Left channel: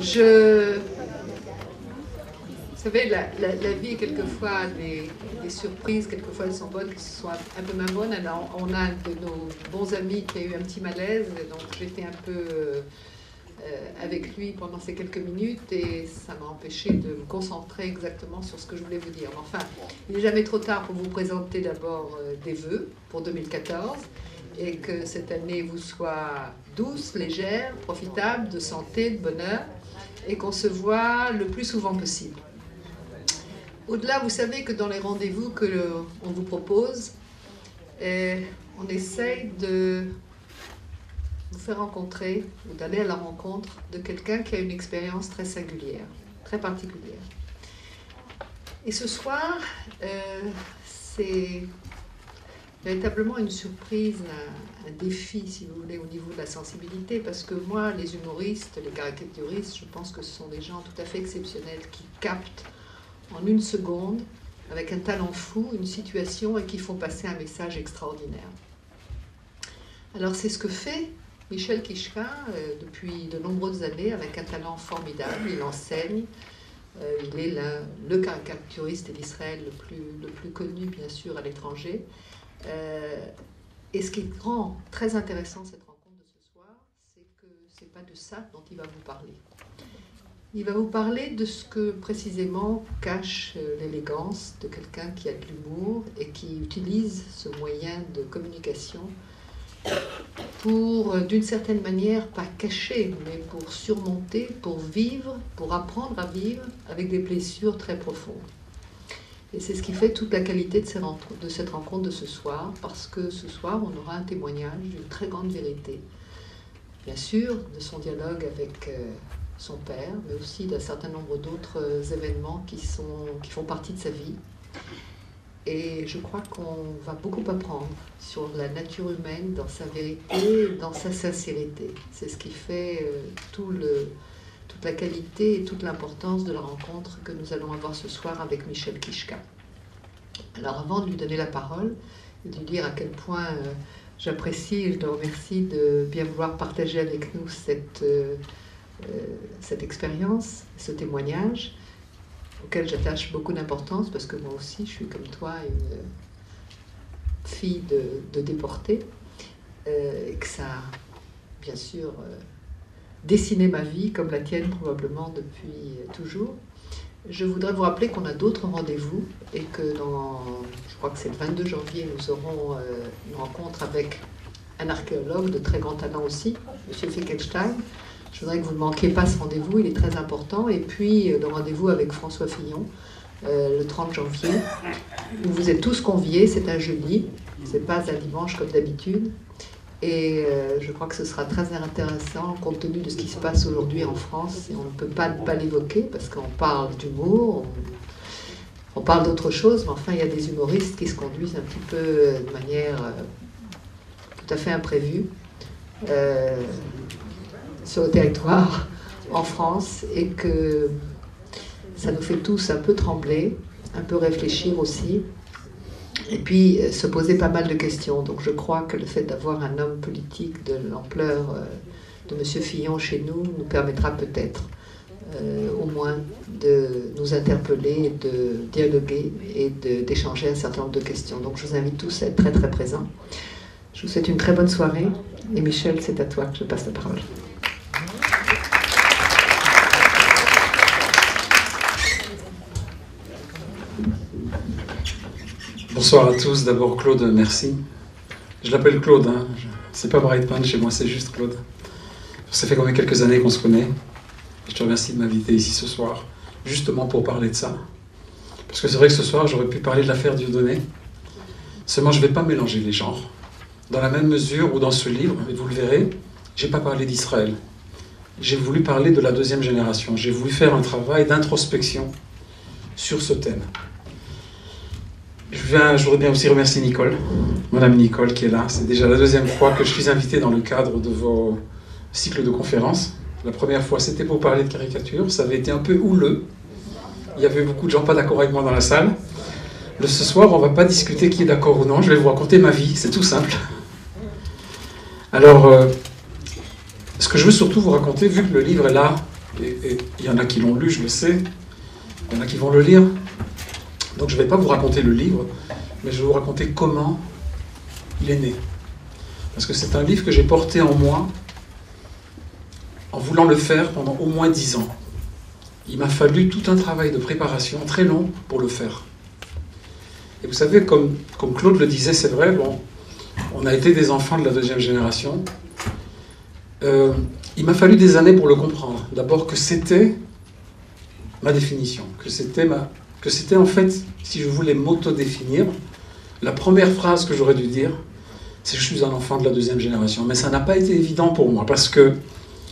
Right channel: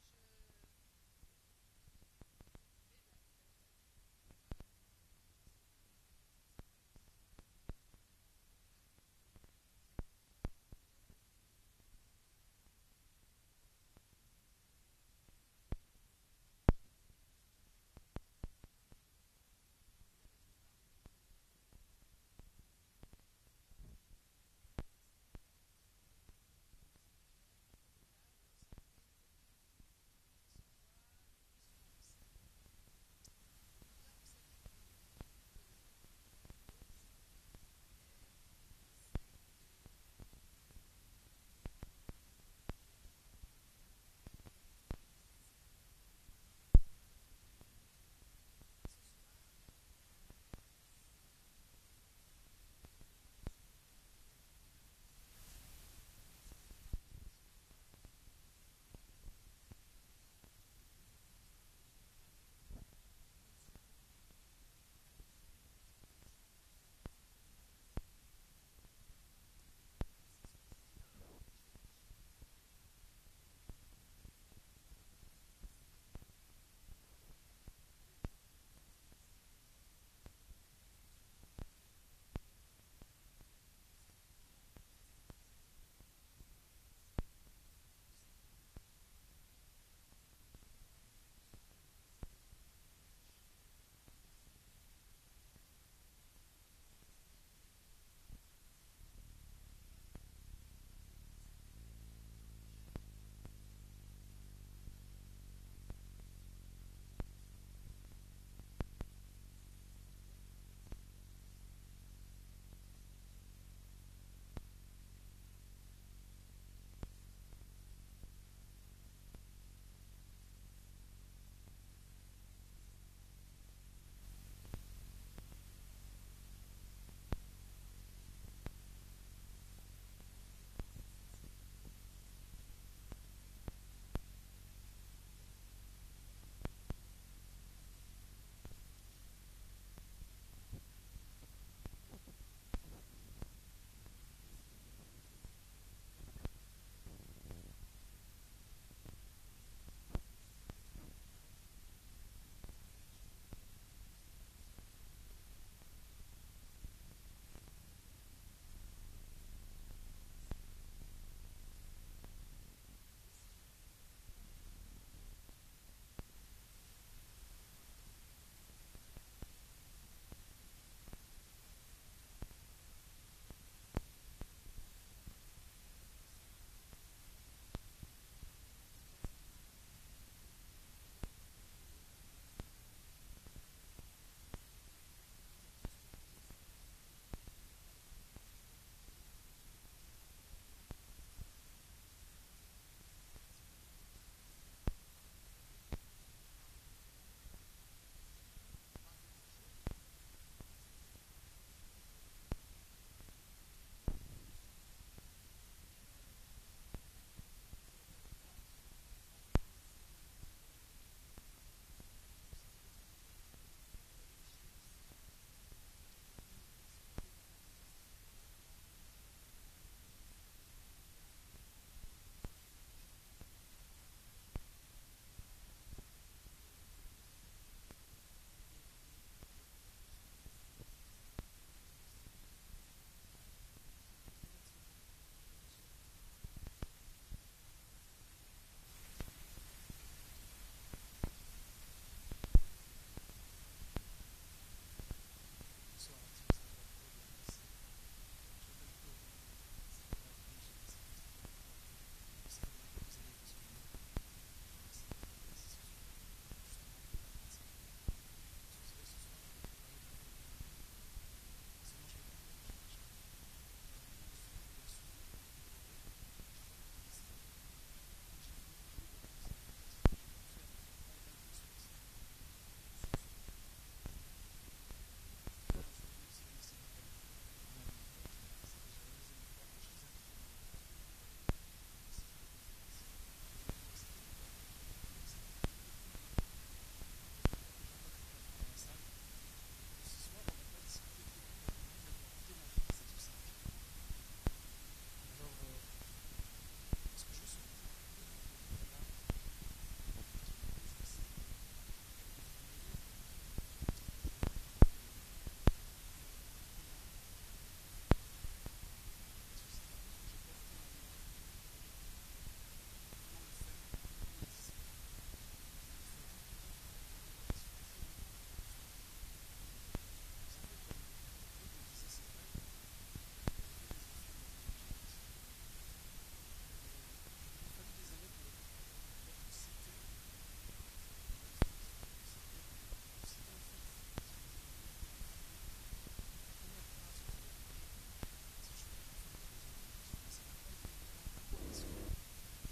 Je... Vous savez, la vie est quelquefois des surprises, quelquefois elles sont bonnes, que ce soit un peu moins bonnes. Alors, on a un de nos bons amis qui a eu un petit malaise, donc j'étais un peu avec lui pendant ces quelques minutes et ça m'a empêché de me concentrer exactement sur ce que je voulais vous dire. Mais enfin, il n'est jamais trop tard pour vous présenter d'abord des vœux pour 2014 et que cette année vous soit douce, légère, profitable, de santé, de bonheur et qu'on se voit le plus souvent possible. Au-delà, vous savez que dans les rendez-vous qu'on vous propose, on essaye de vous faire rencontrer ou d'aller à la rencontre de quelqu'un qui a une expérience très singulière, très particulière. Et ce soir, c'est véritablement une surprise, un défi, si vous voulez, au niveau de la sensibilité, parce que moi, les humoristes, les caricaturistes, je pense que ce sont des gens tout à fait exceptionnels qui captent en une seconde, avec un talent fou, une situation et qui font passer un message extraordinaire. Alors c'est ce que fait Michel Kishka depuis de nombreuses années avec un talent formidable. Il enseigne, il est le caricaturiste d'Israël le plus connu bien sûr à l'étranger. Et ce qui rend très intéressant cette rencontre de ce soir, c'est que ce n'est pas de ça dont il va vous parler. Il va vous parler de ce que précisément cache l'élégance de quelqu'un qui a de l'humour et qui utilise ce moyen de communication pour, d'une certaine manière, pas cacher, mais pour surmonter, pour vivre, pour apprendre à vivre avec des blessures très profondes. Et c'est ce qui fait toute la qualité de cette rencontre de ce soir, parce que ce soir, on aura un témoignage d'une très grande vérité. Bien sûr, de son dialogue avec son père, mais aussi d'un certain nombre d'autres événements qui font partie de sa vie. Et je crois qu'on va beaucoup apprendre sur la nature humaine, dans sa vérité, dans sa sincérité. C'est ce qui fait toute la qualité et toute l'importance de la rencontre que nous allons avoir ce soir avec Michel Kishka. Alors avant de lui donner la parole, et de lui dire à quel point j'apprécie et je le remercie de bien vouloir partager avec nous cette expérience, ce témoignage, auquel j'attache beaucoup d'importance, parce que moi aussi, je suis comme toi une fille de déportée, et que ça a, bien sûr, dessiné ma vie, comme la tienne probablement depuis toujours. Je voudrais vous rappeler qu'on a d'autres rendez-vous, et que je crois que c'est le 22 janvier, nous aurons une rencontre avec un archéologue de très grand talent aussi, M. Finkelstein. Je voudrais que vous ne manquiez pas ce rendez-vous, il est très important. Et puis le rendez-vous avec François Fillon, le 30 janvier, où vous êtes tous conviés, c'est un jeudi, ce n'est pas un dimanche comme d'habitude. Et je crois que ce sera très intéressant compte tenu de ce qui se passe aujourd'hui en France. Et on ne peut pas ne pas l'évoquer parce qu'on parle d'humour, on parle d'autre chose, mais enfin il y a des humoristes qui se conduisent un petit peu de manière tout à fait imprévue. Sur le territoire en France et que ça nous fait tous un peu trembler, un peu réfléchir aussi et puis se poser pas mal de questions. Donc je crois que le fait d'avoir un homme politique de l'ampleur de M. Fillon chez nous permettra peut-être au moins de nous interpeller, de dialoguer et d'échanger un certain nombre de questions. Donc je vous invite tous à être très très présents. Je vous souhaite une très bonne soirée et Michel, c'est à toi que je passe la parole. Bonsoir à tous. D'abord, Claude, merci. Je l'appelle Claude, hein. C'est pas Brightman chez moi, c'est juste Claude. Ça fait quand même quelques années qu'on se connaît. Je te remercie de m'inviter ici ce soir, justement pour parler de ça. Parce que c'est vrai que ce soir, j'aurais pu parler de l'affaire Dieudonné. Seulement, je ne vais pas mélanger les genres. Dans la même mesure où dans ce livre, et vous le verrez, je n'ai pas parlé d'Israël. J'ai voulu parler de la deuxième génération. J'ai voulu faire un travail d'introspection sur ce thème. Je voudrais bien aussi remercier Nicole, Madame Nicole qui est là. C'est déjà la deuxième fois que je suis invité dans le cadre de vos cycles de conférences. La première fois, c'était pour parler de caricature. Ça avait été un peu houleux. Il y avait beaucoup de gens pas d'accord avec moi dans la salle. Ce soir, on ne va pas discuter qui est d'accord ou non. Je vais vous raconter ma vie. C'est tout simple. Alors, ce que je veux surtout vous raconter, vu que le livre est là, Et il y en a qui l'ont lu, je le sais. Il y en a qui vont le lire. Donc je ne vais pas vous raconter le livre, mais je vais vous raconter comment il est né. Parce que c'est un livre que j'ai porté en moi en voulant le faire pendant au moins 10 ans. Il m'a fallu tout un travail de préparation très long pour le faire. Et vous savez, comme Claude le disait, c'est vrai, bon, on a été des enfants de la deuxième génération. Il m'a fallu des années pour le comprendre. D'abord que c'était ma définition, que c'était en fait, si je voulais m'auto-définir, la première phrase que j'aurais dû dire, c'est que je suis un enfant de la deuxième génération. Mais ça n'a pas été évident pour moi, parce que,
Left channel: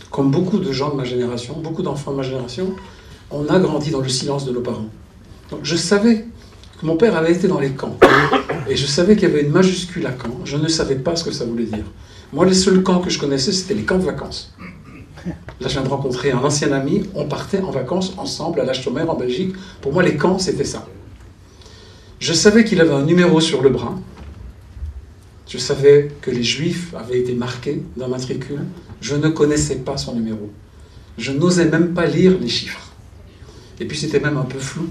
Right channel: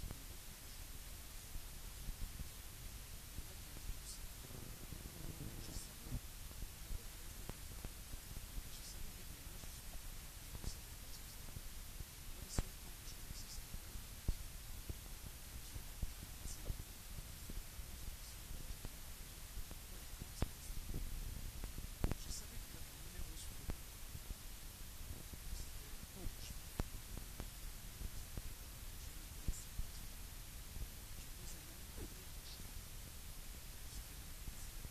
comme beaucoup de gens de ma génération, beaucoup d'enfants de ma génération, on a grandi dans le silence de nos parents. Donc je savais que mon père avait été dans les camps, et je savais qu'il y avait une majuscule à camp. Je ne savais pas ce que ça voulait dire. Moi, les seuls camps que je connaissais, c'était les camps de vacances. Là, je viens de rencontrer un ancien ami, on partait en vacances ensemble à La Chaumière, en Belgique. Pour moi, les camps, c'était ça. Je savais qu'il avait un numéro sur le bras. Je savais que les Juifs avaient été marqués d'un matricule. Je ne connaissais pas son numéro. Je n'osais même pas lire les chiffres. Et puis, c'était même un peu flou.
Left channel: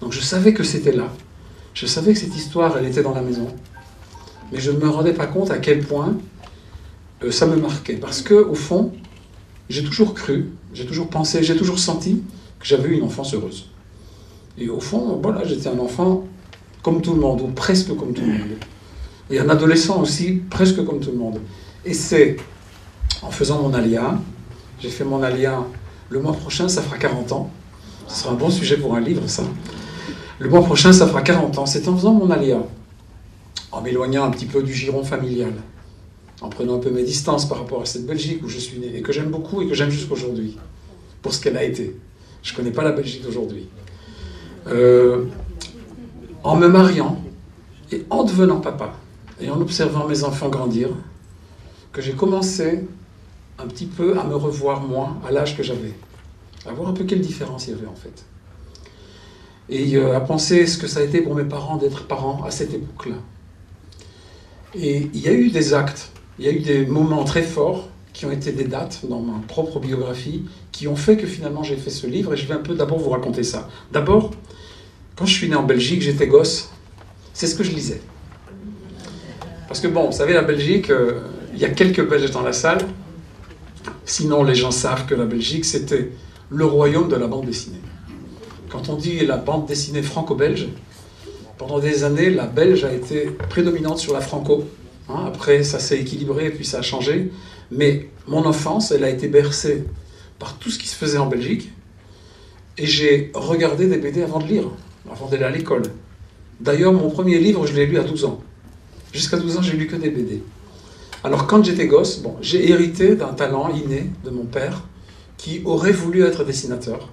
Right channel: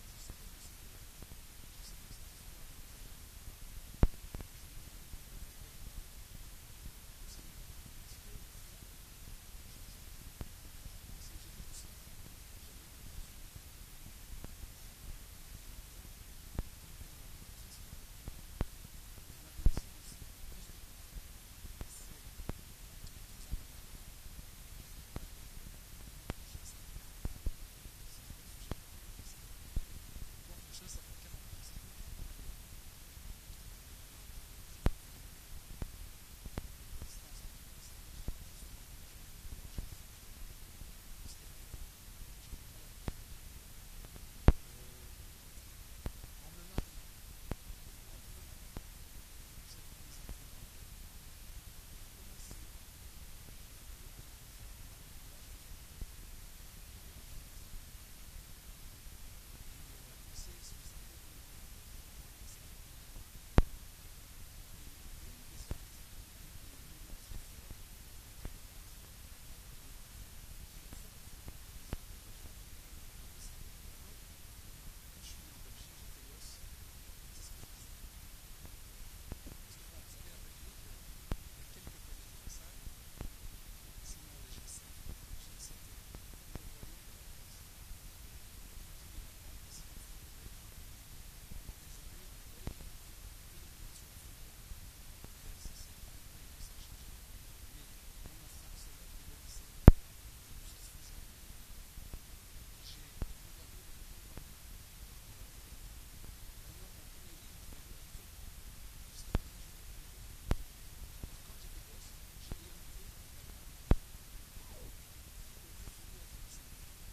Donc, je savais que c'était là. Je savais que cette histoire, elle était dans la maison. Mais je ne me rendais pas compte à quel point ça me marquait. Parce qu'au fond, j'ai toujours cru, j'ai toujours pensé, j'ai toujours senti que j'avais eu une enfance heureuse. Et au fond, voilà, j'étais un enfant comme tout le monde, ou presque comme tout le monde. Et un adolescent aussi, presque comme tout le monde. Et c'est en faisant mon alia, j'ai fait mon alia, le mois prochain, ça fera 40 ans. Ce sera un bon sujet pour un livre, ça. Le mois prochain, ça fera 40 ans. C'est en faisant mon alia, en m'éloignant un petit peu du giron familial, en prenant un peu mes distances par rapport à cette Belgique où je suis né, et que j'aime beaucoup et que j'aime jusqu'aujourd'hui, pour ce qu'elle a été. Je ne connais pas la Belgique d'aujourd'hui. En me mariant, et en devenant papa, et en observant mes enfants grandir, que j'ai commencé un petit peu à me revoir moi, à l'âge que j'avais. À voir un peu quelle différence il y avait en fait. Et à penser ce que ça a été pour mes parents d'être parents à cette époque-là. Et il y a eu des actes, il y a eu des moments très forts qui ont été des dates dans ma propre biographie qui ont fait que finalement j'ai fait ce livre et je vais un peu d'abord vous raconter ça. D'abord, quand je suis né en Belgique, j'étais gosse, c'est ce que je lisais. Parce que bon, vous savez, la Belgique, il y a quelques Belges dans la salle, sinon les gens savent que la Belgique c'était le royaume de la bande dessinée. Quand on dit la bande dessinée franco-belge, pendant des années, la belge a été prédominante sur la franco. Après, ça s'est équilibré et puis ça a changé. Mais mon enfance, elle a été bercée par tout ce qui se faisait en Belgique. Et j'ai regardé des BD avant de lire, avant d'aller à l'école. D'ailleurs, mon premier livre, je l'ai lu à 12 ans. Jusqu'à 12 ans, j'ai lu que des BD. Alors, quand j'étais gosse, bon, j'ai hérité d'un talent inné de mon père qui aurait voulu être dessinateur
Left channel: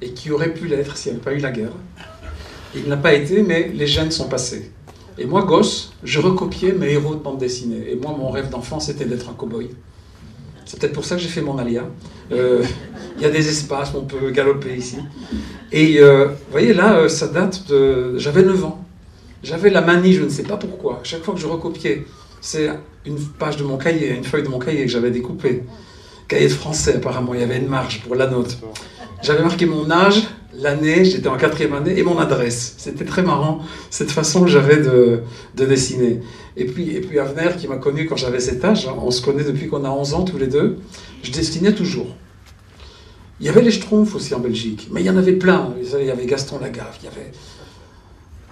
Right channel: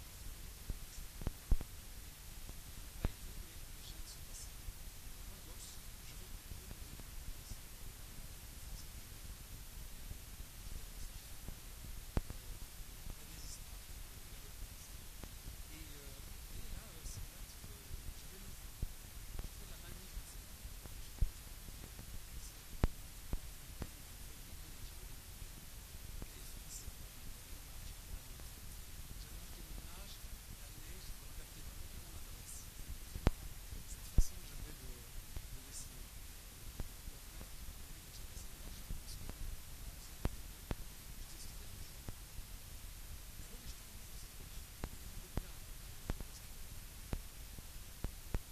et qui aurait pu l'être s'il n'y avait pas eu la guerre. Il n'a pas été, mais les gènes sont passés. Et moi, gosse, je recopiais mes héros de bande dessinée. Et moi, mon rêve d'enfant, c'était d'être un cow-boy. C'est peut-être pour ça que j'ai fait mon alia. Il y a des espaces où on peut galoper ici. Et vous voyez, là, ça date de... J'avais 9 ans. J'avais la manie, je ne sais pas pourquoi. Chaque fois que je recopiais, c'est une page de mon cahier, une feuille de mon cahier que j'avais découpée. Cahier de français, apparemment, il y avait une marge pour la note. J'avais marqué mon âge, l'année, j'étais en 4e année, et mon adresse. C'était très marrant, cette façon que j'avais de dessiner. Et puis Avner, qui m'a connu quand j'avais cet âge, hein, on se connaît depuis qu'on a 11 ans tous les deux, je dessinais toujours. Il y avait les Schtroumpfs aussi en Belgique, mais il y en avait plein. Il y avait Gaston Lagaffe, il y avait...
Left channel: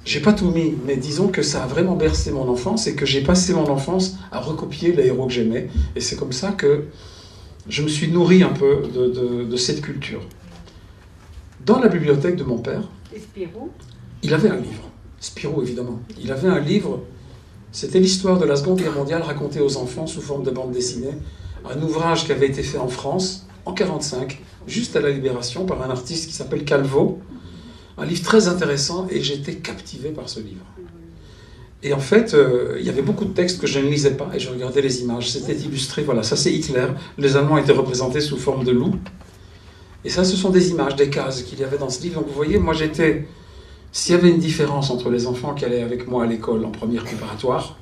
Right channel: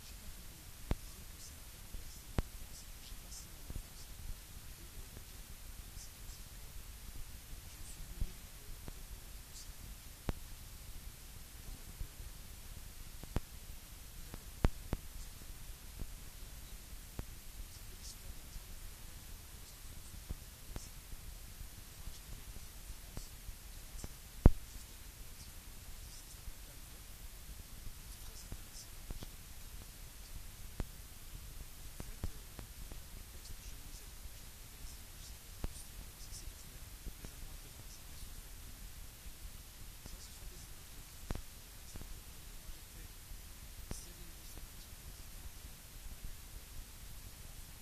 J'ai pas tout mis, mais disons que ça a vraiment bercé mon enfance et que j'ai passé mon enfance à recopier les héros que j'aimais. Et c'est comme ça que je me suis nourri un peu de cette culture. Dans la bibliothèque de mon père, il avait un livre. Spirou, évidemment. Il avait un livre, c'était l'histoire de la Seconde Guerre mondiale racontée aux enfants sous forme de bande dessinée. Un ouvrage qui avait été fait en France, en 1945, juste à la Libération, par un artiste qui s'appelle Calvo. Un livre très intéressant, et j'étais captivé par ce livre. Et en fait, il y avait beaucoup de textes que je ne lisais pas, et je regardais les images. C'était illustré, voilà, ça c'est Hitler. Les Allemands étaient représentés sous forme de loups. Et ça, ce sont des images, des cases qu'il y avait dans ce livre. Donc vous voyez, moi j'étais... S'il y avait une différence entre les enfants qui allaient avec moi à l'école en première préparatoire,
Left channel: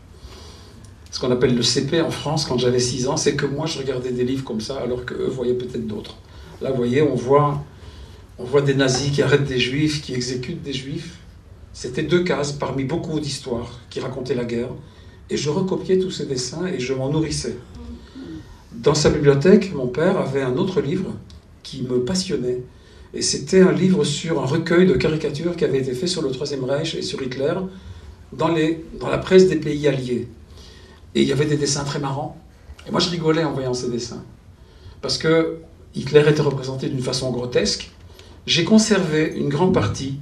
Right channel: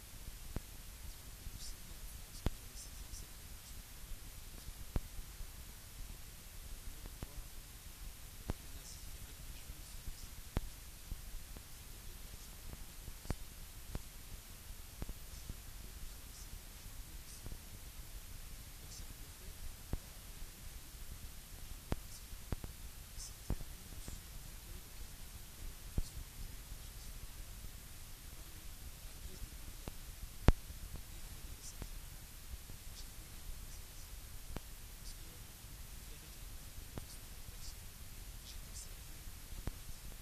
ce qu'on appelle le CP en France, quand j'avais 6 ans, c'est que moi je regardais des livres comme ça, alors qu'eux voyaient peut-être d'autres. Là, vous voyez, on voit des nazis qui arrêtent des juifs, qui exécutent des juifs. C'était 2 cases parmi beaucoup d'histoires qui racontaient la guerre. Et je recopiais tous ces dessins et je m'en nourrissais. Dans sa bibliothèque, mon père avait un autre livre qui me passionnait. Et c'était un livre sur un recueil de caricatures qui avait été fait sur le Troisième Reich et sur Hitler dans la presse des pays alliés. Et il y avait des dessins très marrants. Et moi, je rigolais en voyant ces dessins. Parce que Hitler était représenté d'une façon grotesque. J'ai conservé une grande partie.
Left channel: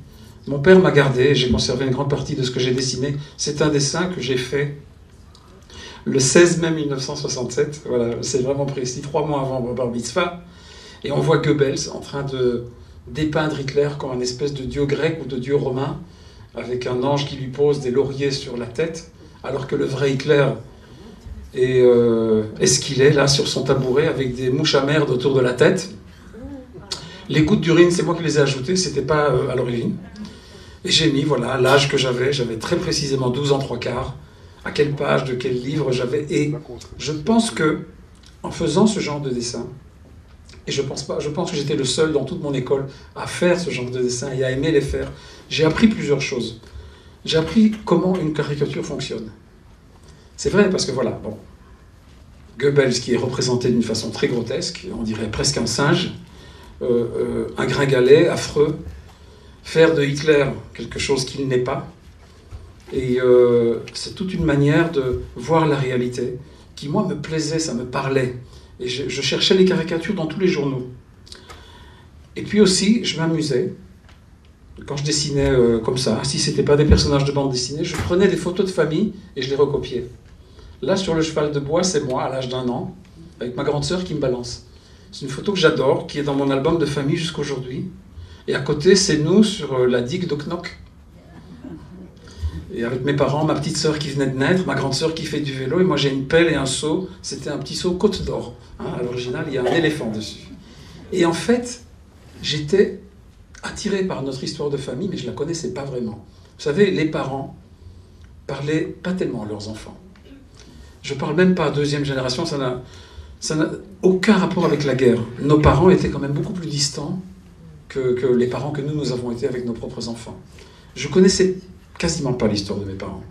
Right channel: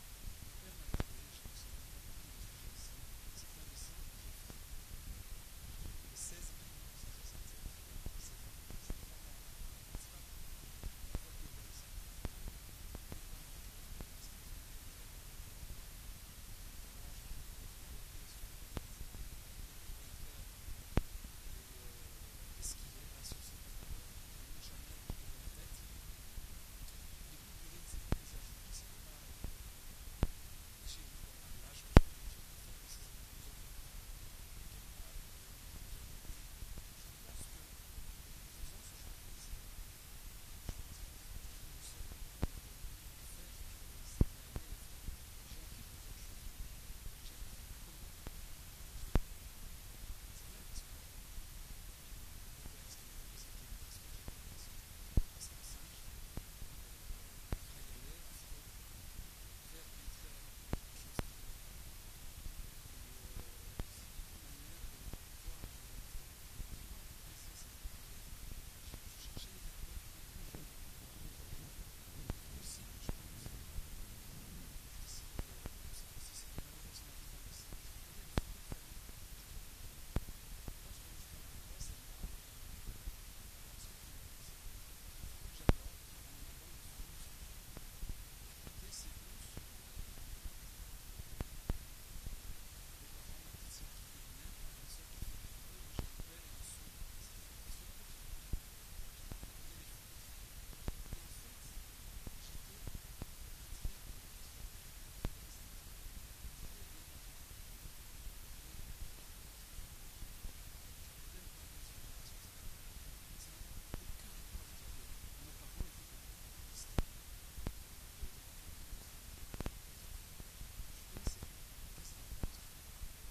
Mon père m'a gardé et j'ai conservé une grande partie de ce que j'ai dessiné. C'est un dessin que j'ai fait le 16 mai 1967. Voilà, c'est vraiment précis, 3 mois avant mon bar mitzvah. Et on voit Goebbels en train de dépeindre Hitler comme un espèce de dieu grec ou de dieu romain, avec un ange qui lui pose des lauriers sur la tête, alors que le vrai Hitler est-ce qu'il est là sur son tabouret avec des mouches à merde autour de la tête. Les gouttes d'urine, c'est moi qui les ai ajoutées, c'était pas à l'origine. Et j'ai mis, voilà, l'âge que j'avais très précisément 12 ans 3/4, à quelle page, de quel livre j'avais. Et je pense que, en faisant ce genre de dessin, et je pense que j'étais le seul dans toute mon école à faire ce genre de dessin et à aimer les faire, j'ai appris plusieurs choses. J'ai appris comment une caricature fonctionne. C'est vrai, parce que voilà, bon, Goebbels qui est représenté d'une façon très grotesque, on dirait presque un singe, un gringalet affreux, faire de Hitler quelque chose qu'il n'est pas. Et c'est toute une manière de voir la réalité qui, moi, me plaisait, ça me parlait. Et je cherchais les caricatures dans tous les journaux. Et puis aussi, je m'amusais. Quand je dessinais comme ça, si ce n'était pas des personnages de bande dessinée, je prenais des photos de famille et je les recopiais. Là, sur le cheval de bois, c'est moi, à l'âge d'1 an, avec ma grande sœur qui me balance. C'est une photo que j'adore, qui est dans mon album de famille jusqu'aujourd'hui. Et à côté, c'est nous sur la digue de Knock. Et avec mes parents, ma petite sœur qui venait de naître, ma grande sœur qui fait du vélo, et moi j'ai une pelle et un seau. C'était un petit seau Côte d'Or. Hein, à l'original, il y a un éléphant dessus. Et en fait, j'étais attiré par notre histoire de famille, mais je ne la connaissais pas vraiment. Vous savez, les parents parlaient pas tellement à leurs enfants. Je ne parle même pas à 2e génération, ça n'a aucun rapport avec la guerre. Nos parents étaient quand même beaucoup plus distants que les parents que nous avons été avec nos propres enfants. Je connaissais quasiment pas l'histoire de mes parents.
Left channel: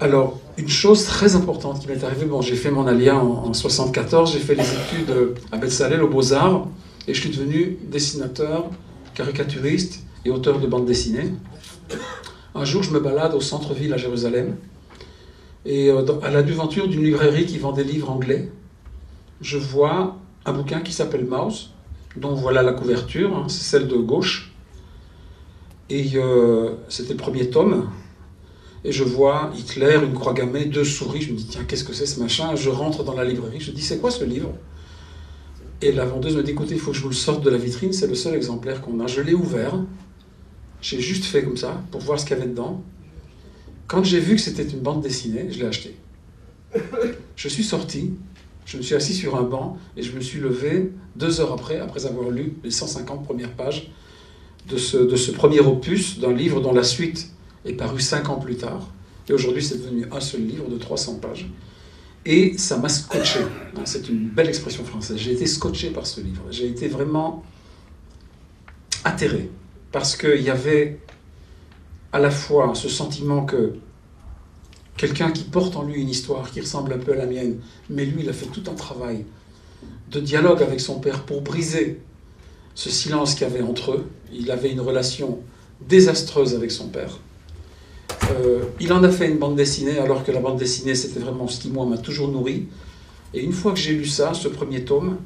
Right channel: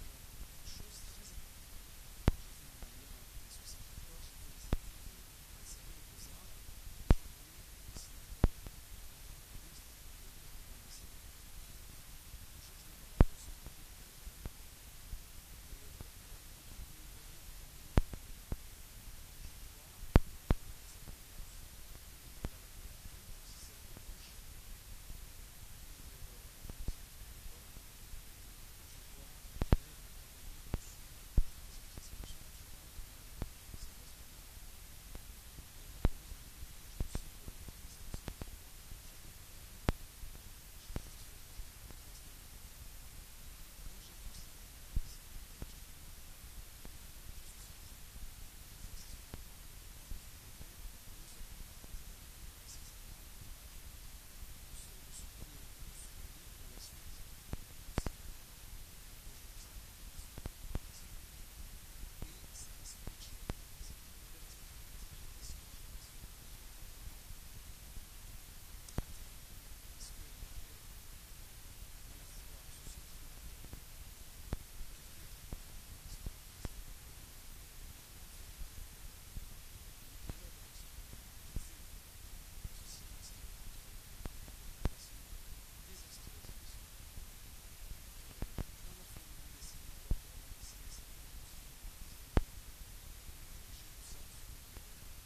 Alors, une chose très importante qui m'est arrivée, bon, j'ai fait mon alia en 74, j'ai fait les études à Bezalel aux Beaux-Arts, et je suis devenu dessinateur, caricaturiste et auteur de bande dessinée. Un jour, je me balade au centre-ville à Jérusalem, et à la devanture d'une librairie qui vend des livres anglais, je vois un bouquin qui s'appelle Mouse, dont voilà la couverture, hein, c'est celle de gauche, et c'était le 1er tome, et je vois Hitler, une croix gammée, 2 souris, je me dis tiens, qu'est-ce que c'est ce machin? Je rentre dans la librairie, je dis c'est quoi ce livre? Et la vendeuse me dit écoutez, il faut que je vous le sorte de la vitrine, c'est le seul exemplaire qu'on a. Je l'ai ouvert, j'ai juste fait comme ça, pour voir ce qu'il y avait dedans. Quand j'ai vu que c'était une bande dessinée, je l'ai acheté. Je suis sorti, je me suis assis sur un banc, et je me suis levé 2 heures après avoir lu les 150 premières pages de ce premier opus d'un livre dont la suite est parue 5 ans plus tard. Et aujourd'hui, c'est devenu un seul livre de 300 pages. Et ça m'a scotché. C'est une belle expression française. J'ai été scotché par ce livre. J'ai été vraiment atterré. Parce qu'il y avait à la fois ce sentiment que quelqu'un qui porte en lui une histoire qui ressemble un peu à la mienne, mais lui, il a fait tout un travail de dialogue avec son père pour briser ce silence qu'il y avait entre eux. Il avait une relation désastreuse avec son père. Il en a fait une bande dessinée, alors que la bande dessinée, c'était vraiment ce qui, moi, m'a toujours nourri. Et une fois que j'ai lu ça, ce 1er tome,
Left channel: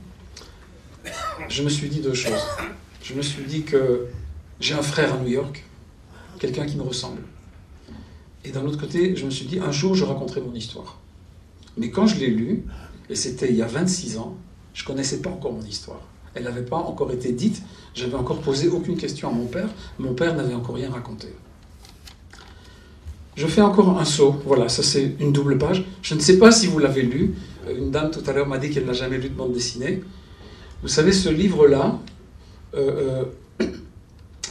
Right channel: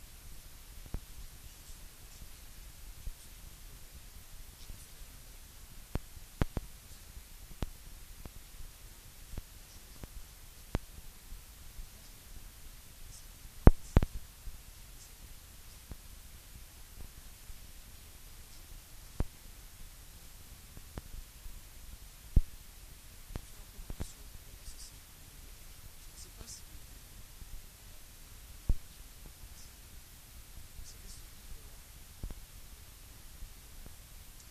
je me suis dit 2 choses. Je me suis dit que j'ai un frère à New York, quelqu'un qui me ressemble. Et d'un autre côté, je me suis dit, un jour, je raconterai mon histoire. Mais quand je l'ai lu, et c'était il y a 26 ans, je ne connaissais pas encore mon histoire. Elle n'avait pas encore été dite, je n'avais encore posé aucune question à mon père n'avait encore rien raconté. Je fais encore un saut, voilà, ça c'est une double page. Je ne sais pas si vous l'avez lu, une dame tout à l'heure m'a dit qu'elle n'a jamais lu de bande dessinée. Vous savez, ce livre-là,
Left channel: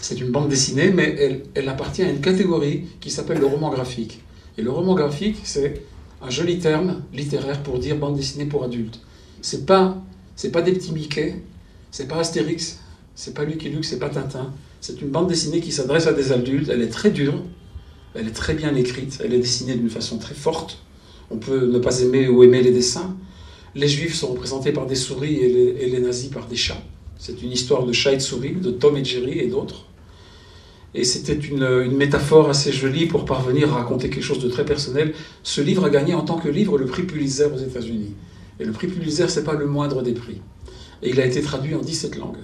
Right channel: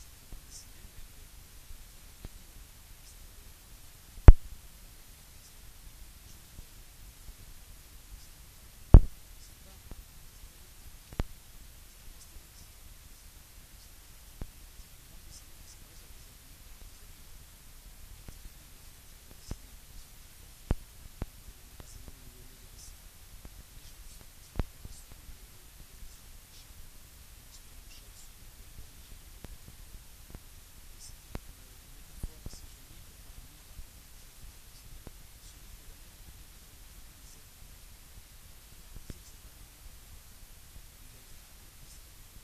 c'est une bande dessinée, mais elle appartient à une catégorie qui s'appelle le roman graphique. Et le roman graphique, c'est un joli terme littéraire pour dire bande dessinée pour adultes. C'est pas C'est pas des petits Mickey, c'est pas Astérix, c'est pas Lucky Luke, c'est pas Tintin. C'est une bande dessinée qui s'adresse à des adultes, elle est très dure, elle est très bien écrite, elle est dessinée d'une façon très forte. On peut ne pas aimer ou aimer les dessins. Les juifs sont représentés par des souris et les nazis par des chats. C'est une histoire de chats et de souris, de Tom et Jerry et d'autres. Et c'était une métaphore assez jolie pour parvenir à raconter quelque chose de très personnel. Ce livre a gagné en tant que livre le prix Pulitzer aux États-Unis. Et le prix Pulitzer, ce n'est pas le moindre des prix. Et il a été traduit en 17 langues.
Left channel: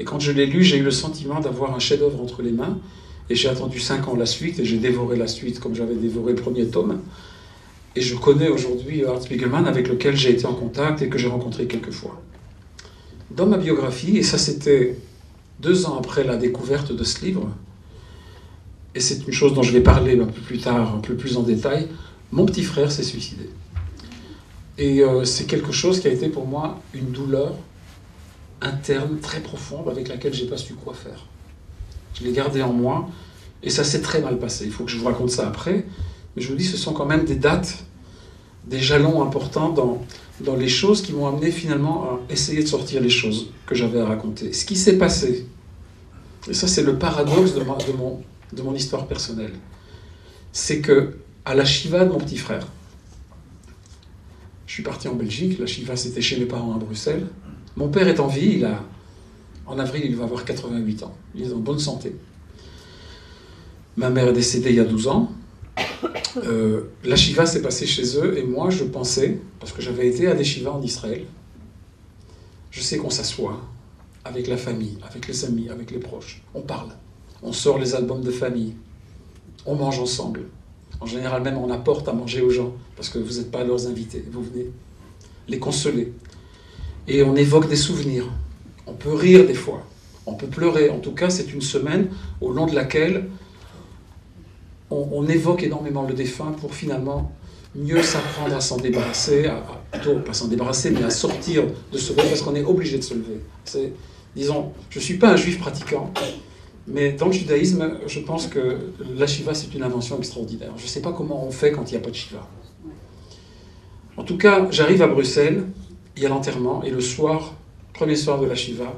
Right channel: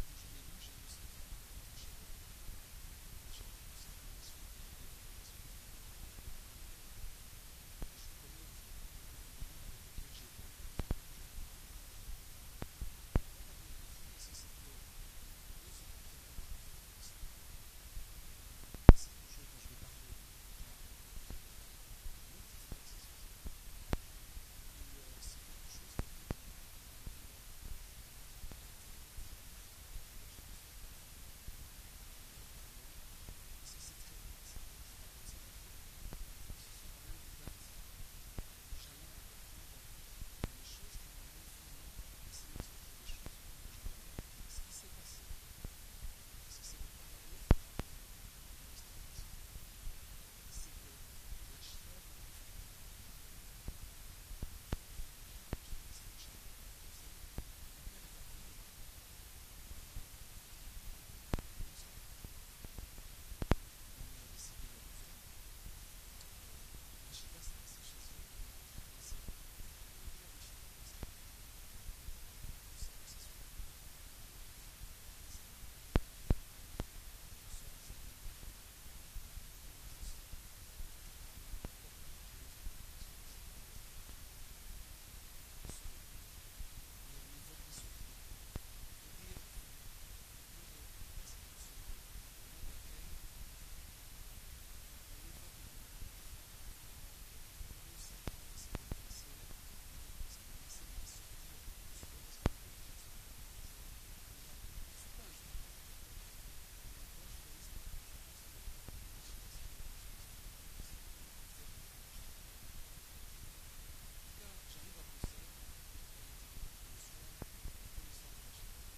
Et quand je l'ai lu, j'ai eu le sentiment d'avoir un chef-d'œuvre entre les mains. Et j'ai attendu 5 ans la suite, et j'ai dévoré la suite comme j'avais dévoré le premier tome. Et je connais aujourd'hui Art Spiegelman, avec lequel j'ai été en contact et que j'ai rencontré quelques fois. Dans ma biographie, et ça c'était 2 ans après la découverte de ce livre, et c'est une chose dont je vais parler un peu plus tard, un peu plus en détail, mon petit frère s'est suicidé. Et c'est quelque chose qui a été pour moi une douleur interne très profonde avec laquelle je n'ai pas su quoi faire. Je l'ai gardé en moi et ça s'est très mal passé. Il faut que je vous raconte ça après, mais je vous dis, ce sont quand même des dates, des jalons importants dans les choses qui m'ont amené finalement à essayer de sortir les choses que j'avais à raconter. Ce qui s'est passé, et ça c'est le paradoxe de mon histoire personnelle, c'est que à la Shiva de mon petit frère, je suis parti en Belgique, la Shiva c'était chez mes parents à Bruxelles, mon père est en vie, en avril il va avoir 88 ans, il est en bonne santé. Ma mère est décédée il y a 12 ans, la Shiva s'est passée chez eux et moi je pensais, parce que j'avais été à des Shivas en Israël, je sais qu'on s'assoit avec la famille, avec les amis, avec les proches, on parle. On sort les albums de famille, on mange ensemble. En général même on apporte à manger aux gens, parce que vous n'êtes pas leurs invités, vous venez les consoler. Et on évoque des souvenirs, on peut rire des fois, on peut pleurer. En tout cas c'est une semaine au long de laquelle on évoque énormément le défunt pour finalement mieux s'apprendre à s'en débarrasser, plutôt pas s'en débarrasser, mais à sortir de ce rôle, parce qu'on est obligé de se lever. Disons, je ne suis pas un juif pratiquant, mais dans le judaïsme, je pense que la Shiva, c'est une invention extraordinaire. Je ne sais pas comment on fait quand il n'y a pas de Shiva. En tout cas, j'arrive à Bruxelles, il y a l'enterrement, et le soir, premier soir de la Shiva,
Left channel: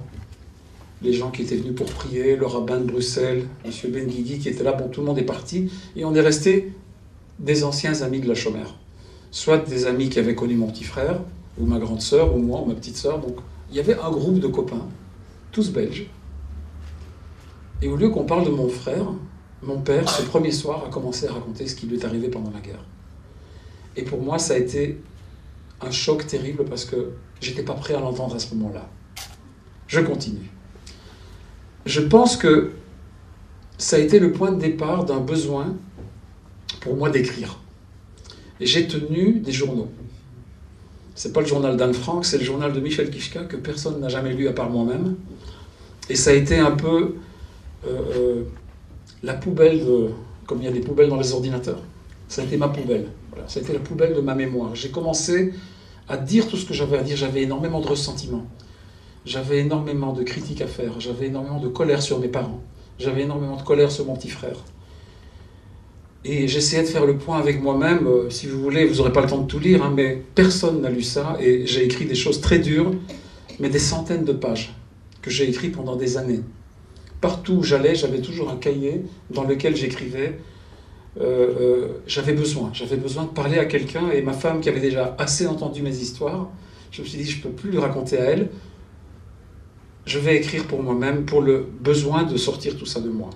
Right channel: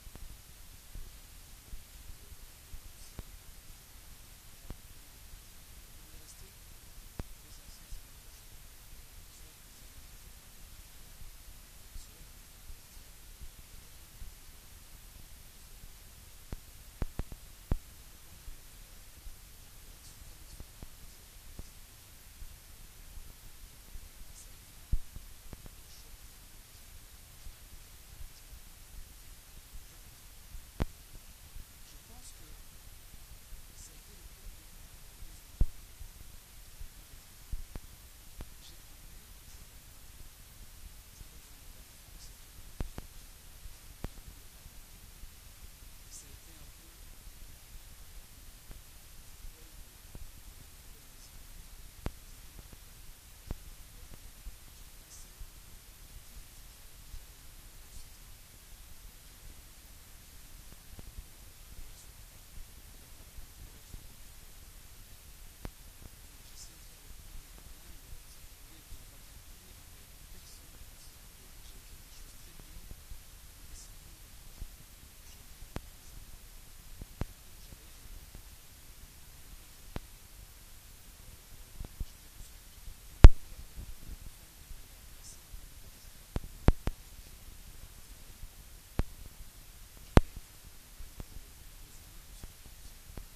les gens qui étaient venus pour prier, le rabbin de Bruxelles, M. Ben Guigui qui était là, bon, tout le monde est parti, et on est resté des anciens amis de la Chomère. Soit des amis qui avaient connu mon petit frère, ou ma grande sœur, ou moi, ou ma petite sœur. Donc, il y avait un groupe de copains, tous belges. Et au lieu qu'on parle de mon frère, mon père, ce premier soir, a commencé à raconter ce qui lui est arrivé pendant la guerre. Et pour moi, ça a été un choc terrible parce que j'étais pas prêt à l'entendre à ce moment-là. Je continue. Je pense que ça a été le point de départ d'un besoin pour moi d'écrire. Et j'ai tenu des journaux. C'est pas le journal d'Anne Frank, c'est le journal de Michel Kichka que personne n'a jamais lu à part moi-même. Et ça a été un peu la poubelle, comme il y a des poubelles dans les ordinateurs. Ça a été ma poubelle. Voilà, ça a été la poubelle de ma mémoire. J'ai commencé à dire tout ce que j'avais à dire. J'avais énormément de ressentiments. J'avais énormément de critiques à faire. J'avais énormément de colère sur mes parents. J'avais énormément de colère sur mon petit frère. Et j'essayais de faire le point avec moi-même. Si vous voulez, vous n'aurez pas le temps de tout lire, hein, mais personne n'a lu ça. Et j'ai écrit des choses très dures, mais des centaines de pages que j'ai écrites pendant des années. Partout où j'allais, j'avais toujours un cahier dans lequel j'écrivais. J'avais besoin de parler à quelqu'un. Et ma femme, qui avait déjà assez entendu mes histoires, je me suis dit, je ne peux plus le raconter à elle. Je vais écrire pour moi-même, pour le besoin de sortir tout ça de moi.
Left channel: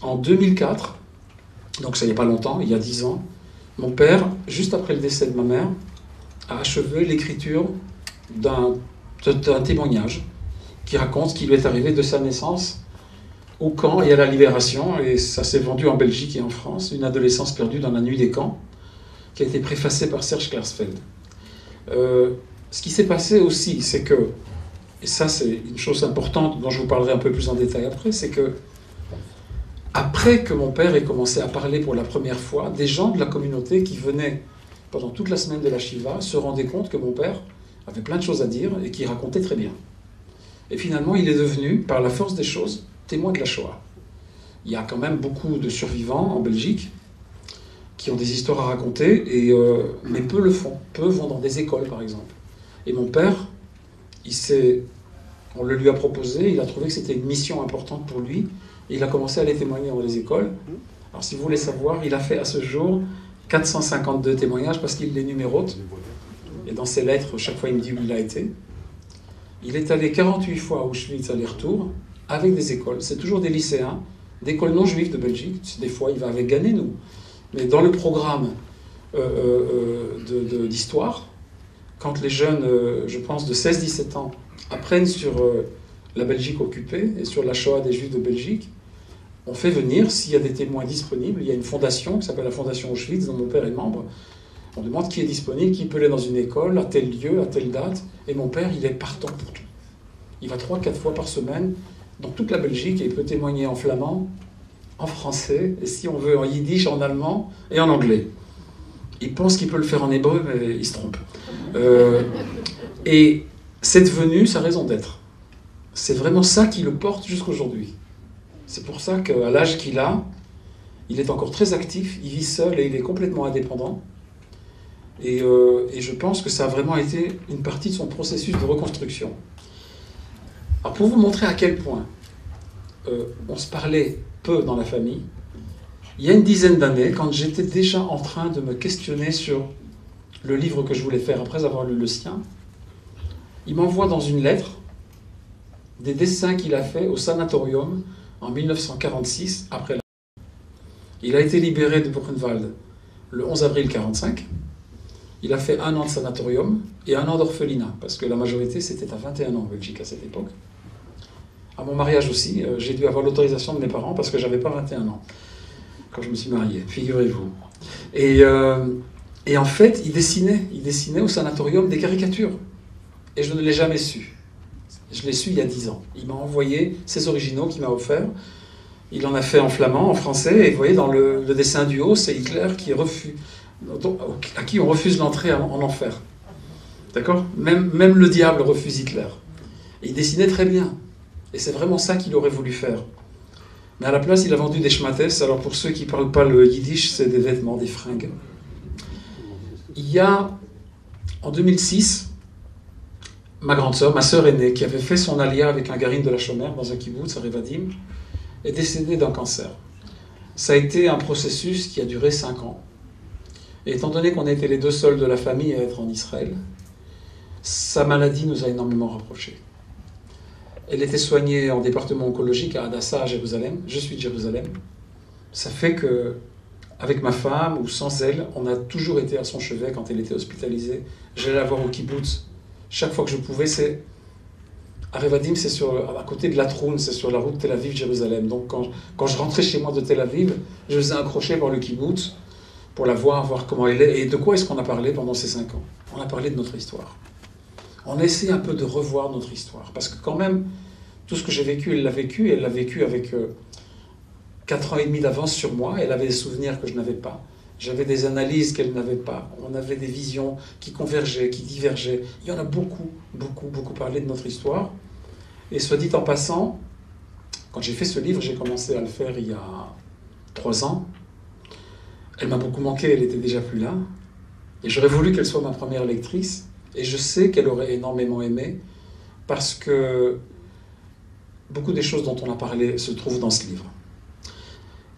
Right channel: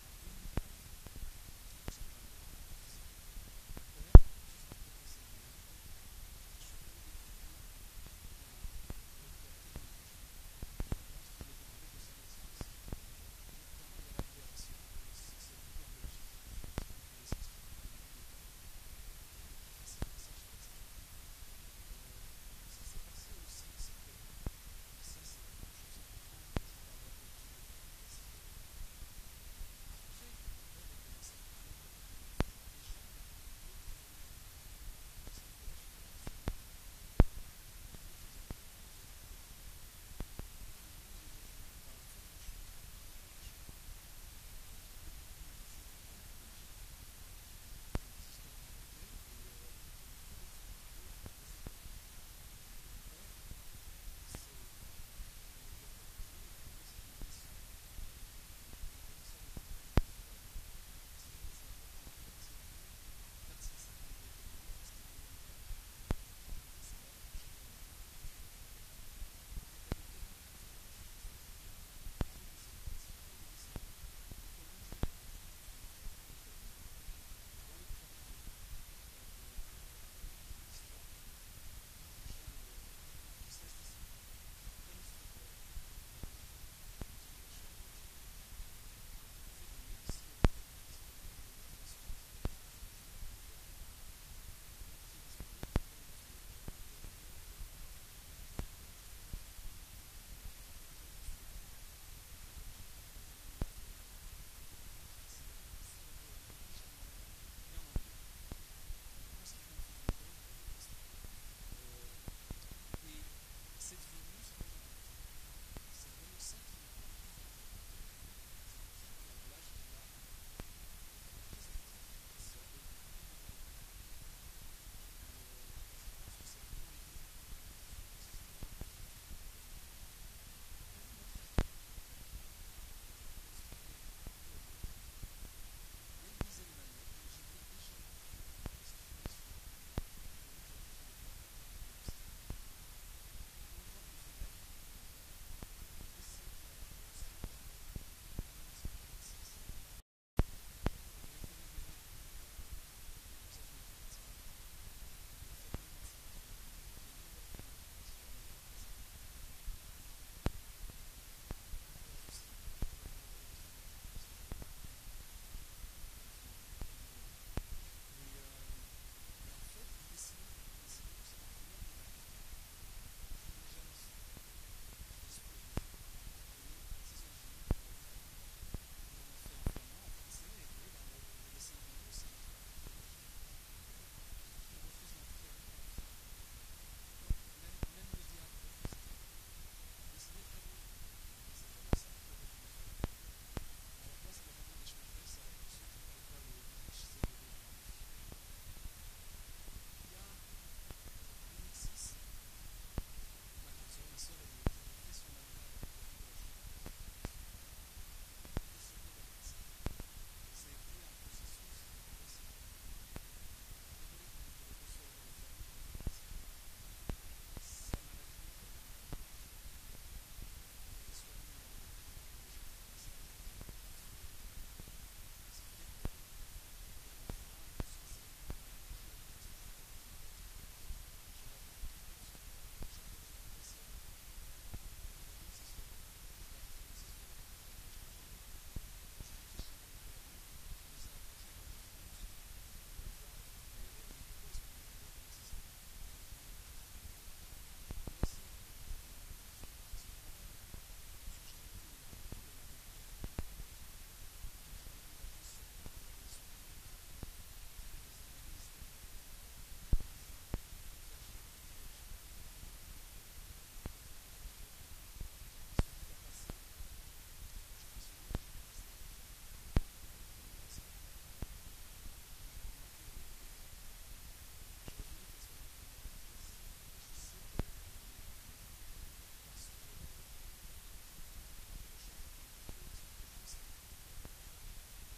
En 2004, donc ça n'y a pas longtemps, il y a 10 ans, mon père, juste après le décès de ma mère, a achevé l'écriture d'un témoignage qui raconte ce qui lui est arrivé de sa naissance au camp et à la libération, et ça s'est vendu en Belgique et en France, une adolescence perdue dans la nuit des camps, qui a été préfacée par Serge Klarsfeld. Ce qui s'est passé aussi, c'est que, et ça c'est une chose importante dont je vous parlerai un peu plus en détail après, c'est que après que mon père ait commencé à parler pour la première fois, des gens de la communauté qui venaient pendant toute la semaine de la Shiva se rendaient compte que mon père avait plein de choses à dire et qu'il racontait très bien. Et finalement, il est devenu, par la force des choses, témoin de la Shoah. Il y a quand même beaucoup de survivants en Belgique qui ont des histoires à raconter, mais peu le font. Peu vont dans des écoles, par exemple. Et mon père, on le lui a proposé, il a trouvé que c'était une mission importante pour lui, et il a commencé à les témoigner dans les écoles. Alors si vous voulez savoir, il a fait à ce jour 452 témoignages parce qu'il les numérote. Et dans ses lettres, chaque fois il me dit où il a été. Il est allé 48 fois à Auschwitz aller-retour avec des écoles. C'est toujours des lycéens, d'écoles non juives de Belgique. Des fois il va avec Ganet-nous. Mais dans le programme d'histoire, quand les jeunes, je pense, de 16-17 ans, apprennent sur la Belgique occupée et sur la Shoah des Juifs de Belgique, on fait venir, s'il y a des témoins disponibles, il y a une fondation qui s'appelle la Fondation Auschwitz, dont mon père est membre. On demande qui est disponible, qui peut aller dans une école, à tel lieu, à telle date. Et mon père, il est partant pour tout. Il va 3-4 fois par semaine dans toute la Belgique et il peut témoigner en flamand, en français, et si on veut en yiddish, en allemand et en anglais. Il pense qu'il peut le faire en hébreu, mais il se trompe. Et c'est devenu sa raison d'être. C'est vraiment ça qui le porte jusqu'aujourd'hui. C'est pour ça qu'à l'âge qu'il a, il est encore très actif, il vit seul et il est complètement indépendant. Et je pense que ça a vraiment été une partie de son processus de reconstruction. Alors pour vous montrer à quel point on se parlait peu dans la famille, il y a une dizaine d'années, quand j'étais déjà en train de me questionner sur le livre que je voulais faire après avoir lu le sien, il m'envoie dans une lettre des dessins qu'il a fait au sanatorium en 1946, après la... Il a été libéré de Buchenwald le 11 avril 1945. Il a fait 1 an de sanatorium et 1 an d'orphelinat, parce que la majorité c'était à 21 ans en Belgique à cette époque. À mon mariage aussi, j'ai dû avoir l'autorisation de mes parents parce que j'avais pas 21 ans quand je me suis marié, figurez-vous. Et en fait, il dessinait au sanatorium des caricatures. Et je ne l'ai jamais su. Je l'ai su il y a 10 ans. Il m'a envoyé ses originaux qu'il m'a offerts. Il en a fait en flamand, en français, et vous voyez, dans le dessin du haut, c'est Hitler à qui on refuse l'entrée en enfer. D'accord ? Même le diable refuse Hitler. Et il dessinait très bien. Et c'est vraiment ça qu'il aurait voulu faire. Mais à la place, il a vendu des schmattes. Alors pour ceux qui ne parlent pas le yiddish, c'est des vêtements, des fringues. Il y a, en 2006, ma grande sœur, ma sœur aînée, qui avait fait son alia avec un garin de la Chomère dans un kibbutz à Revadim, est décédée d'un cancer. Ça a été un processus qui a duré 5 ans. Et étant donné qu'on a été les 2 seuls de la famille à être en Israël, sa maladie nous a énormément rapprochés. Elle était soignée en département oncologique à Hadassah, à Jérusalem. Je suis de Jérusalem. Ça fait que, avec ma femme ou sans elle, on a toujours été à son chevet quand elle était hospitalisée. J'allais la voir au kibbutz. Chaque fois que je pouvais, c'est... À Revadim, c'est à côté de la Troune, c'est sur la route Tel Aviv-Jérusalem. Donc quand je rentrais chez moi de Tel Aviv, je faisais un crochet par le kibbutz pour la voir comment elle est. Et de quoi est-ce qu'on a parlé pendant ces 5 ans ? On a parlé de notre histoire. On essaie un peu de revoir notre histoire. Parce que quand même, tout ce que j'ai vécu, elle l'a vécu. Elle l'a vécu avec 4 ans et demi d'avance sur moi. Elle avait des souvenirs que je n'avais pas. J'avais des analyses qu'elle n'avait pas. On avait des visions qui convergeaient, qui divergeaient. Il y en a beaucoup parlé de notre histoire. Et soit dit en passant, quand j'ai fait ce livre, j'ai commencé à le faire il y a 3 ans. Elle m'a beaucoup manqué, elle n'était déjà plus là. Et j'aurais voulu qu'elle soit ma première lectrice. Et je sais qu'elle aurait énormément aimé, parce que beaucoup des choses dont on a parlé se trouvent dans ce livre.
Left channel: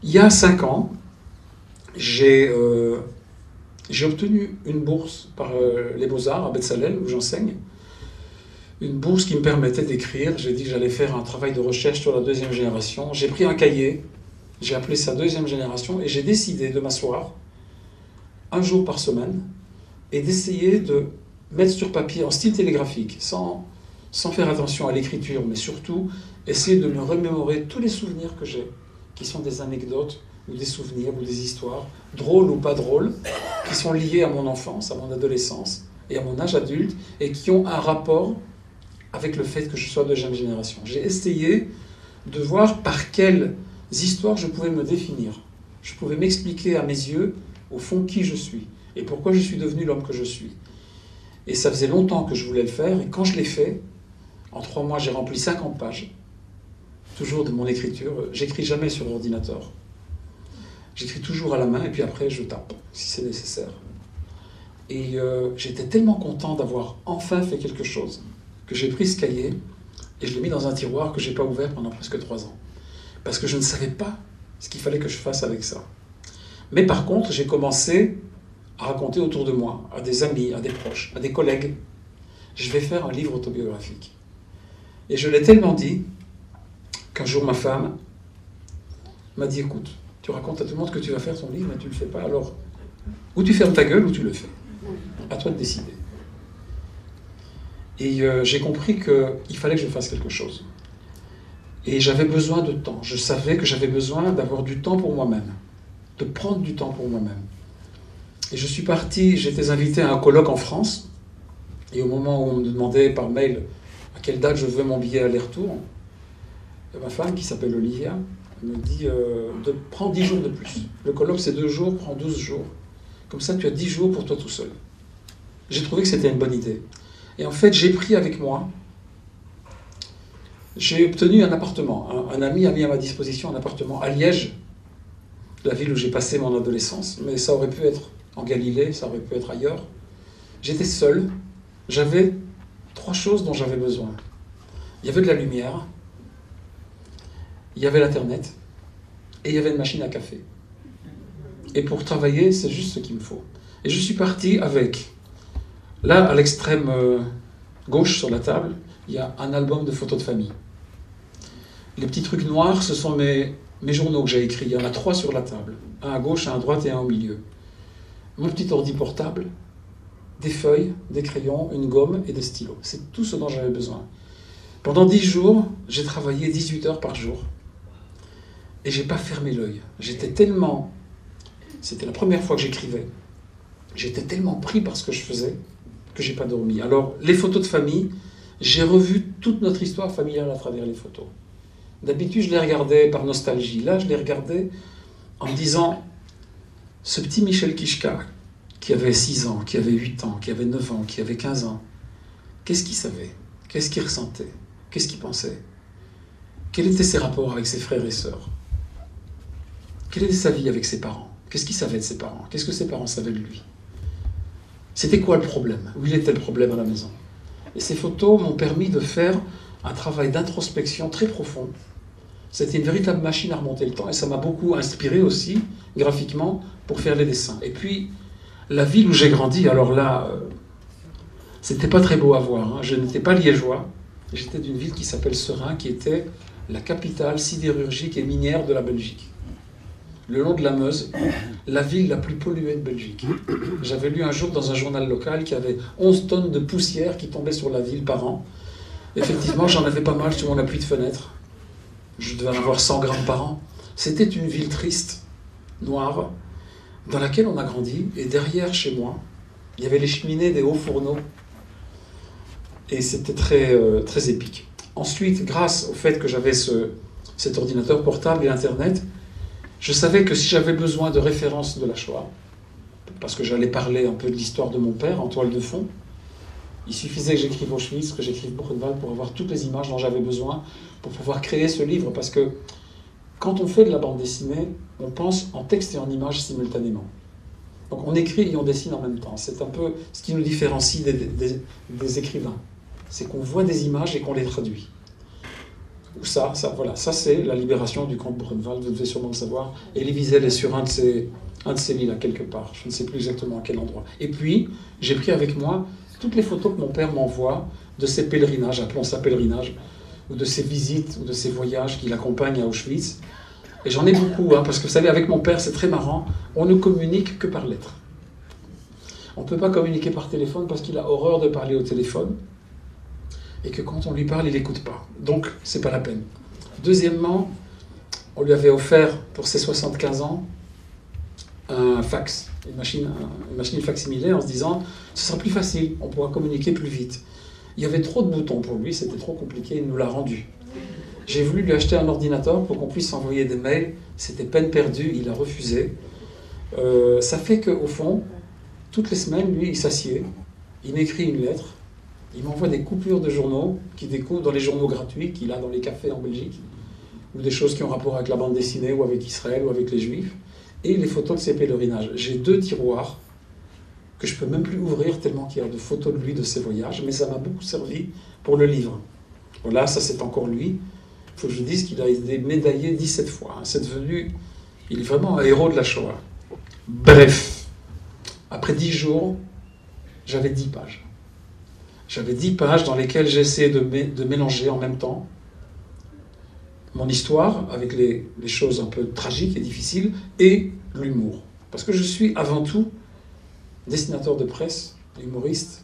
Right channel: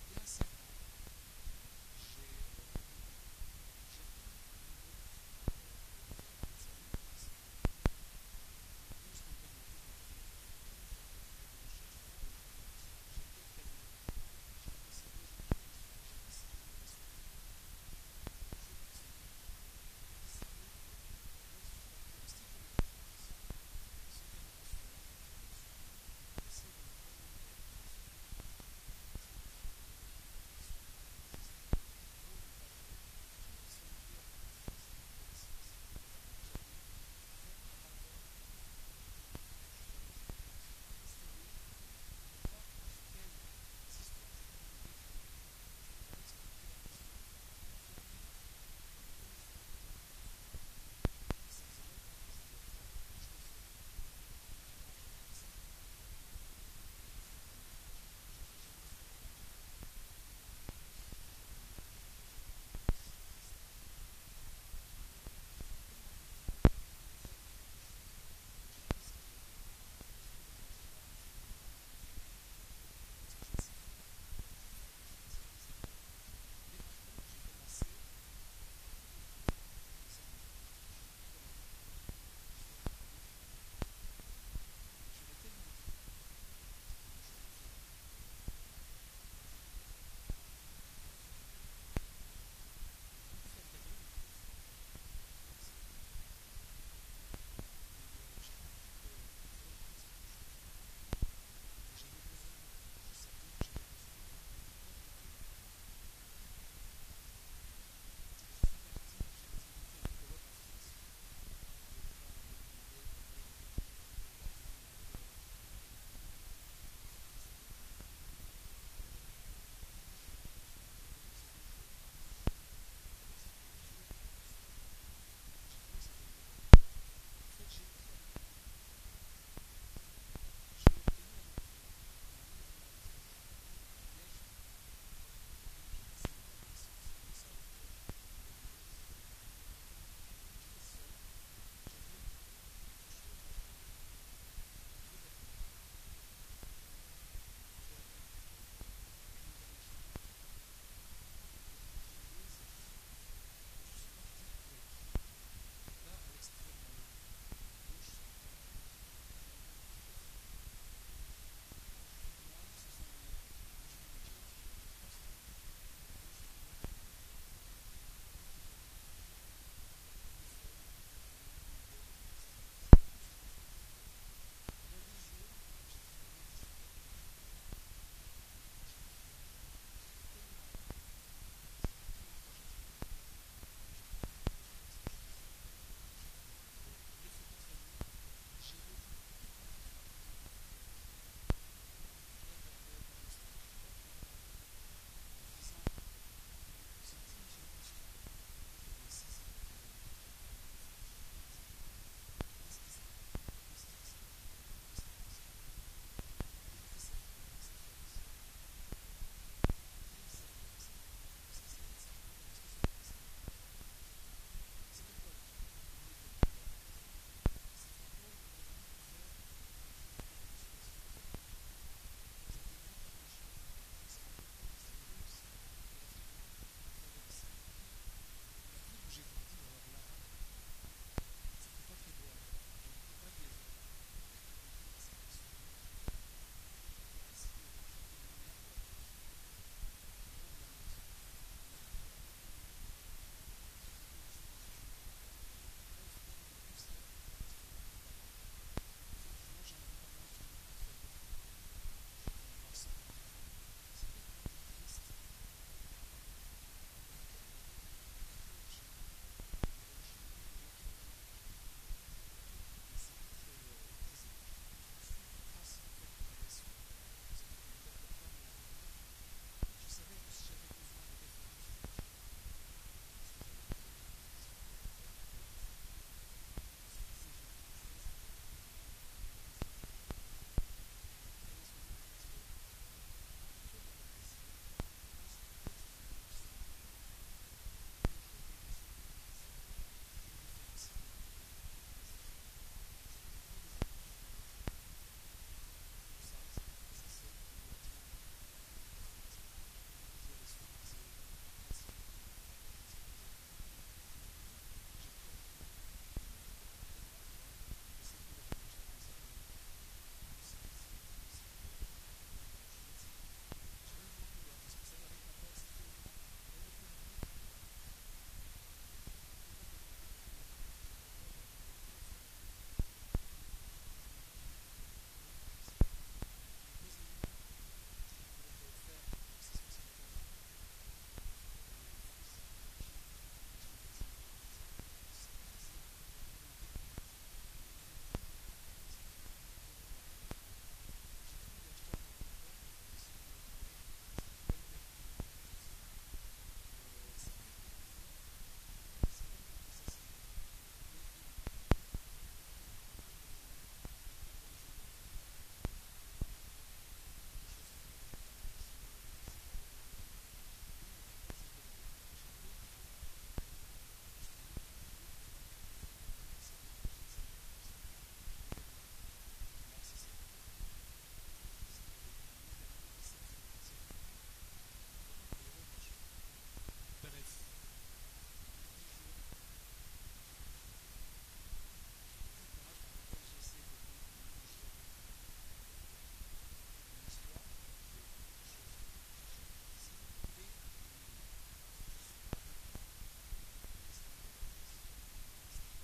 Il y a 5 ans, j'ai obtenu une bourse par les Beaux-Arts à Bezalel, où j'enseigne. Une bourse qui me permettait d'écrire. J'ai dit que j'allais faire un travail de recherche sur la 2e génération. J'ai pris un cahier, j'ai appelé ça 2e génération, et j'ai décidé de m'asseoir 1 jour par semaine et d'essayer de mettre sur papier, en style télégraphique, sans faire attention à l'écriture, mais surtout essayer de me remémorer tous les souvenirs que j'ai, qui sont des anecdotes, ou des souvenirs, ou des histoires, drôles ou pas drôles, qui sont liées à mon enfance, à mon adolescence, et à mon âge adulte, et qui ont un rapport avec le fait que je sois de 2e génération. J'ai essayé de voir par quelles histoires je pouvais me définir. Je pouvais m'expliquer à mes yeux, au fond, qui je suis, et pourquoi je suis devenu l'homme que je suis. Et ça faisait longtemps que je voulais le faire, et quand je l'ai fait, en 3 mois, j'ai rempli 50 pages, toujours de mon écriture. J'écris jamais sur ordinateur. J'écris toujours à la main, et puis après, je tape, si c'est nécessaire. Et j'étais tellement content d'avoir enfin fait quelque chose que j'ai pris ce cahier et je l'ai mis dans un tiroir que je n'ai pas ouvert pendant presque 3 ans. Parce que je ne savais pas ce qu'il fallait que je fasse avec ça. Mais par contre, j'ai commencé à raconter autour de moi, à des amis, à des proches, à des collègues, je vais faire un livre autobiographique. Et je l'ai tellement dit qu'un jour ma femme m'a dit, écoute, tu racontes à tout le monde que tu vas faire ton livre, mais tu ne le fais pas, alors ou tu fermes ta gueule ou tu le fais. À toi de décider. Et j'ai compris qu'il fallait que je fasse quelque chose. Et j'avais besoin de temps. Je savais que j'avais besoin d'avoir du temps pour moi-même, de prendre du temps pour moi-même. Et je suis parti, j'étais invité à un colloque en France, et au moment où on me demandait par mail à quelle date je veux mon billet aller-retour, ma femme, qui s'appelle Olivia, me dit de prendre 10 jours de plus. Le colloque c'est 2 jours, prends 12 jours. Comme ça tu as 10 jours pour toi tout seul. J'ai trouvé que c'était une bonne idée. Et en fait j'ai pris avec moi, j'ai obtenu un appartement. Un ami a mis à ma disposition un appartement à Liège, la ville où j'ai passé mon adolescence, mais ça aurait pu être en Galilée, ça aurait pu être ailleurs. J'étais seul, j'avais 3 choses dont j'avais besoin. Il y avait de la lumière, il y avait l'internet, et il y avait une machine à café. Et pour travailler, c'est juste ce qu'il me faut. Et je suis parti avec, là à l'extrême gauche sur la table, il y a un album de photos de famille. Les petits trucs noirs, ce sont mes journaux que j'ai écrits. Il y en a 3 sur la table. Un à gauche, un à droite et un au milieu. Mon petit ordi portable, des feuilles, des crayons, une gomme et des stylos. C'est tout ce dont j'avais besoin. Pendant 10 jours, j'ai travaillé 18 heures par jour. Et j'ai pas fermé l'œil. J'étais tellement... C'était la première fois que j'écrivais. J'étais tellement pris par ce que je faisais que j'ai pas dormi. Alors, les photos de famille, j'ai revu toute notre histoire familiale à travers les photos. D'habitude, je les regardais par nostalgie. Là, je les regardais en me disant, ce petit Michel Kichka, qui avait 6 ans, qui avait 8 ans, qui avait 9 ans, qui avait 15 ans, qu'est-ce qu'il savait? Qu'est-ce qu'il ressentait? Qu'est-ce qu'il pensait? Quels étaient ses rapports avec ses frères et sœurs? Quelle était sa vie avec ses parents? Qu'est-ce qu'il savait de ses parents? Qu'est-ce que ses parents savaient de lui? C'était quoi le problème? Où il était le problème à la maison? Et ces photos m'ont permis de faire un travail d'introspection très profond. C'était une véritable machine à remonter le temps et ça m'a beaucoup inspiré aussi, graphiquement, pour faire les dessins. Et puis, la ville où j'ai grandi, alors là, c'était pas très beau à voir. Hein. Je n'étais pas liégeois, j'étais d'une ville qui s'appelle Seraing, qui était la capitale sidérurgique et minière de la Belgique. Le long de la Meuse, la ville la plus polluée de Belgique. J'avais lu un jour dans un journal local qu'il y avait 11 tonnes de poussière qui tombaient sur la ville par an. Effectivement, j'en avais pas mal sur mon appui de fenêtre. Je devais en avoir 100 grammes par an. C'était une ville triste, noire, dans laquelle on a grandi. Et derrière, chez moi, il y avait les cheminées des hauts fourneaux. Et c'était très, très épique. Ensuite, grâce au fait que j'avais cet ordinateur portable et Internet, je savais que si j'avais besoin de références de la Shoah, parce que j'allais parler un peu de l'histoire de mon père en toile de fond, il suffisait que j'écrive Auschwitz, que j'écrive Buchenwald pour avoir toutes les images dont j'avais besoin pour pouvoir créer ce livre. Parce que quand on fait de la bande dessinée, on pense en texte et en images simultanément. Donc on écrit et on dessine en même temps. C'est un peu ce qui nous différencie des écrivains. C'est qu'on voit des images et qu'on les traduit. Ça c'est la libération du camp de Buchenwald, vous devez sûrement le savoir. Elie Wiesel est sur un de ces lits là, quelque part. Je ne sais plus exactement à quel endroit. Et puis, j'ai pris avec moi toutes les photos que mon père m'envoie de ses pèlerinages, appelons ça pèlerinage, ou de ses visites, ou de ses voyages qu'il accompagne à Auschwitz. Et j'en ai beaucoup, hein, parce que vous savez, avec mon père, c'est très marrant, on ne communique que par lettres. On ne peut pas communiquer par téléphone parce qu'il a horreur de parler au téléphone, et que quand on lui parle, il n'écoute pas. Donc, c'est pas la peine. Deuxièmement, on lui avait offert, pour ses 75 ans, un fax, une machine facsimilée, en se disant « ce sera plus facile, on pourra communiquer plus vite ». Il y avait trop de boutons pour lui, c'était trop compliqué, il nous l'a rendu. J'ai voulu lui acheter un ordinateur pour qu'on puisse envoyer des mails, c'était peine perdue, il a refusé. Ça fait qu'au fond, toutes les semaines, lui, il s'assied, il m'écrit une lettre, il m'envoie des coupures de journaux qu'il découvre dans les journaux gratuits qu'il a dans les cafés en Belgique, ou des choses qui ont rapport avec la bande dessinée, ou avec Israël, ou avec les Juifs, et les photos de ses pèlerinages. J'ai 2 tiroirs que je ne peux même plus ouvrir tellement qu'il y a de photos de lui, de ses voyages, mais ça m'a beaucoup servi pour le livre. Voilà, ça c'est encore lui. Il faut que je dise qu'il a été médaillé 17 fois. C'est devenu, il est vraiment un héros de la Shoah. Bref, après 10 jours, j'avais 10 pages. J'avais 10 pages dans lesquelles j'ai essayé de mélanger en même temps mon histoire avec les choses un peu tragiques et difficiles et l'humour. Parce que je suis avant tout dessinateur de presse, humoriste.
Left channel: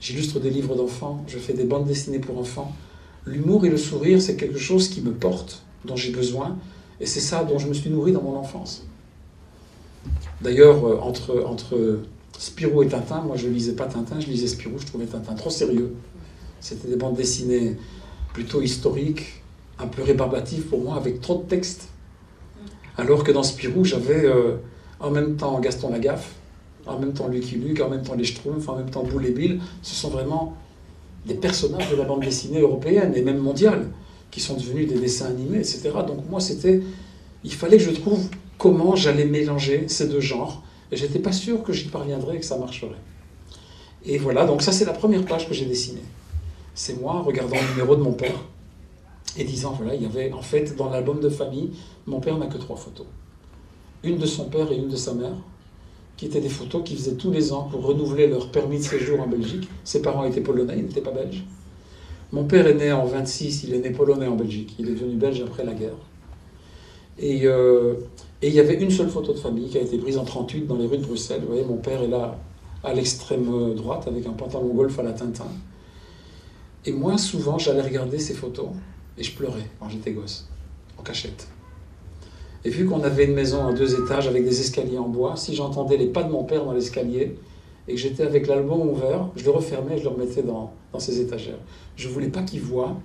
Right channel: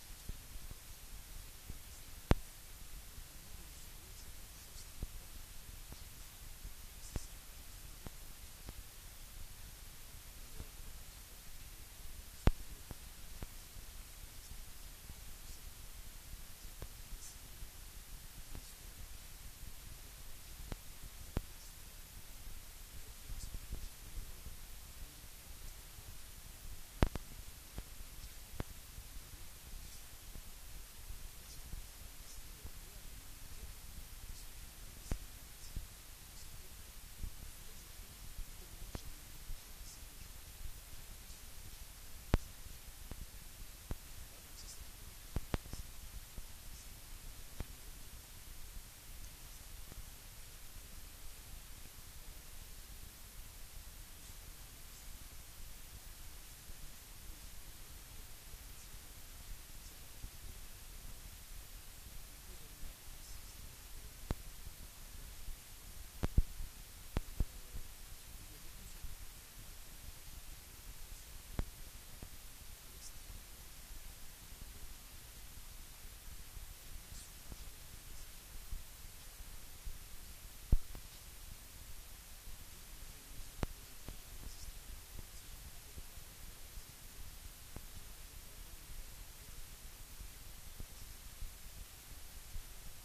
J'illustre des livres d'enfants, je fais des bandes dessinées pour enfants. L'humour et le sourire, c'est quelque chose qui me porte, dont j'ai besoin, et c'est ça dont je me suis nourri dans mon enfance. D'ailleurs, entre Spirou et Tintin, moi je ne lisais pas Tintin, je lisais Spirou, je trouvais Tintin trop sérieux. C'était des bandes dessinées plutôt historiques, un peu rébarbatives pour moi, avec trop de texte. Alors que dans Spirou, j'avais en même temps Gaston Lagaffe, en même temps Lucky Luke, en même temps les Schtroumpfs, en même temps Boule et Bill. Ce sont vraiment des personnages de la bande dessinée européenne et même mondiale, qui sont devenus des dessins animés, etc. Donc moi, il fallait que je trouve comment j'allais mélanger ces deux genres. Et je n'étais pas sûr que j'y parviendrais et que ça marcherait. Et voilà, donc ça c'est la première page que j'ai dessinée. C'est moi regardant le numéro de mon père et disant, voilà, il y avait en fait dans l'album de famille, mon père n'a que 3 photos. Une de son père et une de sa mère, qui étaient des photos qu'ils faisaient tous les ans pour renouveler leur permis de séjour en Belgique. Ses parents étaient polonais, ils n'étaient pas belges. Mon père est né en 26, il est né polonais en Belgique. Il est devenu belge après la guerre. Et il y avait une seule photo de famille qui a été prise en 38 dans les rues de Bruxelles. Vous voyez, mon père est là à l'extrême droite avec un pantalon golf à la Tintin. Et moi, souvent, j'allais regarder ces photos et je pleurais quand j'étais gosse, en cachette. Et vu qu'on avait une maison en 2 étages avec des escaliers en bois, si j'entendais les pas de mon père dans l'escalier et que j'étais avec l'album ouvert, je le refermais et je le remettais dans ses étagères. Je ne voulais pas qu'il voie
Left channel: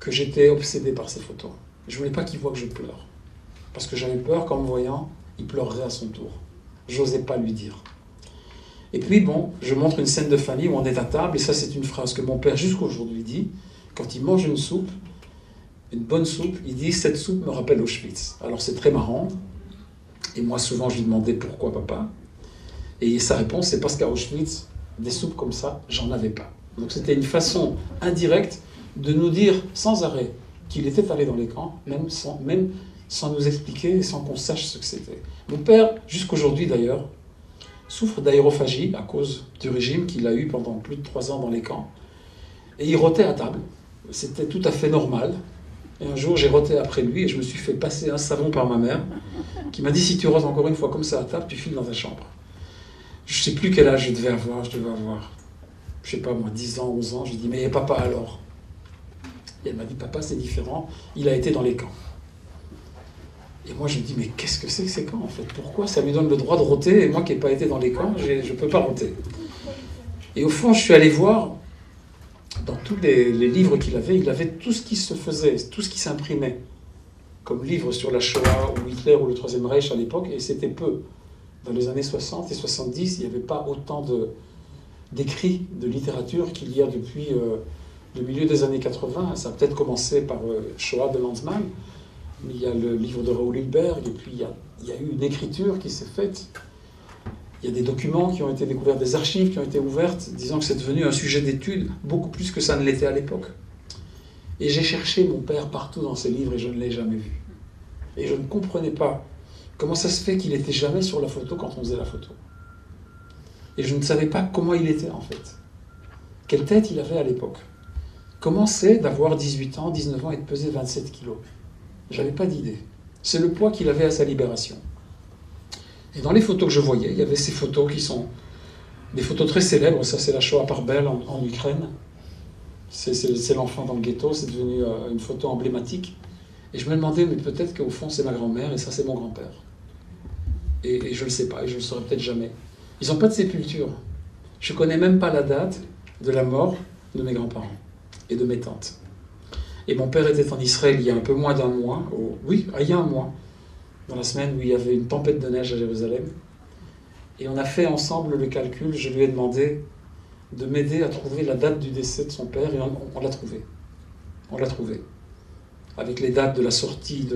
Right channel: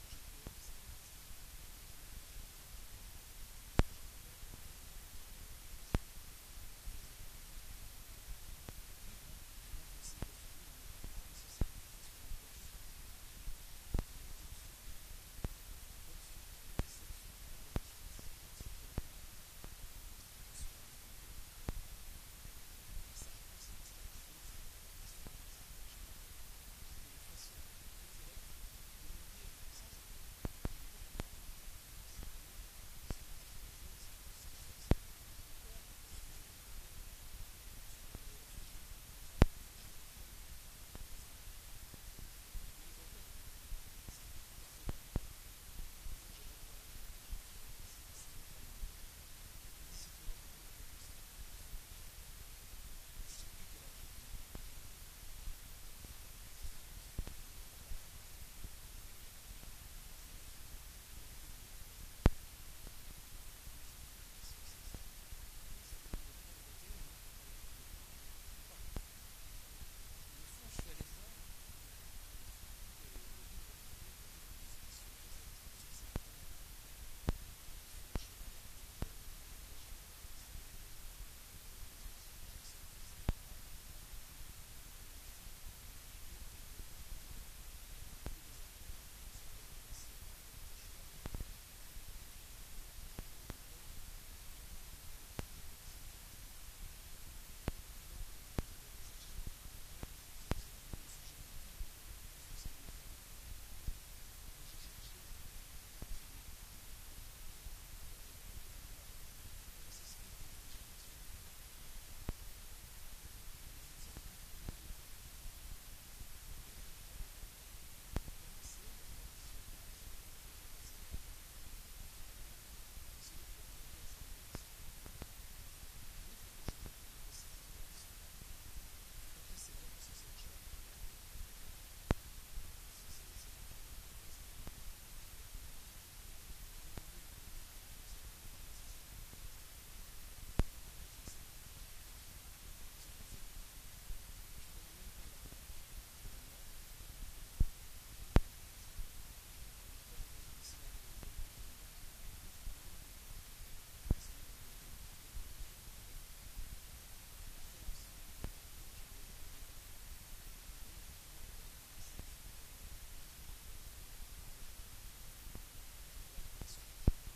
que j'étais obsédé par ces photos. Je ne voulais pas qu'il voie que je pleure. Parce que j'avais peur qu'en me voyant, il pleurerait à son tour. J'osais pas lui dire. Et puis bon, je montre une scène de famille où on est à table, et ça c'est une phrase que mon père jusqu'aujourd'hui dit, quand il mange une soupe, une bonne soupe, il dit « cette soupe me rappelle Auschwitz ». Alors c'est très marrant, et moi souvent je lui demandais « pourquoi papa ?» Et sa réponse c'est parce qu'à Auschwitz, des soupes comme ça, j'en avais pas. Donc c'était une façon indirecte de nous dire sans arrêt qu'il était allé dans les camps, même sans nous expliquer et sans qu'on sache ce que c'était. Mon père, jusqu'aujourd'hui d'ailleurs, souffre d'aérophagie à cause du régime qu'il a eu pendant plus de 3 ans dans les camps. Et il rotait à table. C'était tout à fait normal. Et un jour, j'ai roté après lui et je me suis fait passer un savon par ma mère qui m'a dit « si tu rotes encore une fois comme ça à table, tu files dans ta chambre ». Je ne sais plus quel âge je devais avoir. Je ne sais pas moi, 10 ans, 11 ans. Je lui ai dit « mais papa alors ?» Et elle m'a dit « papa, c'est différent, il a été dans les camps ». Et moi, je me dis, mais qu'est-ce que c'est que ces camps, en fait? Pourquoi ça lui donne le droit de roter, et moi qui n'ai pas été dans les camps, je ne peux pas roter? Et au fond, je suis allé voir, dans tous les livres qu'il avait, il avait tout ce qui se faisait, tout ce qui s'imprimait, comme livres sur la Shoah, ou Hitler, ou le Troisième Reich à l'époque, et c'était peu. Dans les années 60 et 70, il n'y avait pas autant d'écrits, de littérature qu'il y a depuis le milieu des années 80. Ça a peut-être commencé par Shoah de Lanzmann, il y a le livre de Raoul Hilberg, et puis il y a eu une écriture qui s'est faite. Il y a des documents qui ont été découverts, des archives qui ont été ouvertes, disant que c'est devenu un sujet d'étude, beaucoup plus que ça ne l'était à l'époque. Et j'ai cherché mon père partout dans ces livres et je ne l'ai jamais vu. Et je ne comprenais pas comment ça se fait qu'il n'était jamais sur la photo quand on faisait la photo. Et je ne savais pas comment il était en fait. Quelle tête il avait à l'époque. Comment c'est d'avoir 18 ans, 19 ans et de peser 27 kilos. J'avais pas d'idée. C'est le poids qu'il avait à sa libération. Et dans les photos que je voyais, il y avait ces photos qui sont des photos très célèbres. Ça, c'est la Shoah par Bell en Ukraine. C'est l'enfant dans le ghetto. C'est devenu une photo emblématique. Et je me demandais, mais peut-être qu'au fond, c'est ma grand-mère et ça, c'est mon grand-père. Et je ne le sais pas, et je ne le saurai peut-être jamais. Ils n'ont pas de sépulture. Je ne connais même pas la date de la mort de mes grands-parents et de mes tantes. Et mon père était en Israël il y a un peu moins d'un mois, il y a un mois, dans la semaine où il y avait une tempête de neige à Jérusalem. Et on a fait ensemble le calcul, je lui ai demandé de m'aider à trouver la date du décès de son père, et on l'a trouvé. On l'a trouvé. Avec les dates de la sortie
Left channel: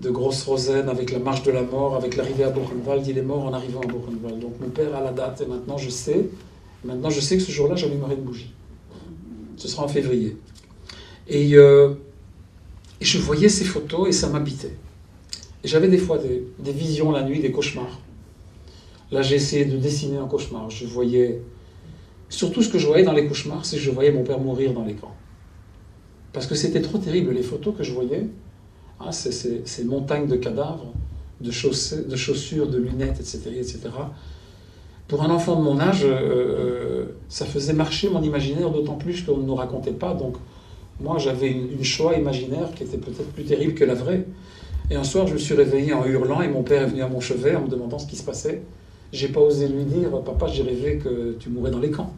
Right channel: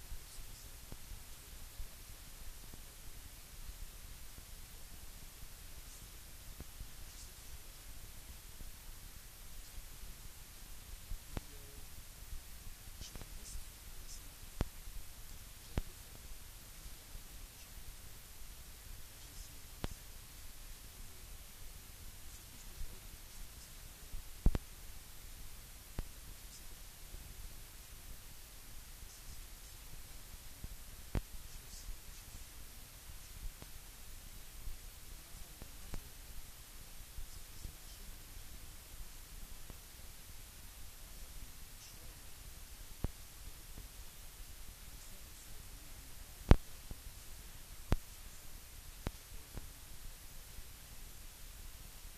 de Grosse Rosen, avec la marche de la mort, avec l'arrivée à Buchenwald. Il est mort en arrivant à Buchenwald. Donc mon père a la date, et maintenant je sais que ce jour-là, j'allumerai une bougie. Ce sera en février. Et je voyais ces photos et ça m'habitait. Et j'avais des fois des visions la nuit, des cauchemars. Là, j'ai essayé de dessiner un cauchemar. Je voyais... Surtout, ce que je voyais dans les cauchemars, c'est que je voyais mon père mourir dans les camps. Parce que c'était trop terrible. Les photos que je voyais, hein, ces montagnes de cadavres, de chaussures, de lunettes, etc., etc. Pour un enfant de mon âge, ça faisait marcher mon imaginaire, d'autant plus qu'on ne nous racontait pas. Donc, moi, j'avais une Shoah imaginaire qui était peut-être plus terrible que la vraie. Et un soir, je me suis réveillé en hurlant et mon père est venu à mon chevet en me demandant ce qui se passait. J'ai pas osé lui dire, papa, j'ai rêvé que tu mourais dans les camps.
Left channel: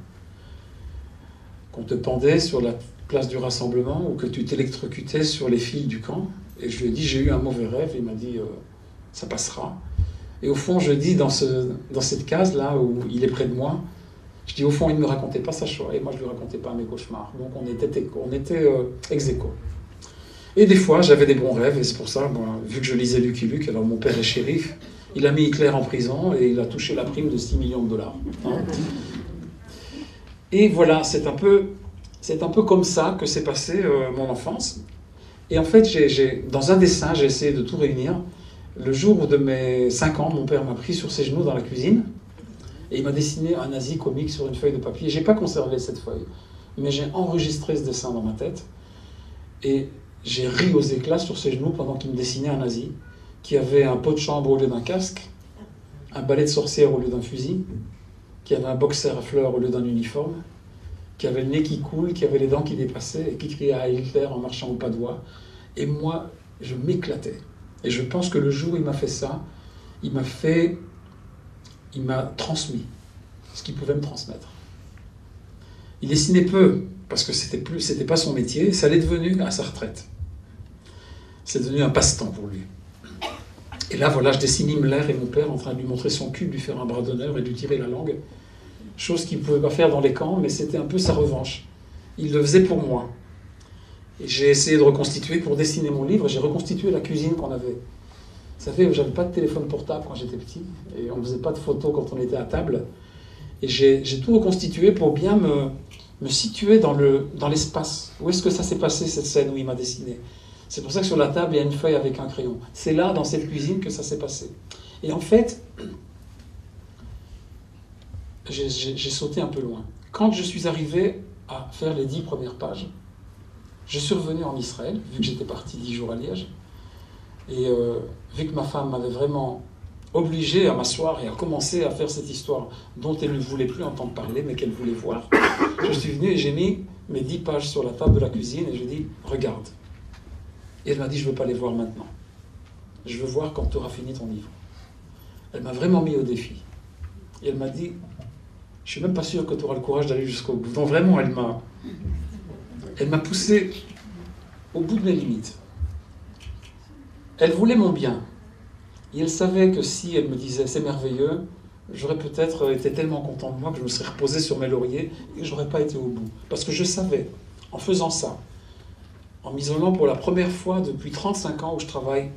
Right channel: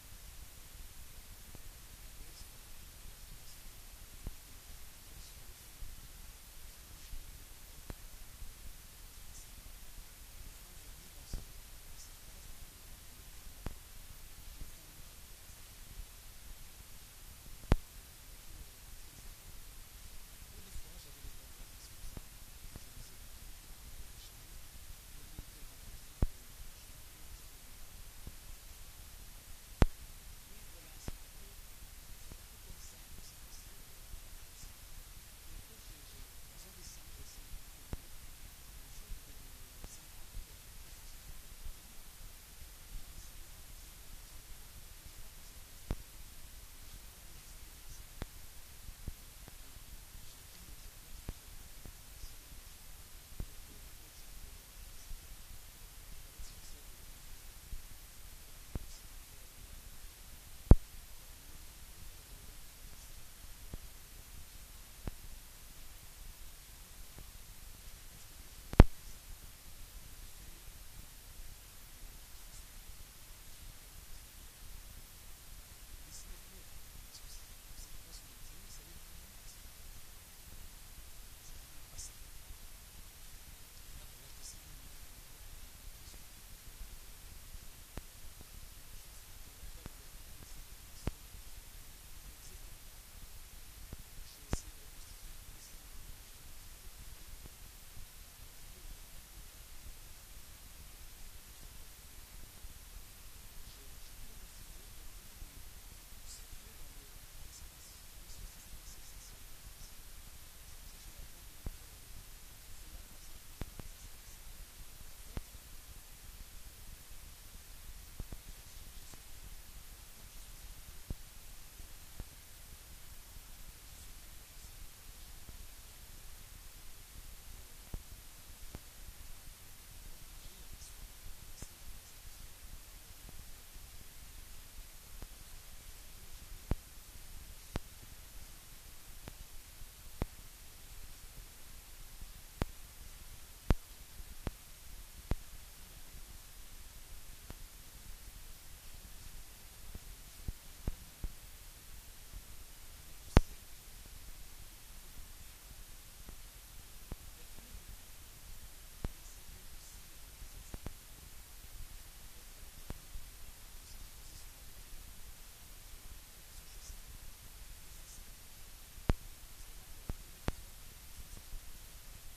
Qu'on te pendait sur la place du rassemblement ou que tu t'électrocutais sur les fils du camp. Et je lui ai dit, j'ai eu un mauvais rêve. Et il m'a dit, ça passera. Et au fond, je dis, dans cette case-là où il est près de moi, je dis, au fond, il ne me racontait pas sa Shoah et moi, je ne lui racontais pas mes cauchemars. Donc, on était ex aequo. Et des fois, j'avais des bons rêves, et c'est pour ça, moi, vu que je lisais Lucky Luke, alors mon père est shérif, il a mis Hitler en prison et il a touché la prime de 6 millions de dollars. Hein. Et voilà, c'est un peu comme ça que s'est passée mon enfance. Et en fait, dans un dessin, j'ai essayé de tout réunir. Le jour de mes 5 ans, mon père m'a pris sur ses genoux dans la cuisine et il m'a dessiné un nazi comique sur une feuille de papier. Je n'ai pas conservé cette feuille, mais j'ai enregistré ce dessin dans ma tête. Et j'ai ri aux éclats sur ses genoux pendant qu'il me dessinait un nazi qui avait un pot de chambre au lieu d'un casque, un balai de sorcière au lieu d'un fusil, qui avait un boxer à fleurs au lieu d'un uniforme, qui avait le nez qui coule, qui avait les dents qui dépassaient et qui criait à Hitler en marchant au pas de doigt. Et moi, je m'éclatais. Et je pense que le jour où il m'a fait ça, il m'a transmis ce qu'il pouvait me transmettre. Il dessinait peu, parce que c'était pas son métier, ça l'est devenu à sa retraite. C'est devenu un passe-temps pour lui. Et là, voilà, je dessine Himmler et mon père en train de lui montrer son cul, lui faire un bras d'honneur et lui tirer la langue. Chose qu'il ne pouvait pas faire dans les camps, mais c'était un peu sa revanche. Il le faisait pour moi. Et j'ai essayé de reconstituer, pour dessiner mon livre, j'ai reconstitué la cuisine qu'on avait. Vous savez, j'avais pas de téléphone portable quand j'étais petit, et on ne faisait pas de photos quand on était à table. Et j'ai tout reconstitué pour bien me situer dans l'espace. Où est-ce que ça s'est passé, cette scène où il m'a dessiné? C'est pour ça que sur la table, il y a une feuille avec un crayon. C'est là, dans cette cuisine, que ça s'est passé. Et en fait, j'ai sauté un peu loin. Quand je suis arrivé à faire les 10 premières pages, je suis revenu en Israël, vu que j'étais parti 10 jours à Liège, et vu que ma femme m'avait vraiment obligé à m'asseoir et à commencer à faire cette histoire dont elle ne voulait plus entendre parler, mais qu'elle voulait voir, je suis venu et j'ai mis mes 10 pages sur la table de la cuisine et je lui ai dit, regarde. Et elle m'a dit, je ne veux pas les voir maintenant. Je veux voir quand tu auras fini ton livre. Elle m'a vraiment mis au défi. Et elle m'a dit, je ne suis même pas sûr que tu auras le courage d'aller jusqu'au bout. Donc vraiment, elle m'a poussé au bout de mes limites. Elle voulait mon bien. Et elle savait que si elle me disait, c'est merveilleux, j'aurais peut-être été tellement content de moi que je me serais reposé sur mes lauriers et que je n'aurais pas été au bout. Parce que je savais, en faisant ça, en m'isolant pour la première fois depuis 35 ans où je travaille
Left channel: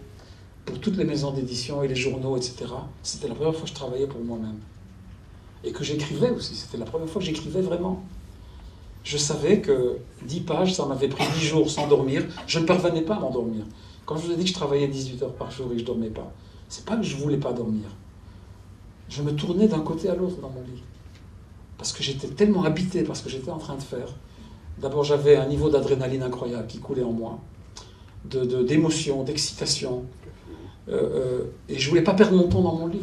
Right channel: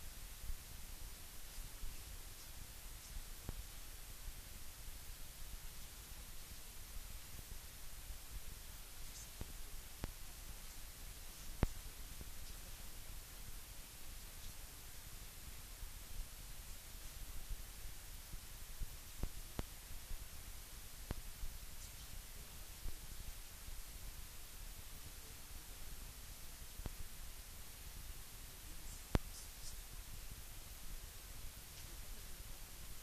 pour toutes les maisons d'édition et les journaux, etc. C'était la première fois que je travaillais pour moi-même. Et que j'écrivais aussi, c'était la première fois que j'écrivais vraiment. Je savais que 10 pages, ça m'avait pris 10 jours sans dormir. Je ne parvenais pas à m'endormir. Quand je vous ai dit que je travaillais 18 heures par jour et que je ne dormais pas, c'est pas que je ne voulais pas dormir. Je me tournais d'un côté à l'autre dans mon lit. Parce que j'étais tellement habité par ce que j'étais en train de faire. D'abord, j'avais un niveau d'adrénaline incroyable qui coulait en moi, d'émotion, d'excitation. Et je ne voulais pas perdre mon temps dans mon lit.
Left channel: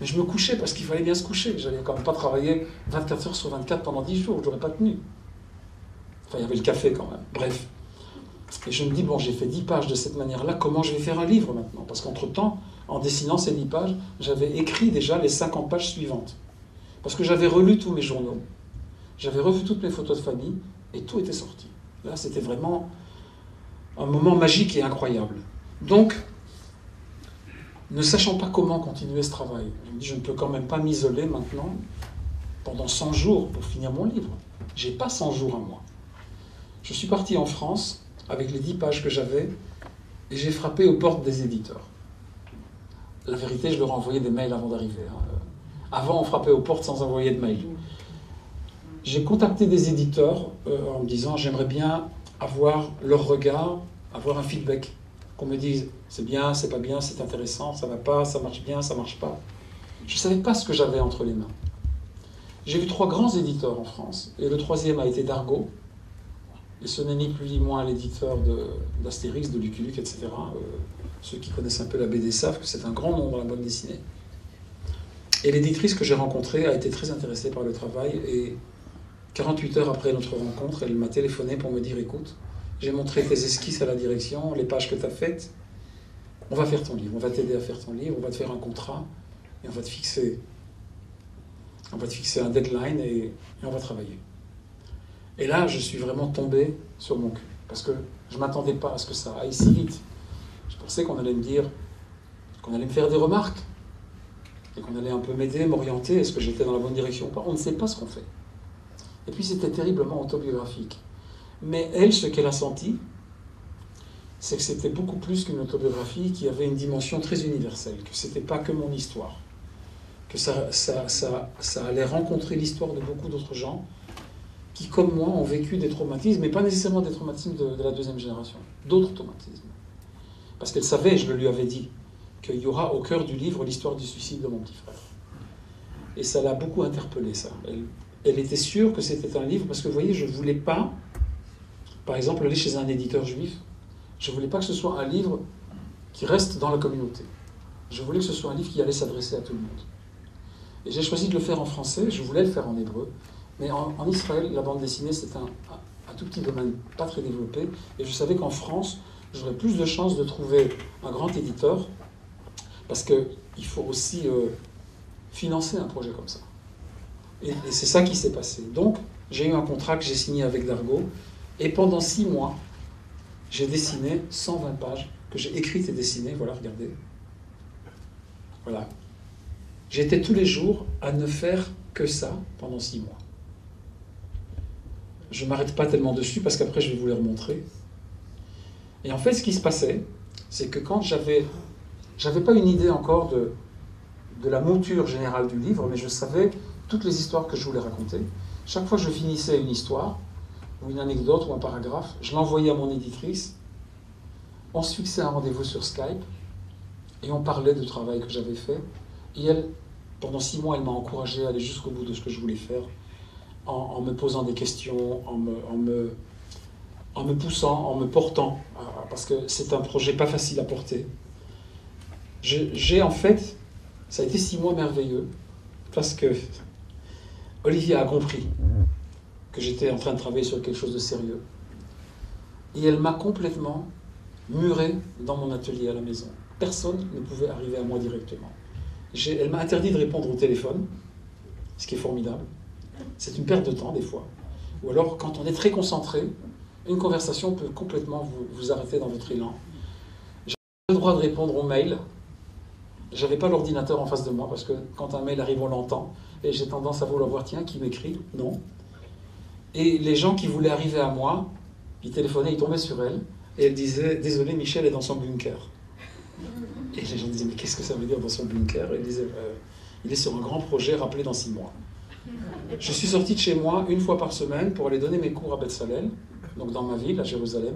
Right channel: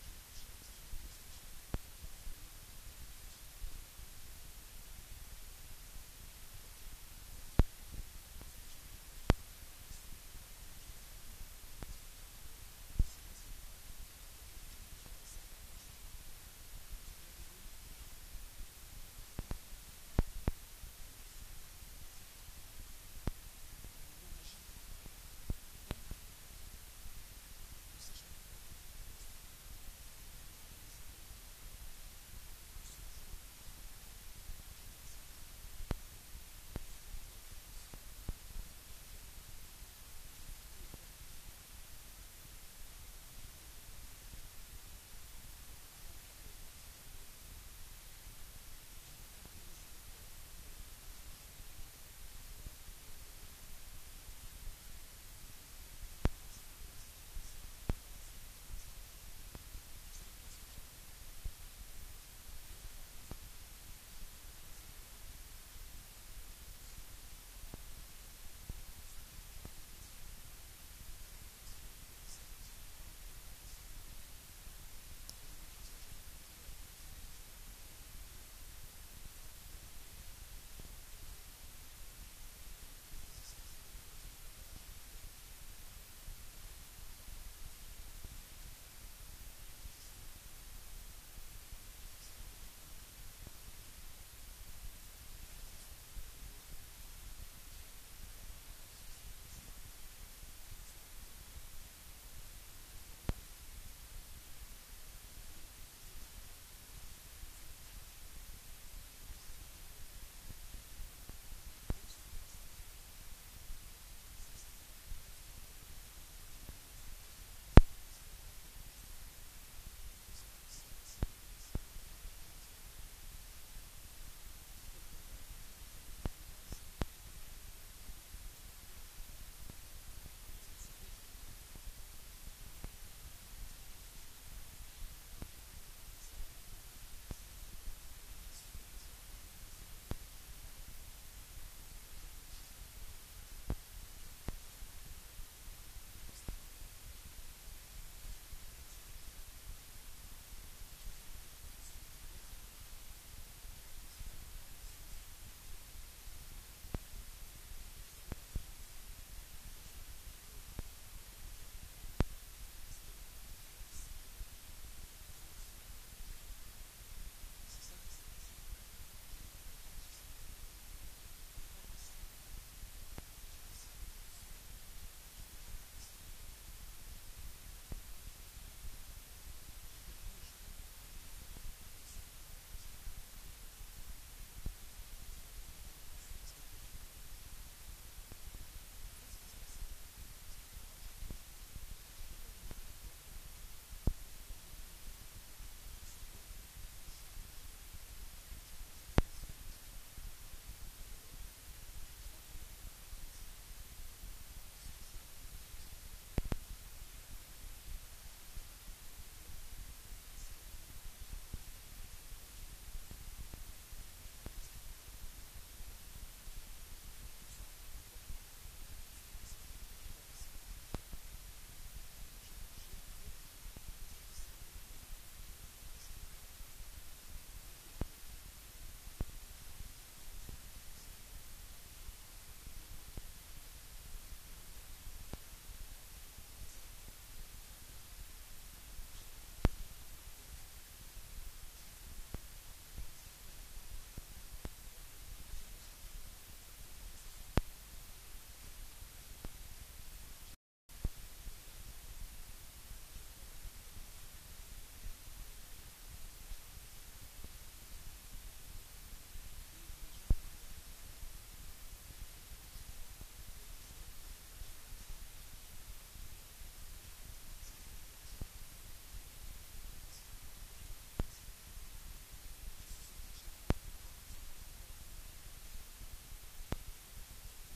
Mais je me couchais parce qu'il fallait bien se coucher. Je n'allais quand même pas travailler 24 heures sur 24 pendant 10 jours. Je n'aurais pas tenu. Enfin, il y avait le café quand même. Bref. Et je me dis, bon, j'ai fait 10 pages de cette manière-là, comment je vais faire un livre maintenant? Parce qu'entre-temps, en dessinant ces 10 pages, j'avais écrit déjà les 50 pages suivantes. Parce que j'avais relu tous mes journaux. J'avais revu toutes mes photos de famille. Et tout était sorti. Là, c'était vraiment un moment magique et incroyable. Donc, ne sachant pas comment continuer ce travail, je me dis, je ne peux quand même pas m'isoler maintenant pendant 100 jours pour finir mon livre. Je n'ai pas 100 jours à moi. Je suis parti en France avec les 10 pages que j'avais et j'ai frappé aux portes des éditeurs. La vérité, je leur ai envoyé des mails avant d'arriver. Avant, on frappait aux portes sans envoyer de mails. J'ai contacté des éditeurs en me disant j'aimerais bien avoir leur regard, avoir un feedback, qu'on me dise c'est bien, c'est pas bien, c'est intéressant, ça va pas, ça marche bien, ça marche pas. Je ne savais pas ce que j'avais entre les mains. J'ai vu 3 grands éditeurs en France, et le 3e a été Dargaud, et ce n'est ni plus ni moins l'éditeur d'Astérix, de Lucky Luke, etc. Ceux qui connaissent un peu la BD savent que c'est un grand nom dans la bande dessinée. Et l'éditrice que j'ai rencontrée a été très intéressée par le travail, et 48 heures après notre rencontre, elle m'a téléphoné pour me dire écoute, j'ai montré tes esquisses à la direction, les pages que tu as faites, on va faire ton livre, on va t'aider à faire ton livre, on va te faire un contrat, et on va te fixer un deadline et on va travailler. Et là, je suis vraiment tombé sur mon cul, parce que je ne m'attendais pas à ce que ça aille si vite. Je pensais qu'on allait me dire, qu'on allait me faire des remarques, et qu'on allait un peu m'aider, m'orienter, est-ce que j'étais dans la bonne direction ou pas. On ne sait pas ce qu'on fait. Et puis c'était terriblement autobiographique. Mais elle, ce qu'elle a senti, c'est que c'était beaucoup plus qu'une autobiographie, qui avait une dimension très universelle, que ce n'était pas que mon histoire, que ça allait rencontrer l'histoire de beaucoup d'autres gens qui, comme moi, ont vécu des traumatismes, mais pas nécessairement des traumatismes de la 2e génération, d'autres traumatismes. Parce qu'elle savait, je le lui avais dit, qu'il y aura au cœur du livre l'histoire du suicide de mon petit frère. Et ça l'a beaucoup interpellée, ça. Elle était sûre que c'était un livre, parce que vous voyez, je ne voulais pas, par exemple, aller chez un éditeur juif. Je ne voulais pas que ce soit un livre qui reste dans la communauté. Je voulais que ce soit un livre qui allait s'adresser à tout le monde. Et j'ai choisi de le faire en français, je voulais le faire en hébreu, mais en Israël, la bande dessinée, c'est un tout petit domaine pas très développé, et je savais qu'en France, j'aurais plus de chances de trouver un grand éditeur, parce qu'il faut aussi financer un projet comme ça. Et c'est ça qui s'est passé. Donc, j'ai eu un contrat que j'ai signé avec Dargaud, et pendant 6 mois, j'ai dessiné 120 pages, que j'ai écrites et dessinées, voilà, regardez. Voilà. J'étais tous les jours à ne faire que ça pendant 6 mois. Je ne m'arrête pas tellement dessus, parce qu'après je vais vous les remontrer. Et en fait, ce qui se passait, c'est que quand j'avais pas une idée encore de la mouture générale du livre, mais je savais toutes les histoires que je voulais raconter. Chaque fois que je finissais une histoire, ou une anecdote, ou un paragraphe, je l'envoyais à mon éditrice, on se fixait un rendez-vous sur Skype, et on parlait du travail que j'avais fait. Et elle, pendant 6 mois, elle m'a encouragé à aller jusqu'au bout de ce que je voulais faire, en me posant des questions, en me poussant, en me portant, parce que c'est un projet pas facile à porter. J'ai en fait, ça a été 6 mois merveilleux, parce que Olivier a compris que j'étais en train de travailler sur quelque chose de sérieux. Et elle m'a complètement muré dans mon atelier à la maison. Personne ne pouvait arriver à moi directement. Elle m'a interdit de répondre au téléphone, ce qui est formidable. C'est une perte de temps des fois. Ou alors, quand on est très concentré, une conversation peut complètement vous arrêter dans votre élan. J'avais pas le droit de répondre aux mails. J'avais pas l'ordinateur en face de moi, parce que quand un mail arrive, on l'entend. Et j'ai tendance à vouloir voir, tiens, qui m'écrit? Non. Et les gens qui voulaient arriver à moi, ils téléphonaient, ils tombaient sur elle, et elle disait, désolé, Michel est dans son bunker. Et les gens disaient, mais qu'est-ce que ça veut dire dans son bunker? Et elle disait, il est sur un grand projet, rappelé dans 6 mois. Je suis sorti de chez moi 1 fois par semaine pour aller donner mes cours à Beth-Salel, donc dans ma ville, à Jérusalem.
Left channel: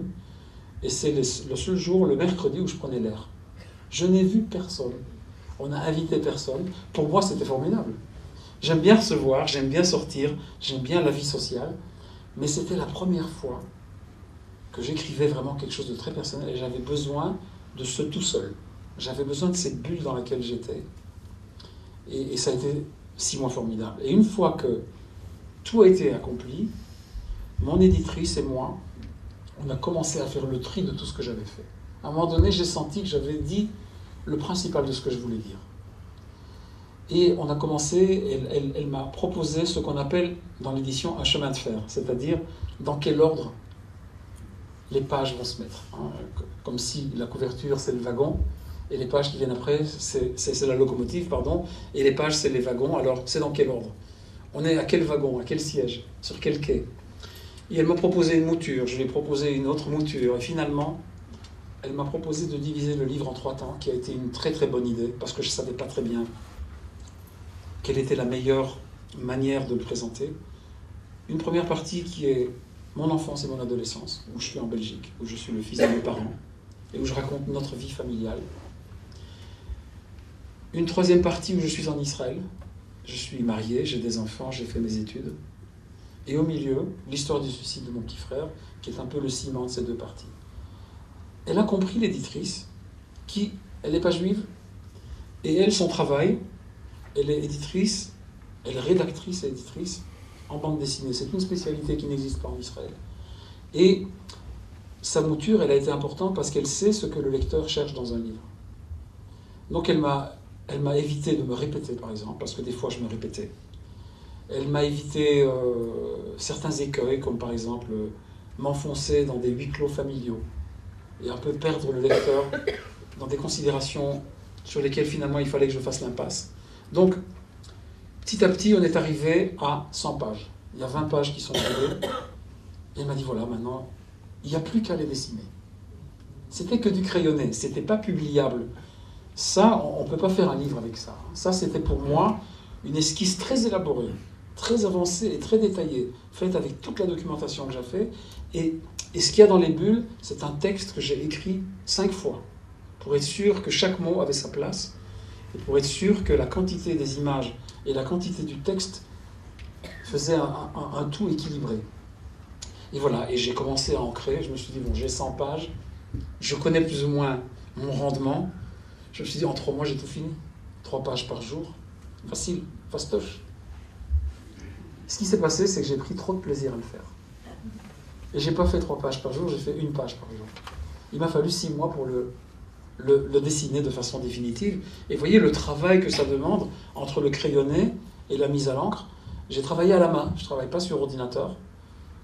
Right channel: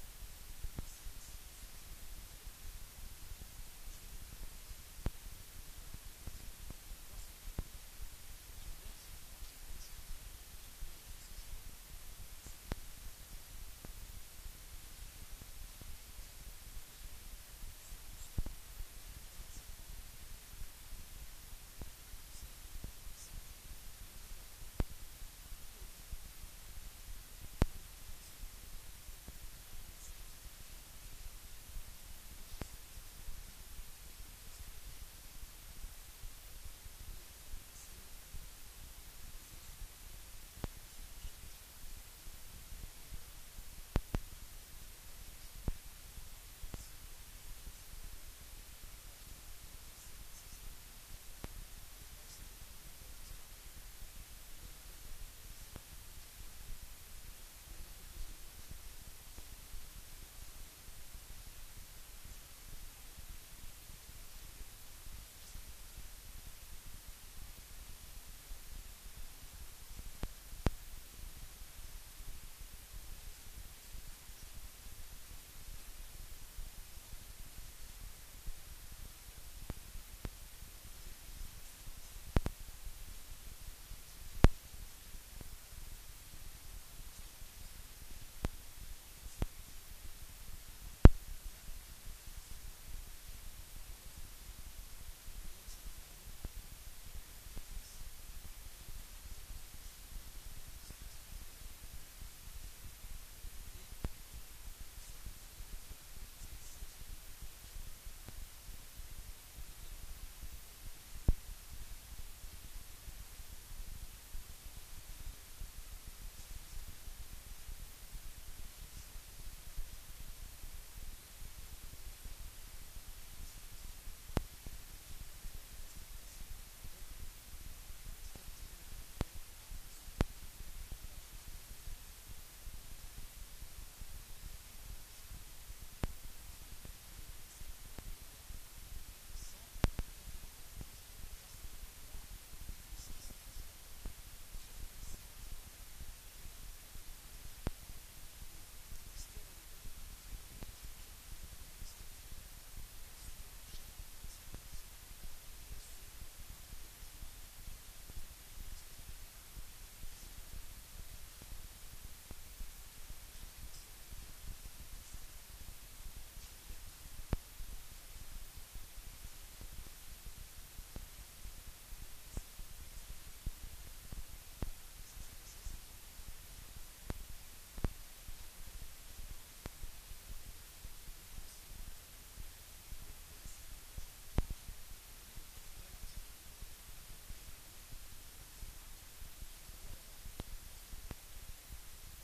Et c'est le seul jour, le mercredi, où je prenais l'air. Je n'ai vu personne. On n'a invité personne. Pour moi, c'était formidable. J'aime bien recevoir, j'aime bien sortir, j'aime bien la vie sociale. Mais c'était la première fois que j'écrivais vraiment quelque chose de très personnel, et j'avais besoin de ce tout seul. J'avais besoin de cette bulle dans laquelle j'étais. Et ça a été 6 mois formidables. Et une fois que tout a été accompli, mon éditrice et moi, on a commencé à faire le tri de tout ce que j'avais fait. À un moment donné, j'ai senti que j'avais dit le principal de ce que je voulais dire. Et on a commencé, elle m'a proposé ce qu'on appelle dans l'édition un chemin de fer, c'est-à-dire dans quel ordre les pages vont se mettre. Comme si la couverture, c'est le wagon, et les pages qui viennent après, c'est la locomotive, pardon, et les pages, c'est les wagons. Alors, c'est dans quel ordre? On est à quel wagon, à quel siège, sur quel quai? Et elle m'a proposé une mouture, je lui ai proposé une autre mouture, et finalement, elle m'a proposé de diviser le livre en 3 temps, qui a été une très très bonne idée, parce que je ne savais pas très bien quelle était la meilleure manière de le présenter. Une première partie qui est mon enfance et mon adolescence, où je suis en Belgique, où je suis le fils de mes parents, et où je raconte notre vie familiale. Une troisième partie où je suis en Israël, je suis marié, j'ai des enfants, j'ai fait mes études. Et au milieu, l'histoire du suicide de mon petit frère, qui est un peu le ciment de ces 2 parties. Elle a compris, l'éditrice, elle n'est pas juive, et elle, son travail, elle est éditrice, elle est rédactrice et éditrice en bande dessinée. C'est une spécialité qui n'existe pas en Israël. Et sa mouture, elle a été importante parce qu'elle sait ce que le lecteur cherche dans un livre. Donc elle m'a évité de me répéter, par exemple, parce que des fois je me répétais. Elle m'a évité certains écueils, comme par exemple m'enfoncer dans des huis clos familiaux et un peu perdre le lecteur dans des considérations sur lesquelles finalement il fallait que je fasse l'impasse. Donc, petit à petit, on est arrivé à 100 pages. Il y a 20 pages qui sont arrivées. Et elle m'a dit, voilà, maintenant, il n'y a plus qu'à les dessiner. C'était que du crayonné, c'était pas publiable. Ça, on ne peut pas faire un livre avec ça. Ça, c'était pour moi une esquisse très élaborée, très avancée et très détaillée, faite avec toute la documentation que j'ai faite. Et ce qu'il y a dans les bulles, c'est un texte que j'ai écrit 5 fois, pour être sûr que chaque mot avait sa place, et pour être sûr que la quantité des images et la quantité du texte faisaient un tout équilibré. Et voilà, et j'ai commencé à ancrer, je me suis dit, bon, j'ai 100 pages, je connais plus ou moins mon rendement, je me suis dit, en 3 mois, j'ai tout fini. 3 pages par jour, facile, fastoche. Ce qui s'est passé, c'est que j'ai pris trop de plaisir à le faire. Et j'ai pas fait 3 pages par jour, j'ai fait 1 page par jour. Il m'a fallu 6 mois pour le dessiner de façon définitive. Et vous voyez le travail que ça demande entre le crayonné et la mise à l'encre. J'ai travaillé à la main, je ne travaille pas sur ordinateur,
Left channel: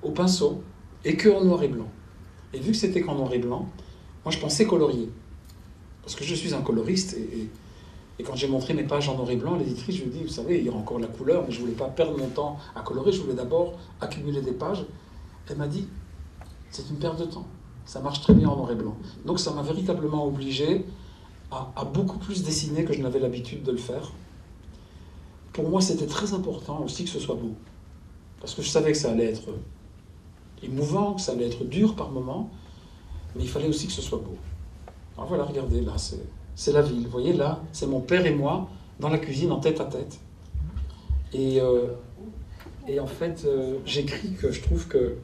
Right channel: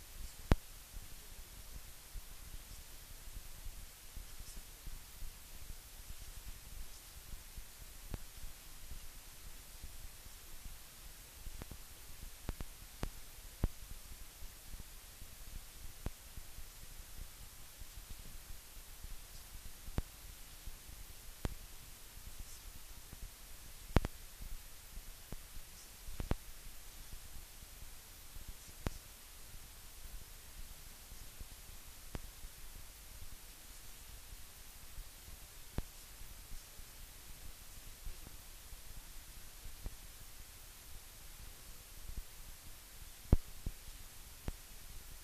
au pinceau, et que en noir et blanc. Et vu que c'était qu'en noir et blanc, moi je pensais colorier. Parce que je suis un coloriste, et quand j'ai montré mes pages en noir et blanc, l'éditrice, je lui ai dit, vous savez, il y aura encore la couleur, mais je ne voulais pas perdre mon temps à colorer, je voulais d'abord accumuler des pages. Elle m'a dit, c'est une perte de temps, ça marche très bien en noir et blanc. Donc ça m'a véritablement obligé à beaucoup plus dessiner que je n'avais l'habitude de le faire. Pour moi, c'était très important aussi que ce soit beau. Parce que je savais que ça allait être émouvant, que ça allait être dur par moments, mais il fallait aussi que ce soit beau. Alors voilà, regardez, là, c'est la ville. Vous voyez, là, c'est mon père et moi dans la cuisine en tête à tête. Et en fait, j'écris que je trouve que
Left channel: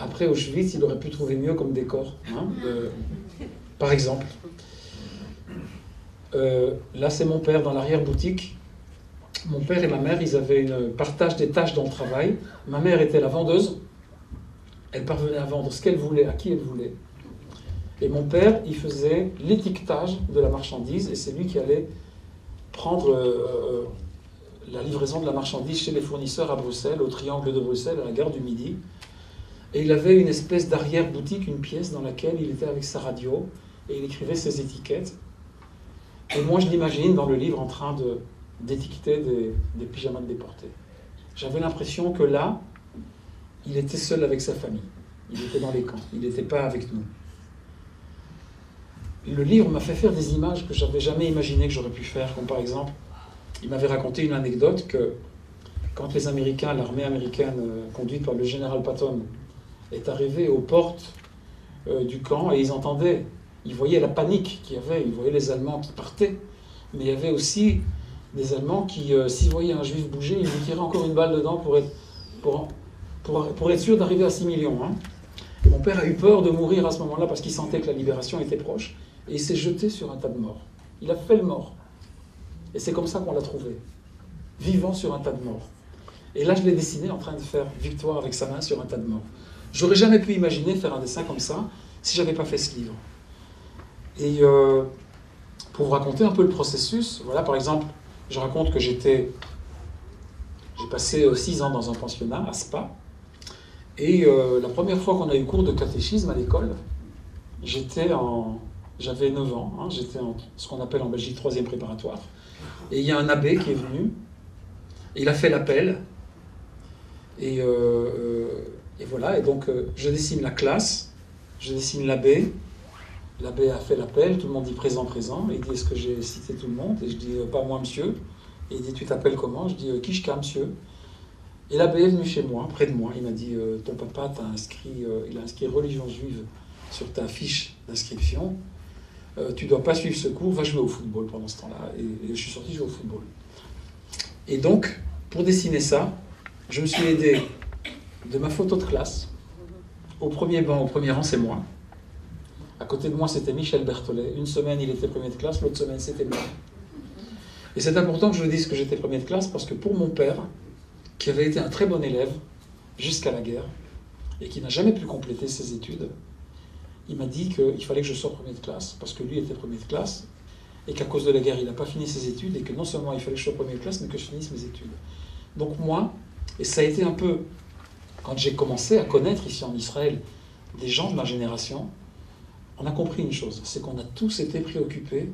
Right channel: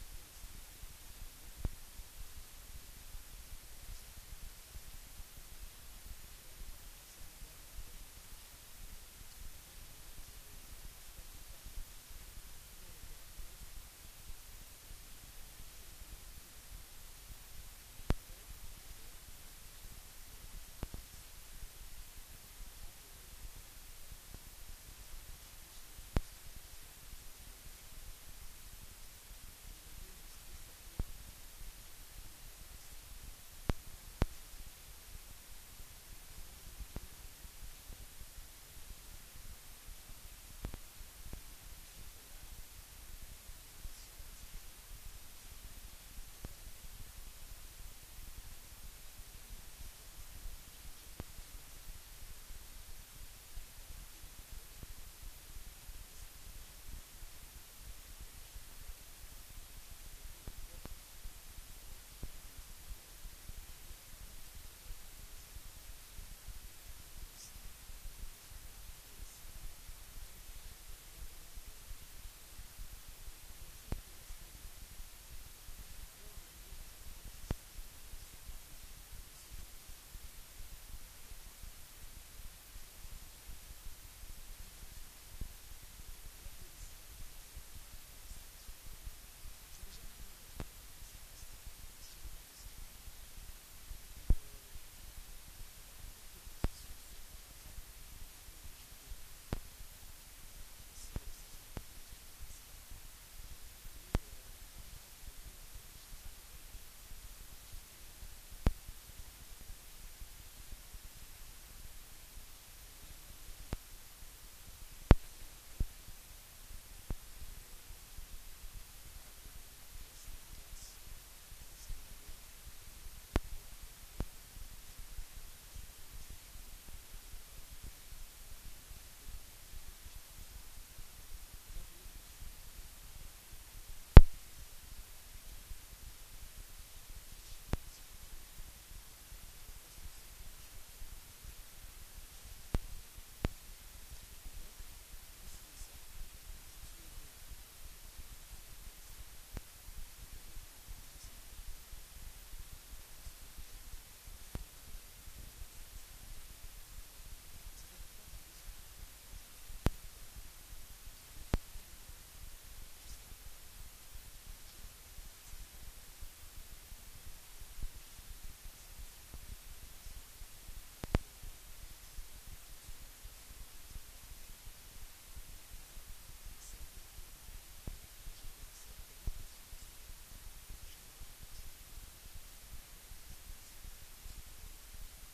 après Auschwitz, il aurait pu trouver mieux comme décor. Hein, par exemple, là, c'est mon père dans l'arrière-boutique. Mon père et ma mère, ils avaient un partage des tâches dans le travail. Ma mère était la vendeuse. Elle parvenait à vendre ce qu'elle voulait, à qui elle voulait. Et mon père, il faisait l'étiquetage de la marchandise, et c'est lui qui allait prendre la livraison de la marchandise chez les fournisseurs à Bruxelles, au Triangle de Bruxelles, à la gare du Midi. Et il avait une espèce d'arrière-boutique, une pièce dans laquelle il était avec sa radio, et il écrivait ses étiquettes. Et moi, je l'imagine dans le livre en train d'étiqueter des pyjamas de déportés. J'avais l'impression que là, il était seul avec sa famille. Il était dans les camps, il n'était pas avec nous. Le livre m'a fait faire des images que je n'avais jamais imaginé que j'aurais pu faire, comme par exemple, il m'avait raconté une anecdote que quand les Américains, l'armée américaine conduite par le général Patton, est arrivée aux portes du camp, et ils voyaient la panique qu'il y avait, ils voyaient les Allemands qui partaient, mais il y avait aussi des Allemands qui, s'ils voyaient un Juif bouger, ils lui tiraient encore une balle dedans pour être sûr d'arriver à 6 millions. Hein. Mon père a eu peur de mourir à ce moment-là parce qu'il sentait que la libération était proche, et il s'est jeté sur un tas de morts. Il a fait le mort. Et c'est comme ça qu'on l'a trouvé, vivant sur un tas de morts. Et là, je l'ai dessiné en train de faire victoire avec sa main sur un tas de morts. J'aurais jamais pu imaginer faire un dessin comme ça si j'avais pas fait ce livre. Et pour vous raconter un peu le processus, voilà, par exemple, je raconte que j'ai passé 6 ans dans un pensionnat à Spa, et la première fois qu'on a eu cours de catéchisme à l'école, j'avais 9 ans, hein, j'étais en ce qu'on appelle en Belgique 3e préparatoire, et il y a un abbé qui est venu, il a fait l'appel, et voilà, et donc je dessine la classe, je dessine l'abbé, L'abbé a fait l'appel, tout le monde dit présent, présent. Il dit est-ce que j'ai cité tout le monde? Et je dis pas moi, monsieur. Et il dit tu t'appelles comment? Je dis Kishka, monsieur. Et l'abbé est venu chez moi, près de moi. Il m'a dit ton papa il a inscrit religion juive sur ta fiche d'inscription. Tu ne dois pas suivre ce cours, va jouer au football pendant ce temps-là. Et je suis sorti jouer au football. Et donc, pour dessiner ça, je me suis aidé de ma photo de classe. Au premier banc, au premier rang, c'est moi. À côté de moi, c'était Michel Berthollet. Une semaine, il était premier de classe, l'autre semaine, c'était moi. Et c'est important que je vous dise que j'étais premier de classe parce que pour mon père, qui avait été un très bon élève jusqu'à la guerre et qui n'a jamais pu compléter ses études, il m'a dit qu'il fallait que je sois premier de classe parce que lui était premier de classe et qu'à cause de la guerre, il n'a pas fini ses études et que non seulement il fallait que je sois premier de classe, mais que je finisse mes études. Donc moi, et ça a été un peu, quand j'ai commencé à connaître ici en Israël des gens de ma génération, on a compris une chose, c'est qu'on a tous été préoccupés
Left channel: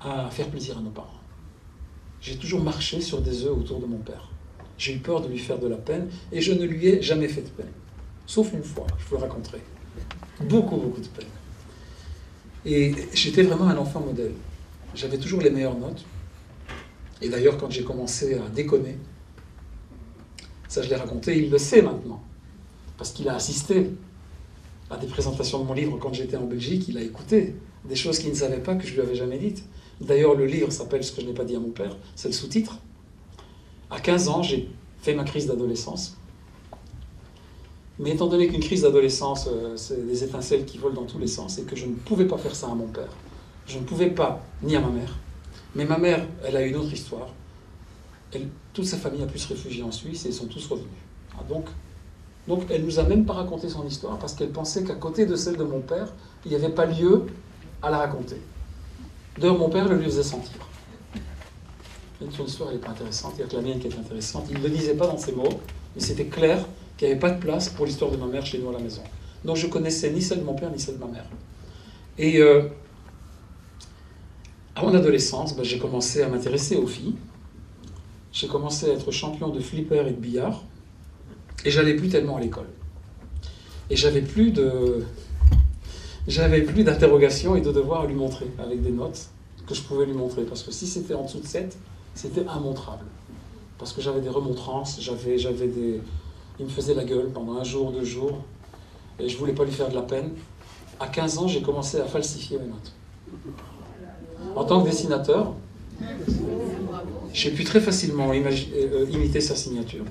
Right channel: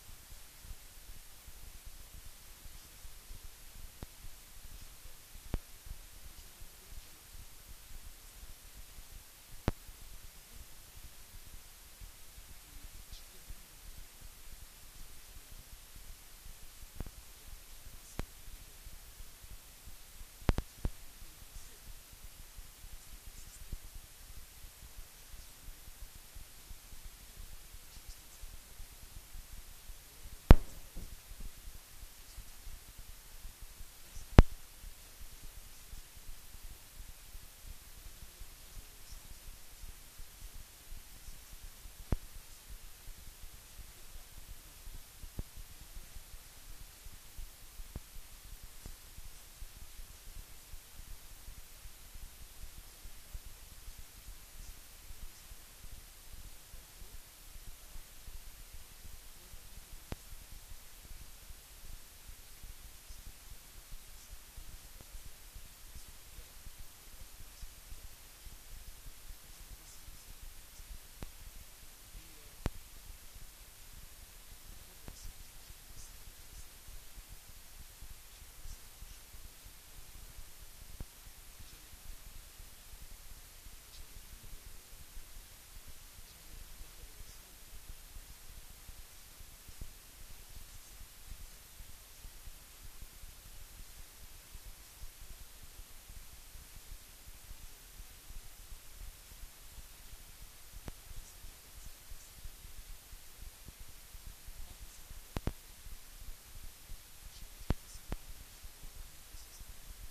à faire plaisir à nos parents. J'ai toujours marché sur des œufs autour de mon père. J'ai eu peur de lui faire de la peine et je ne lui ai jamais fait de peine. Sauf une fois, je vous le raconterai. Beaucoup, beaucoup de peine. Et j'étais vraiment un enfant modèle. J'avais toujours les meilleures notes. Et d'ailleurs, quand j'ai commencé à déconner, ça je l'ai raconté, il le sait maintenant. Parce qu'il a assisté à des présentations de mon livre quand j'étais en Belgique, il a écouté des choses qu'il ne savait pas, que je lui avais jamais dites. D'ailleurs, le livre s'appelle « Ce que je n'ai pas dit à mon père », c'est le sous-titre. À 15 ans, j'ai fait ma crise d'adolescence. Mais étant donné qu'une crise d'adolescence, c'est des étincelles qui volent dans tous les sens, et que je ne pouvais pas faire ça à mon père, je ne pouvais pas, ni à ma mère. Mais ma mère, elle a une autre histoire. Toute sa famille a pu se réfugier en Suisse et ils sont tous revenus. Ah, donc elle ne nous a même pas raconté son histoire parce qu'elle pensait qu'à côté de celle de mon père, il n'y avait pas lieu à la raconter. D'ailleurs, mon père le lui faisait sentir. Son histoire n'est pas intéressante, il y a que la mienne qui est intéressante. Il ne le disait pas dans ces mots, mais c'était clair qu'il n'y avait pas de place pour l'histoire de ma mère chez nous à la maison. Donc je connaissais ni celle de mon père, ni celle de ma mère. Et à mon adolescence, j'ai commencé à m'intéresser aux filles. J'ai commencé à être champion de flipper et de billard. Et j'allais plus tellement à l'école. Et j'avais plus d'interrogations et de devoirs à lui montrer, avec des notes que je pouvais lui montrer. Parce que si c'était en dessous de 7, c'était immontrable. Parce que j'avais des remontrances, il me faisait la gueule pendant un jour, 2 jours, et je ne voulais pas lui faire de la peine. À 15 ans, j'ai commencé à falsifier mes notes. En tant que dessinateur, j'ai pu très facilement imiter sa signature.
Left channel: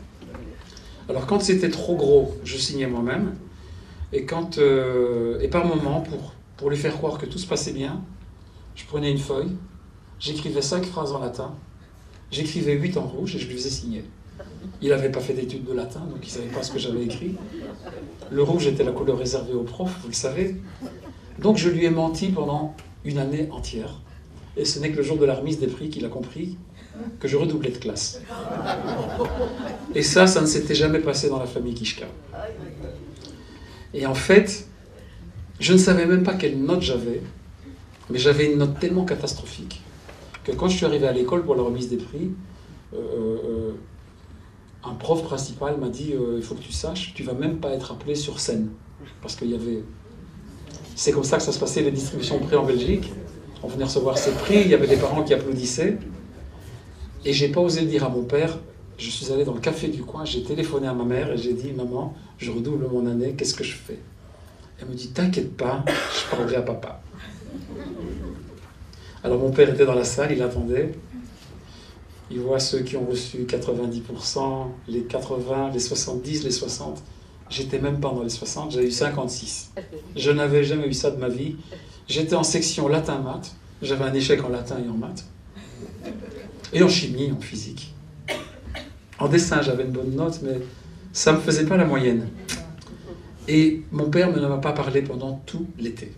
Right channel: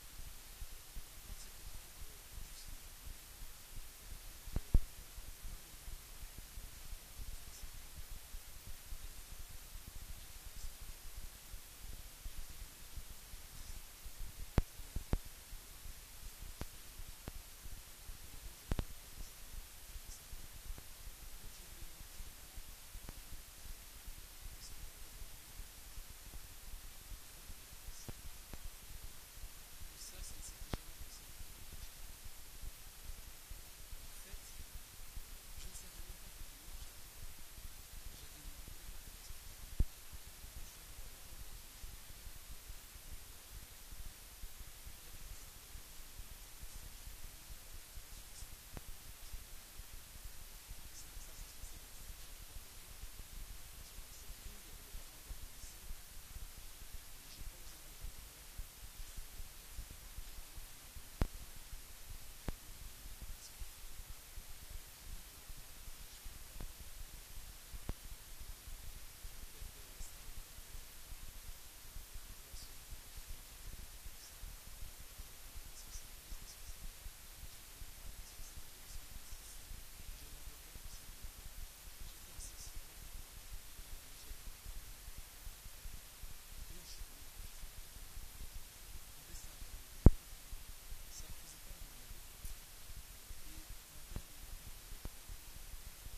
Alors quand c'était trop gros, je signais moi-même, et par moment, pour lui faire croire que tout se passait bien, je prenais une feuille, j'écrivais 5 phrases en latin, j'écrivais 8 en rouge et je lui faisais signer. Il n'avait pas fait d'études de latin, donc il ne savait pas ce que j'avais écrit. Le rouge était la couleur réservée aux profs, vous le savez. Donc je lui ai menti pendant une année entière. Et ce n'est que le jour de la remise des prix qu'il a compris que je redoublais de classe. Et ça ne s'était jamais passé dans la famille Kishka. Et en fait, je ne savais même pas quelle note j'avais, mais j'avais une note tellement catastrophique que quand je suis arrivé à l'école pour la remise des prix, un prof principal m'a dit il faut que tu saches, tu ne vas même pas être appelé sur scène. Parce qu'il y avait... C'est comme ça que ça se passait, les distributions de prix en Belgique. On venait recevoir ces prix, il y avait des parents qui applaudissaient. Et je n'ai pas osé dire à mon père, je suis allé dans le café du coin, j'ai téléphoné à ma mère et j'ai dit « Maman, je redouble mon année, qu'est-ce que je fais ?» Elle me dit « T'inquiète pas, je parlerai à papa. » Alors mon père était dans la salle, il attendait. Il voit ceux qui ont reçu 90%, les 80, les 70, les 60. J'étais même pas dans les 60, j'ai eu 56. Je n'avais jamais eu ça de ma vie. J'étais en section latin-maths. J'avais un échec en latin et en maths. Et en chimie, en physique. En dessin, j'avais une bonne note, mais ça ne me faisait pas la moyenne. Et mon père ne m'a pas parlé pendant tout l'été.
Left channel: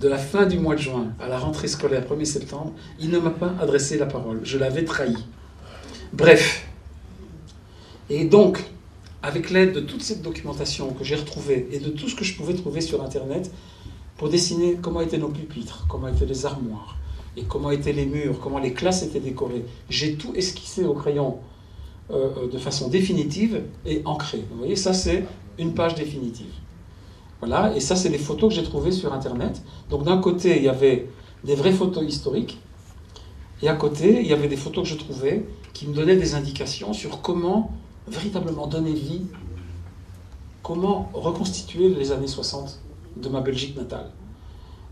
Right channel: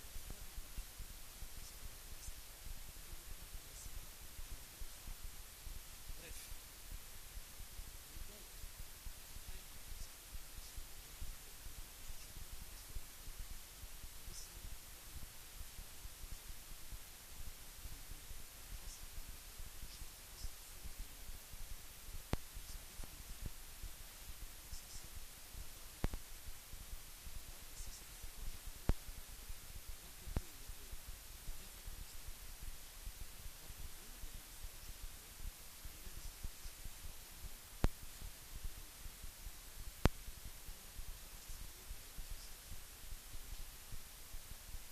De la fin du mois de juin à la rentrée scolaire 1er septembre, il ne m'a pas adressé la parole. Je l'avais trahi. Bref. Et donc, avec l'aide de toute cette documentation que j'ai retrouvée et de tout ce que je pouvais trouver sur Internet, pour dessiner comment étaient nos pupitres, comment étaient les armoires, et comment étaient les murs, comment les classes étaient décorées. J'ai tout esquissé au crayon de façon définitive et ancrée. Vous voyez, ça c'est une page définitive. Voilà, et ça, c'est des photos que j'ai trouvées sur Internet. Donc d'un côté, il y avait des vraies photos historiques, et à côté, il y avait des photos que je trouvais qui me donnaient des indications sur comment véritablement donner vie, comment reconstituer les années 60 de ma Belgique natale.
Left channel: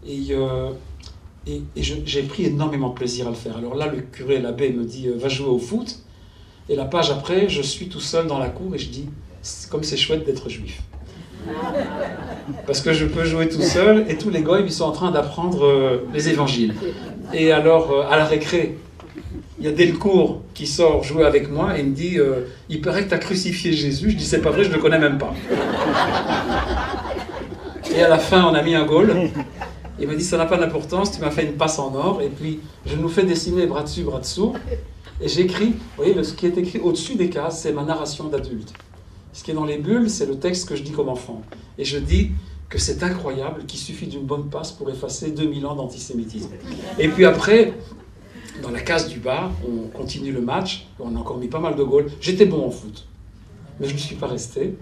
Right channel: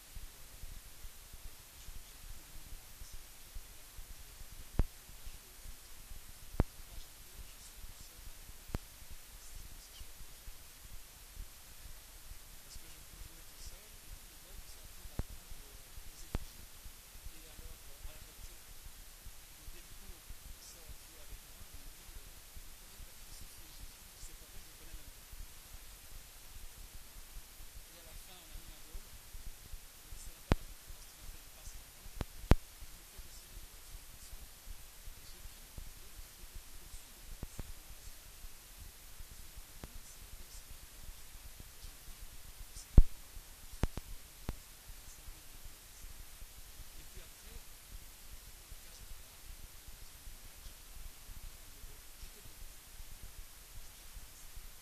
Et j'ai pris énormément de plaisir à le faire. Alors là, le curé, l'abbé, me dit va jouer au foot. Et la page après, je suis tout seul dans la cour et je dis comme c'est chouette d'être juif. Parce que je peux jouer tout seul et tous les gars, ils sont en train d'apprendre les évangiles. Et alors, à la récré, il y a Delcourt qui sort jouer avec moi et il me dit il paraît que tu as crucifié Jésus. Je dis c'est pas vrai, je ne le connais même pas. Et à la fin, on a mis un goal. Il m'a dit ça n'a pas d'importance, tu m'as fait une passe en or. Et puis, je nous fais dessiner bras dessus, bras dessous. Et j'écris, vous voyez, ce qui est écrit au-dessus des cases, c'est ma narration d'adulte. Ce qui est dans les bulles, c'est le texte que je dis comme enfant. Et je dis que c'est incroyable, qu'il suffit d'une bonne passe pour effacer 2000 ans d'antisémitisme. Et puis après, dans la case du bas, on continue le match, on a encore mis pas mal de goals. J'étais bon en foot, mais je ne suis pas resté.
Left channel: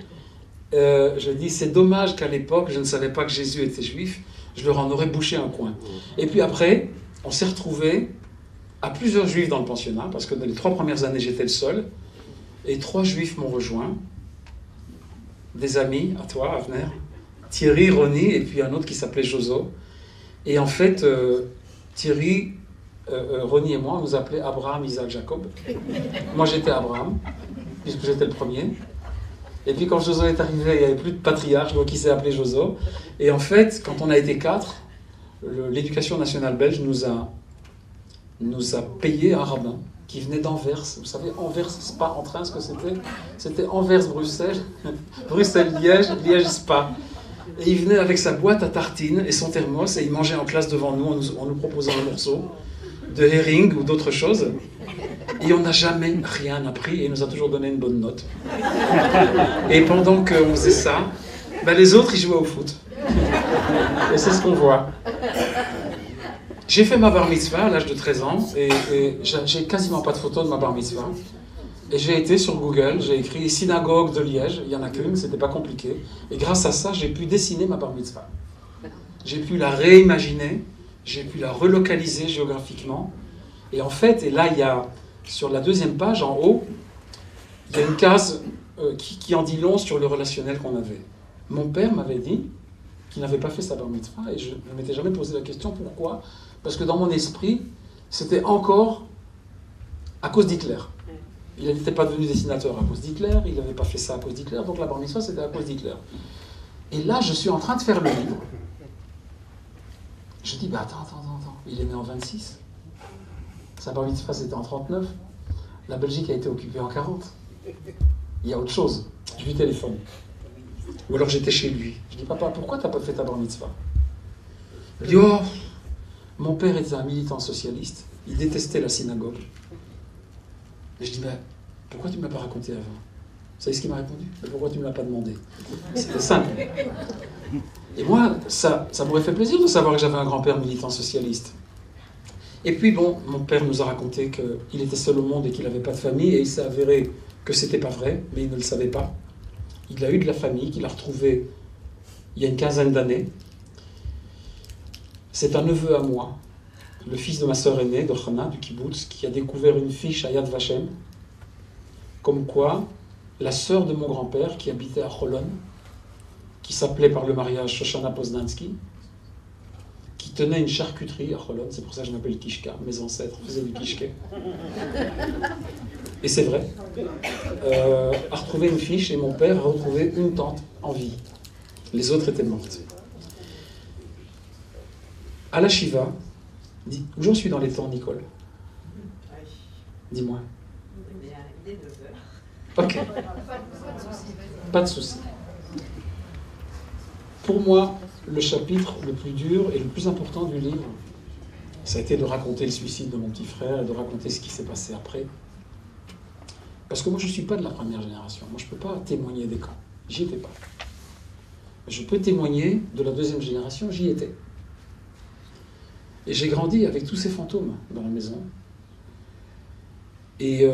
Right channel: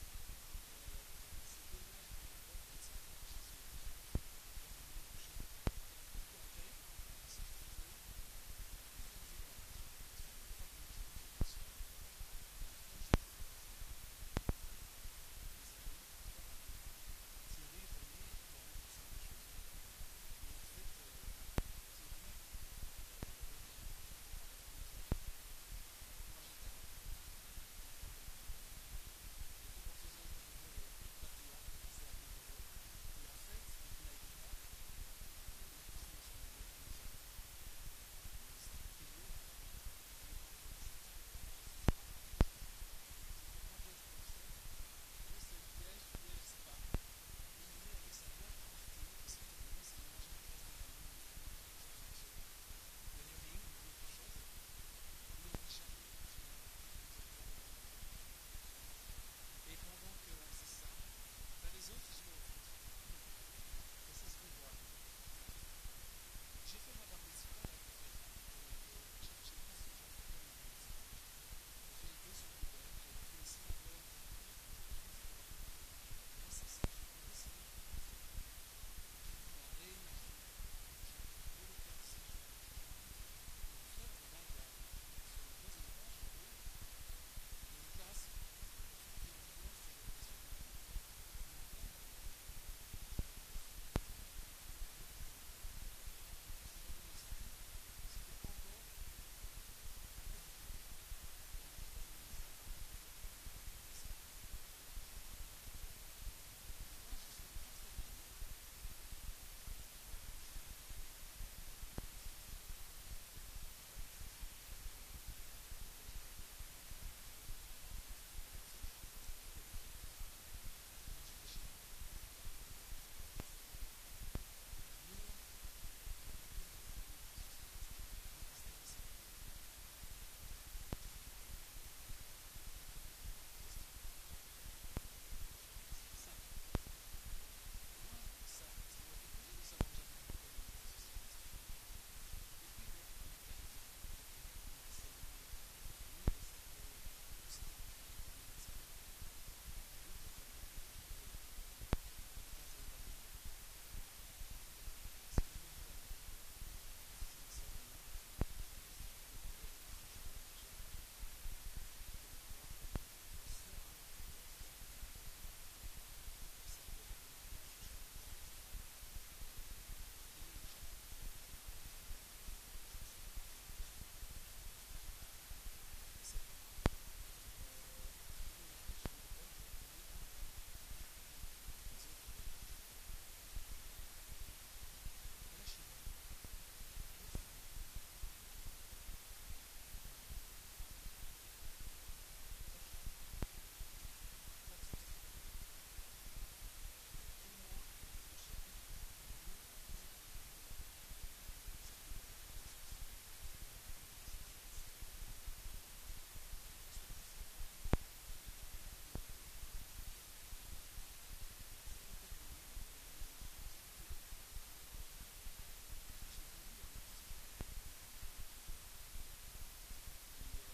Je dis, c'est dommage qu'à l'époque, je ne savais pas que Jésus était juif, je leur en aurais bouché un coin. Et puis après, on s'est retrouvés à plusieurs juifs dans le pensionnat, parce que dans les 3 premières années, j'étais le seul, et 3 juifs m'ont rejoint, des amis, à toi, Avner, Thierry, Ronnie, et puis un autre qui s'appelait Jozo. Et en fait, Thierry, Ronnie et moi, on nous appelait Abraham, Isaac, Jacob. Moi, j'étais Abraham, puisque j'étais le premier. Et puis quand Jozo est arrivé, il n'y avait plus de patriarche, donc il s'est appelé Jozo. Et en fait, quand on a été 4, l'éducation nationale belge nous a payé un rabbin qui venait d'Anvers. Vous savez, Anvers, Spa, en train, ce que c'était? C'était Anvers-Bruxelles, Bruxelles-Liège, Liège-Spa. Et il venait avec sa boîte à tartines et son thermos, et il mangeait en classe devant nous en nous proposant un morceau de herring ou d'autres choses. Et on n'a jamais rien appris, et il nous a toujours donné une bonne note. Et pendant qu'on faisait ça, ben les autres, ils jouaient au foot. Et c'est ce qu'on voit. J'ai fait ma bar mitzvah à l'âge de 13 ans, et j'ai quasiment pas de photos de ma bar mitzvah. Et j'ai été sur Google, j'ai écrit synagogue de Liège, il n'y en a qu'une, c'était pas compliqué. Et grâce à ça, j'ai pu dessiner ma bar mitzvah. J'ai pu la réimaginer, j'ai pu la relocaliser géographiquement. Et en fait, et là, il y a, sur la 2e page, en haut, il y a une case qui en dit long sur le relationnel qu'on avait. Mon père m'avait dit qu'il n'avait pas fait sa bar mitzvah, et je ne m'étais jamais posé la question pourquoi. Parce que dans mon esprit, c'était encore à cause d'Hitler. Il n'était pas devenu dessinateur à cause d'Hitler, il n'avait pas fait ça à cause d'Hitler, donc la bar mitzvah, c'était à cause d'Hitler. Et là, je suis en train de faire le livre. Je dis, bah attends, il est né en 26. Sa bar mitzvah, c'était en 39. La Belgique a été occupée en 40. Il y a autre chose. Je lui téléphone. Ou alors j'étais chez lui. Je dis, papa, pourquoi tu n'as pas fait ta bar mitzvah? Il dit, oh, mon père était un militant socialiste. Il détestait la synagogue. Et je dis, mais pourquoi tu ne me l'as pas raconté avant? Vous savez ce qu'il m'a répondu? Mais pourquoi tu ne me l'as pas demandé? C'était simple. Et moi, ça m'aurait fait plaisir de savoir que j'avais un grand-père militant socialiste. Et puis bon, mon père nous a raconté qu'il était seul au monde et qu'il n'avait pas de famille, et il s'est avéré que c'était pas vrai, mais il ne le savait pas. Il a eu de la famille qu'il a retrouvée il y a une 15aine d'années. C'est un neveu à moi, le fils de ma sœur aînée, de Chana, du kibbutz, qui a découvert une fiche à Yad Vashem, comme quoi la sœur de mon grand-père, qui habitait à Cholon, qui s'appelait par le mariage Shoshana Poznansky, qui tenait une charcuterie à Cholon, c'est pour ça que je m'appelle Kishka, mes ancêtres faisaient du kishke. Et c'est vrai, a retrouvé une fiche, et mon père a retrouvé une tante en vie. Les autres étaient mortes. À la Shiva, où j'en suis dans les temps, Nicole? Dis-moi. Ok. Pas de souci. Pour moi, le chapitre le plus dur et le plus important du livre, ça a été de raconter le suicide de mon petit frère et de raconter ce qui s'est passé après. Parce que moi, je ne suis pas de la première génération. Moi, je ne peux pas témoigner des camps. J'y étais pas. Je peux témoigner de la 2e génération, j'y étais. Et j'ai grandi avec tous ces fantômes dans la maison. Et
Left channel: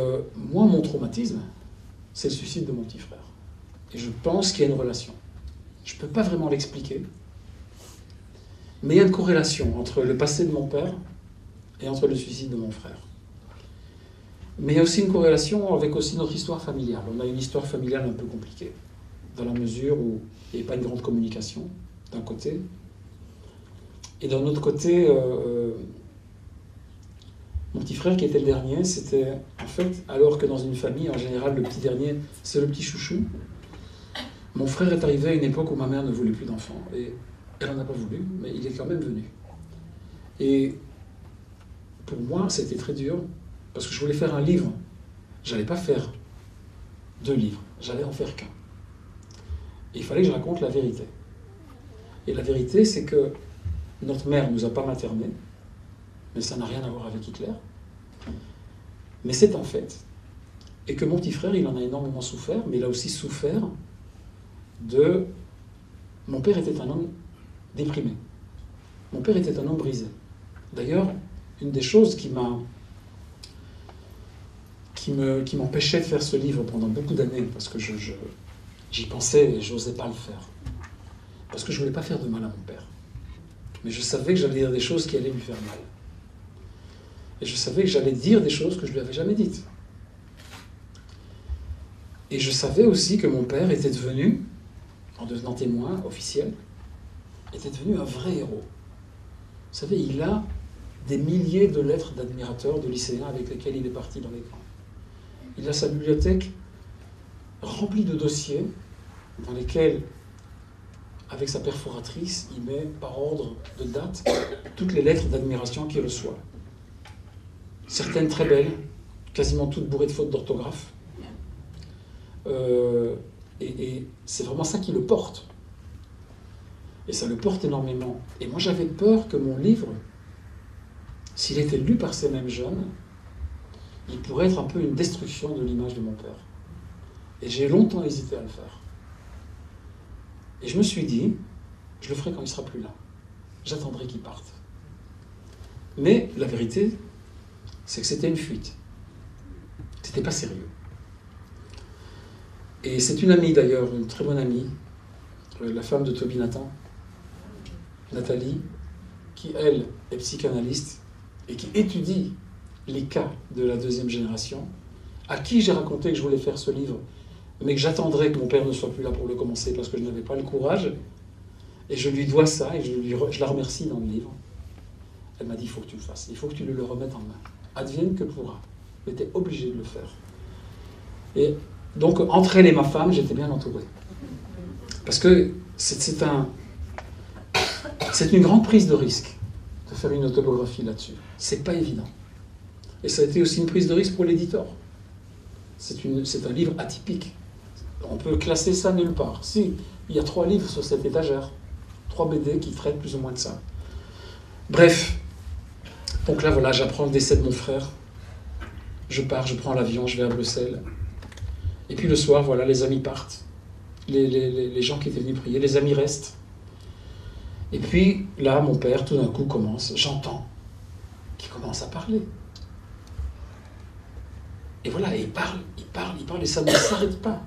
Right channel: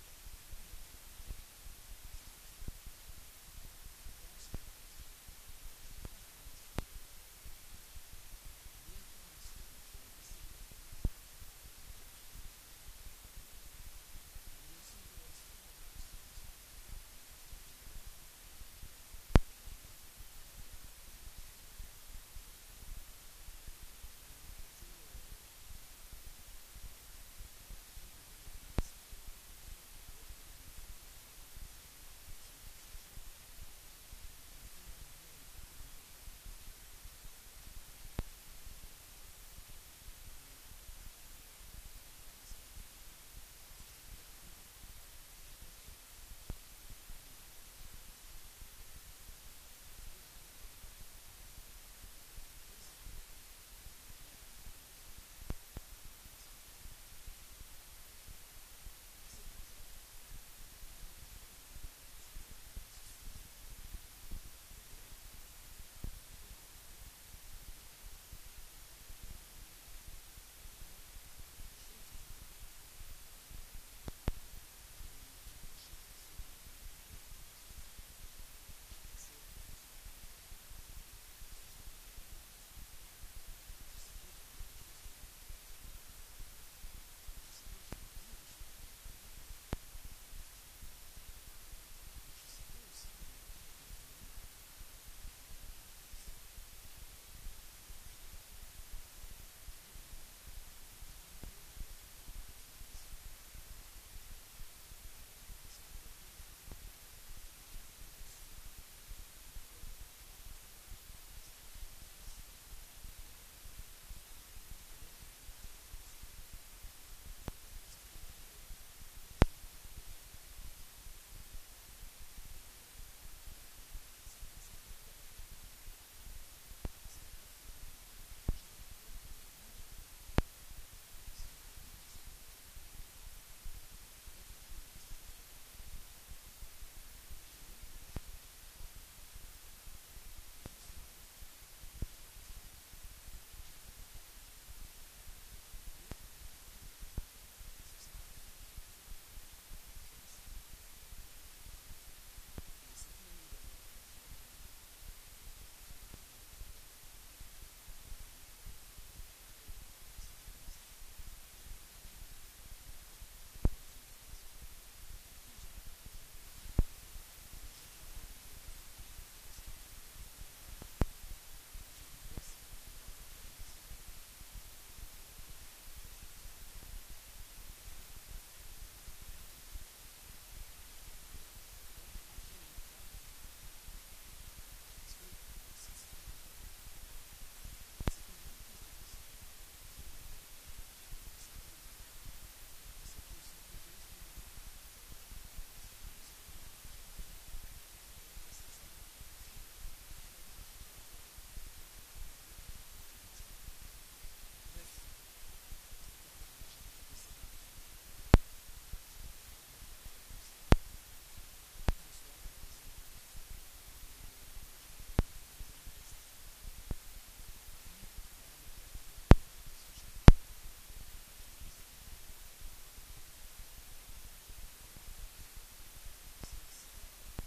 moi, mon traumatisme, c'est le suicide de mon petit frère. Et je pense qu'il y a une relation. Je ne peux pas vraiment l'expliquer. Mais il y a une corrélation entre le passé de mon père et entre le suicide de mon frère. Mais il y a aussi une corrélation avec aussi notre histoire familiale. On a une histoire familiale un peu compliquée, dans la mesure où il n'y a pas une grande communication, d'un côté. Et d'un autre côté, mon petit frère qui était le dernier, c'était en fait, alors que dans une famille, en général, le petit dernier, c'est le petit chouchou. Mon frère est arrivé à une époque où ma mère ne voulait plus d'enfants. Et elle n'en a pas voulu, mais il est quand même venu. Et pour moi, c'était très dur, parce que je voulais faire un livre. Je n'allais pas faire 2 livres, j'allais en faire qu'un. Et il fallait que je raconte la vérité. Et la vérité, c'est que notre mère ne nous a pas maternés, mais ça n'a rien à voir avec Hitler. Mais c'est un fait. Et que mon petit frère, il en a énormément souffert, mais il a aussi souffert de... Mon père était un homme déprimé. Mon père était un homme brisé. D'ailleurs, une des choses qui m'empêchait de faire ce livre pendant beaucoup d'années, parce que j'y pensais et je n'osais pas le faire, parce que je ne voulais pas faire de mal à mon père. Mais je savais que j'allais dire des choses qui allaient lui faire mal. Et je savais que j'allais dire des choses que je ne lui avais jamais dites. Et je savais aussi que mon père était devenu, en devenant témoin officiel, était devenu un vrai héros. Vous savez, il a des milliers de lettres d'admirateurs, de lycéens avec lesquels il est parti dans les camps. Il a sa bibliothèque remplie de dossiers dans lesquels, avec sa perforatrice, il met par ordre de date toutes les lettres d'admiration qu'il reçoit. Certaines très belles, quasiment toutes bourrées de fautes d'orthographe. Et c'est vraiment ça qui le porte. Et ça le porte énormément. Et moi, j'avais peur que mon livre, s'il était lu par ces mêmes jeunes, il pourrait être un peu une destruction de l'image de mon père. Et j'ai longtemps hésité à le faire. Et je me suis dit, je le ferai quand il ne sera plus là. J'attendrai qu'il parte. Mais la vérité, c'est que c'était une fuite. C'était pas sérieux. Et c'est une amie d'ailleurs, une très bonne amie, la femme de Toby Nathan, Nathalie, qui elle est psychanalyste et qui étudie les cas de la 2e génération, à qui j'ai raconté que je voulais faire ce livre, mais que j'attendrais que mon père ne soit plus là pour le commencer parce que je n'avais pas le courage. Et je lui dois ça et je la remercie dans le livre. Elle m'a dit, il faut que tu le fasses, il faut que tu le remettes en main. Advienne que pourra. J'étais obligé de le faire. Et donc, entre elle et ma femme, j'étais bien entouré. Parce que c'est une grande prise de risque de faire une autobiographie là-dessus. C'est pas évident. Et ça a été aussi une prise de risque pour l'éditeur. C'est un livre atypique. On peut classer ça nulle part. Si, il y a 3 livres sur cette étagère. 3 BD qui traitent plus ou moins de ça. Bref. Donc là, voilà, j'apprends le décès de mon frère. Je pars, je prends l'avion, je vais à Bruxelles. Et puis le soir, voilà, les amis partent. Les gens qui étaient venus prier, les amis restent. Et puis là, mon père, tout d'un coup, j'entends qu'il commence à parler. Et voilà, et il parle, et ça ne s'arrête pas.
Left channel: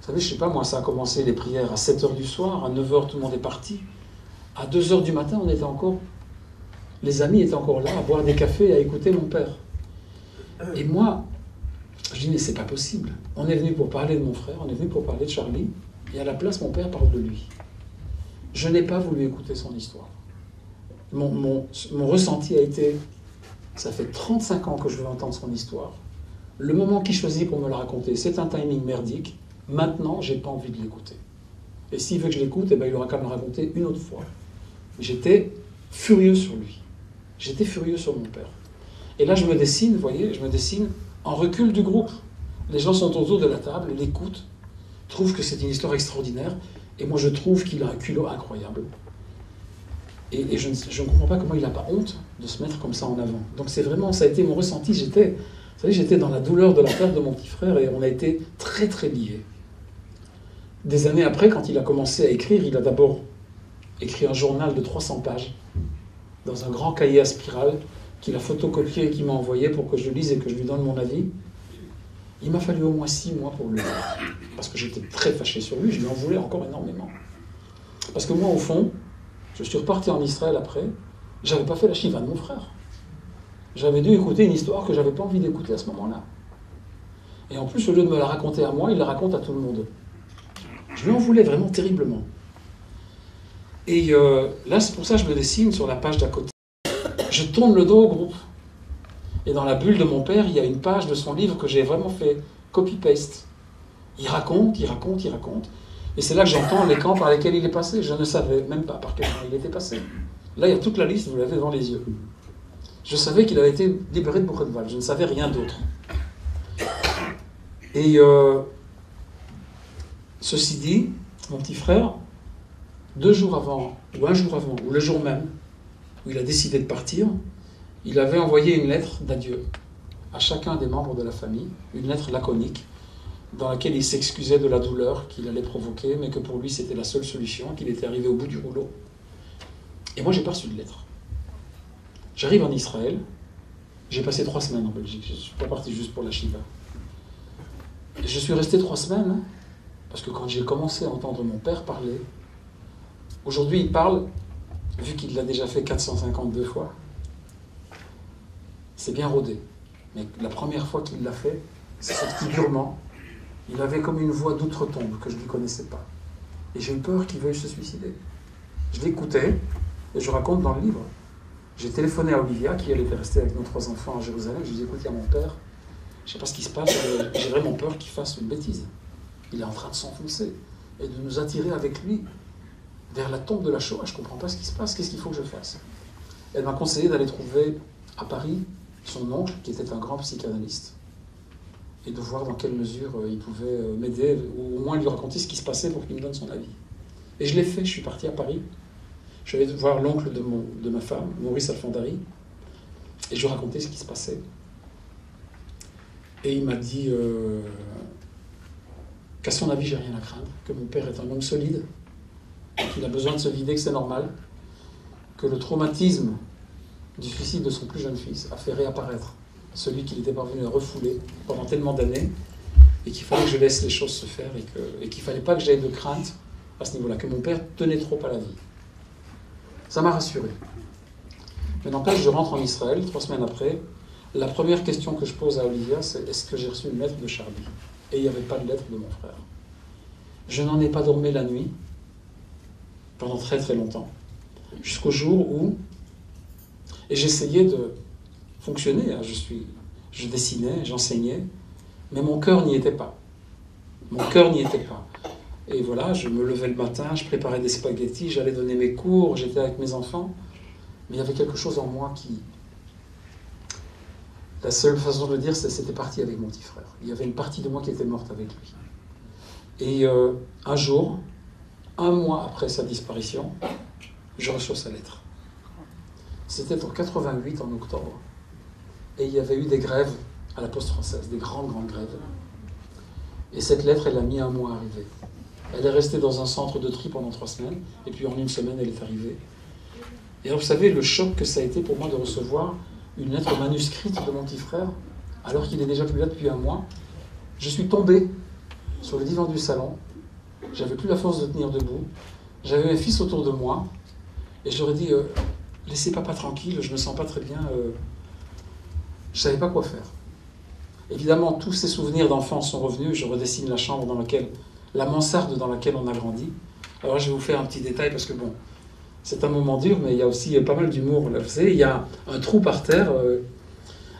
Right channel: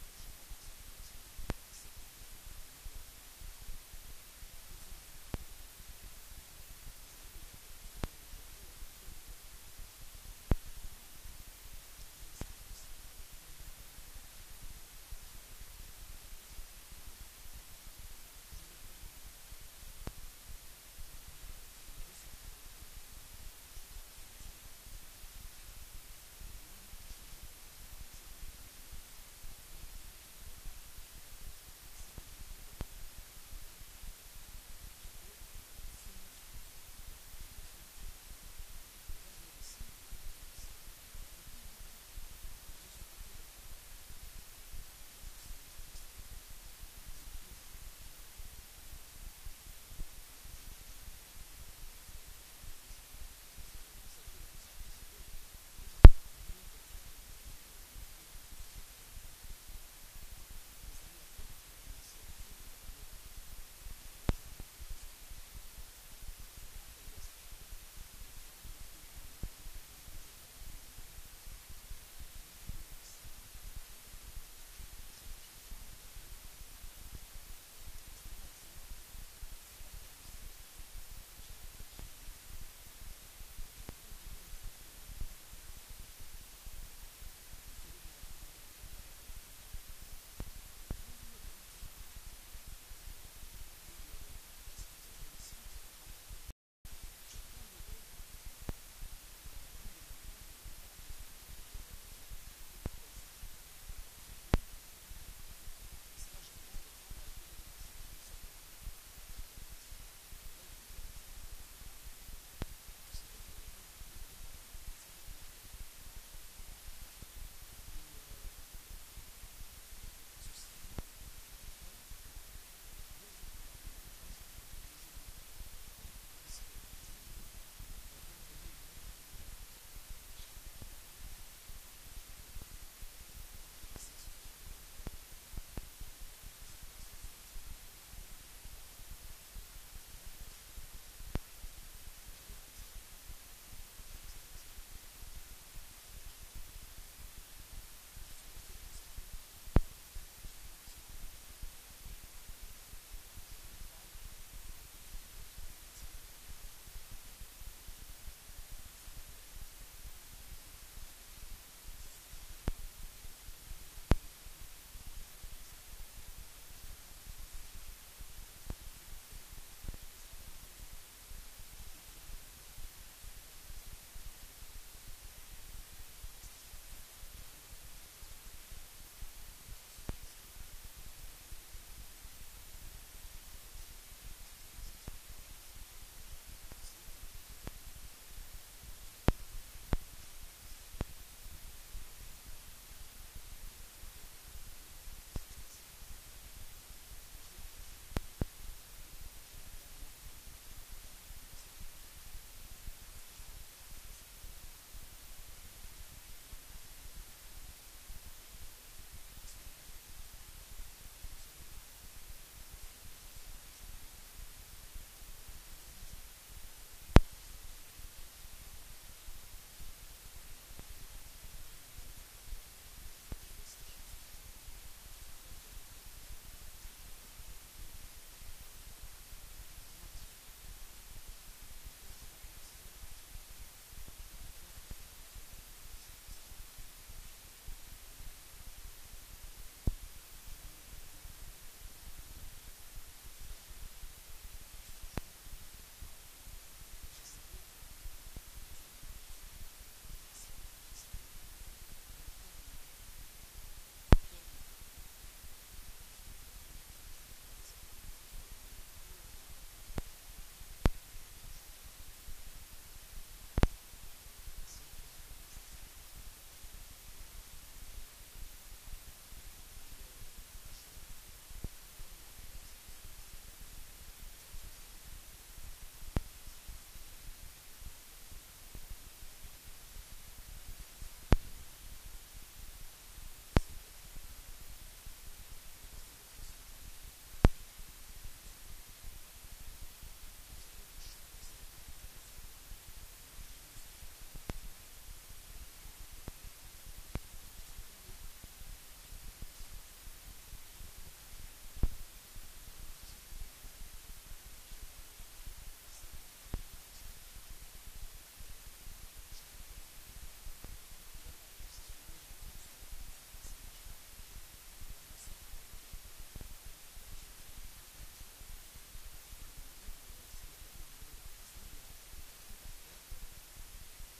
Vous savez, je ne sais pas, moi, ça a commencé les prières à 7h du soir, à 9h, tout le monde est parti. À 2h du matin, on était encore... Les amis étaient encore là, à boire des cafés et à écouter mon père. Et moi, je dis, mais c'est pas possible. On est venu pour parler de mon frère, on est venu pour parler de Charlie, et à la place, mon père parle de lui. Je n'ai pas voulu écouter son histoire. Mon ressenti a été, ça fait 35 ans que je veux entendre son histoire. Le moment qu'il choisit pour me la raconter, c'est un timing merdique. Maintenant, j'ai pas envie de l'écouter. Et s'il veut que je l'écoute, eh ben, il aura qu'à me le raconter une autre fois. J'étais furieux sur lui. J'étais furieux sur mon père. Et là, je me dessine, vous voyez, je me dessine en recul du groupe. Les gens sont autour de la table, l'écoutent, trouvent que c'est une histoire extraordinaire, et moi je trouve qu'il a un culot incroyable. Et je ne comprends pas comment il n'a pas honte de se mettre comme ça en avant. Donc c'est vraiment, ça a été mon ressenti. J'étais dans la douleur de la perte de mon petit frère, et on a été très très liés. Des années après, quand il a commencé à écrire, il a d'abord écrit un journal de 300 pages, dans un grand cahier à spirale, qu'il a photocopié et qu'il m'a envoyé pour que je le lise et que je lui donne mon avis. Il m'a fallu au moins 6 mois pour le lire, parce que j'étais très fâché sur lui, je lui en voulais encore énormément. Parce que moi, au fond, je suis reparti en Israël après, j'avais pas fait la shiva de mon frère. J'avais dû écouter une histoire que j'avais pas envie d'écouter à ce moment-là. Et en plus, au lieu de me la raconter à moi, il la raconte à tout le monde. Je lui en voulais vraiment terriblement. Et là, c'est pour ça que je me dessine sur la page d'à côté. Je tourne le dos au groupe. Et dans la bulle de mon père, il y a une page de son livre que j'ai vraiment fait copy-paste. Il raconte, il raconte, il raconte. Et c'est là que j'entends les camps par lesquels il est passé. Je ne savais même pas par quel camp il était passé. Là, il y a toute la liste, vous l'avez devant les yeux. Je savais qu'il avait été libéré de Buchenwald. Je ne savais rien d'autre. Et ceci dit, mon petit frère, 2 jours avant, ou 1 jour avant, ou le jour même, où il a décidé de partir, il avait envoyé une lettre d'adieu à chacun des membres de la famille, une lettre laconique, dans laquelle il s'excusait de la douleur qu'il allait provoquer, mais que pour lui c'était la seule solution, qu'il était arrivé au bout du rouleau. Et moi j'ai pas reçu de lettre. J'arrive en Israël, j'ai passé 3 semaines en Belgique, je ne suis pas parti juste pour la Shiva. Et je suis resté 3 semaines, hein, parce que quand j'ai commencé à entendre mon père parler, aujourd'hui il parle, vu qu'il l'a déjà fait 452 fois, c'est bien rodé. Mais la première fois qu'il l'a fait, c'est sorti durement. Il avait comme une voix d'outre-tombe que je ne connaissais pas. Et j'ai eu peur qu'il veuille se suicider. Je l'écoutais, et je raconte dans le livre. J'ai téléphoné à Olivia, qui elle était restée avec nos 3 enfants à Jérusalem. Je lui ai dit, écoute, il y a mon père, je ne sais pas ce qui se passe, j'ai vraiment peur qu'il fasse une bêtise. Il est en train de s'enfoncer et de nous attirer avec lui vers la tombe de la Shoah. Je ne comprends pas ce qui se passe, qu'est-ce qu'il faut que je fasse? Elle m'a conseillé d'aller trouver à Paris son oncle, qui était un grand psychanalyste, et de voir dans quelle mesure il pouvait m'aider, ou au moins lui raconter ce qui se passait pour qu'il me donne son avis. Et je l'ai fait, je suis parti à Paris. Je suis allé voir l'oncle de ma femme, Maurice Alfondari, et je lui ai raconté ce qui se passait. Et il m'a dit qu'à son avis, j'ai rien à craindre, que mon père est un homme solide, qu'il a besoin de se vider, que c'est normal, que le traumatisme du suicide de son plus jeune fils a fait réapparaître celui qu'il était parvenu à refouler pendant tellement d'années, et qu'il fallait que je laisse les choses se faire, et qu'il ne fallait pas que j'aie de crainte à ce niveau-là, que mon père tenait trop à la vie. Ça m'a rassuré. Mais n'empêche, je rentre en Israël, 3 semaines après. La première question que je pose à Olivia, c'est est-ce que j'ai reçu une lettre de Charlie? Et il n'y avait pas de lettre de mon frère. Je n'en ai pas dormi la nuit, pendant très très longtemps, jusqu'au jour où, et j'essayais de fonctionner, hein, je dessinais, j'enseignais, mais mon cœur n'y était pas. Mon cœur n'y était pas. Et voilà, je me levais le matin, je préparais des spaghettis, j'allais donner mes cours, j'étais avec mes enfants, mais il y avait quelque chose en moi qui... La seule façon de le dire, c'est que c'était parti avec mon petit frère. Il y avait une partie de moi qui était morte avec lui. Et un jour, 1 mois après sa disparition, je reçois sa lettre. C'était en 88, en octobre. Et il y avait eu des grèves à la Poste française, des grandes grèves. Et cette lettre, elle a mis 1 mois à arriver. Elle est restée dans un centre de tri pendant 3 semaines, et puis en 1 semaine, elle est arrivée. Et alors, vous savez, le choc que ça a été pour moi de recevoir une lettre manuscrite de mon petit frère, alors qu'il est déjà plus là depuis 1 mois. Je suis tombé sur le divan du salon, j'avais plus la force de tenir debout, j'avais mes fils autour de moi, et je leur ai dit, laissez papa tranquille, je me sens pas très bien, je savais pas quoi faire. Évidemment, tous ces souvenirs d'enfance sont revenus, je redessine la chambre dans laquelle, la mansarde dans laquelle on a grandi. Alors je vais vous faire un petit détail, parce que bon, c'est un moment dur, mais il y a aussi pas mal d'humour. Vous savez, il y a un trou par terre.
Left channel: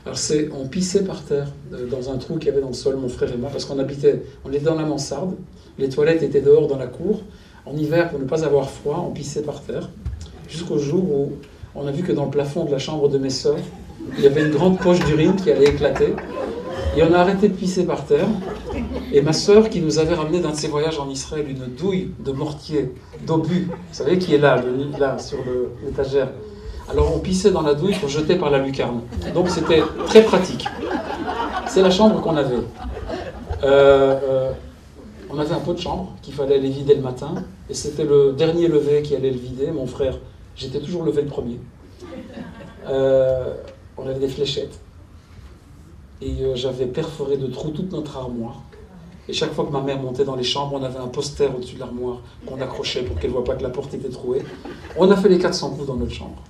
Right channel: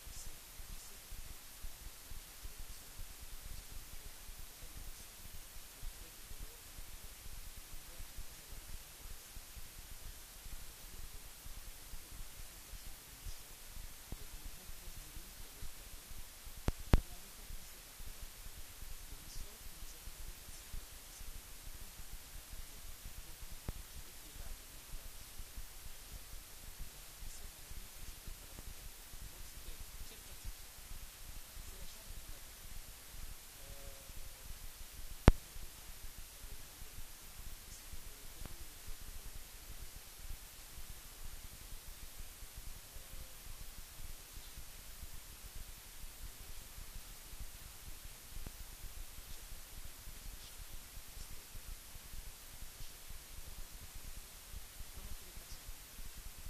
Alors on pissait par terre, dans un trou qu'il y avait dans le sol, mon frère et moi, parce on était dans la mansarde, les toilettes étaient dehors dans la cour. En hiver, pour ne pas avoir froid, on pissait par terre, jusqu'au jour où on a vu que dans le plafond de la chambre de mes sœurs, il y avait une grande poche d'urine qui allait éclater. Et on a arrêté de pisser par terre. Et ma sœur, qui nous avait ramené d'un de ses voyages en Israël une douille de mortier, d'obus, vous savez, qui est là sur l'étagère. Alors on pissait dans la douille pour jeter par la lucarne. Donc c'était très pratique. C'est la chambre qu'on avait. On avait un pot de chambre qu'il fallait aller vider le matin. Et c'était le dernier levé qui allait le vider. Mon frère, j'étais toujours levé le premier. On avait des fléchettes. Et j'avais perforé de trous toute notre armoire. Et chaque fois que ma mère montait dans les chambres, on avait un poster au-dessus de l'armoire qu'on accrochait pour qu'elle ne voit pas que la porte était trouée. On a fait les 400 coups dans notre chambre.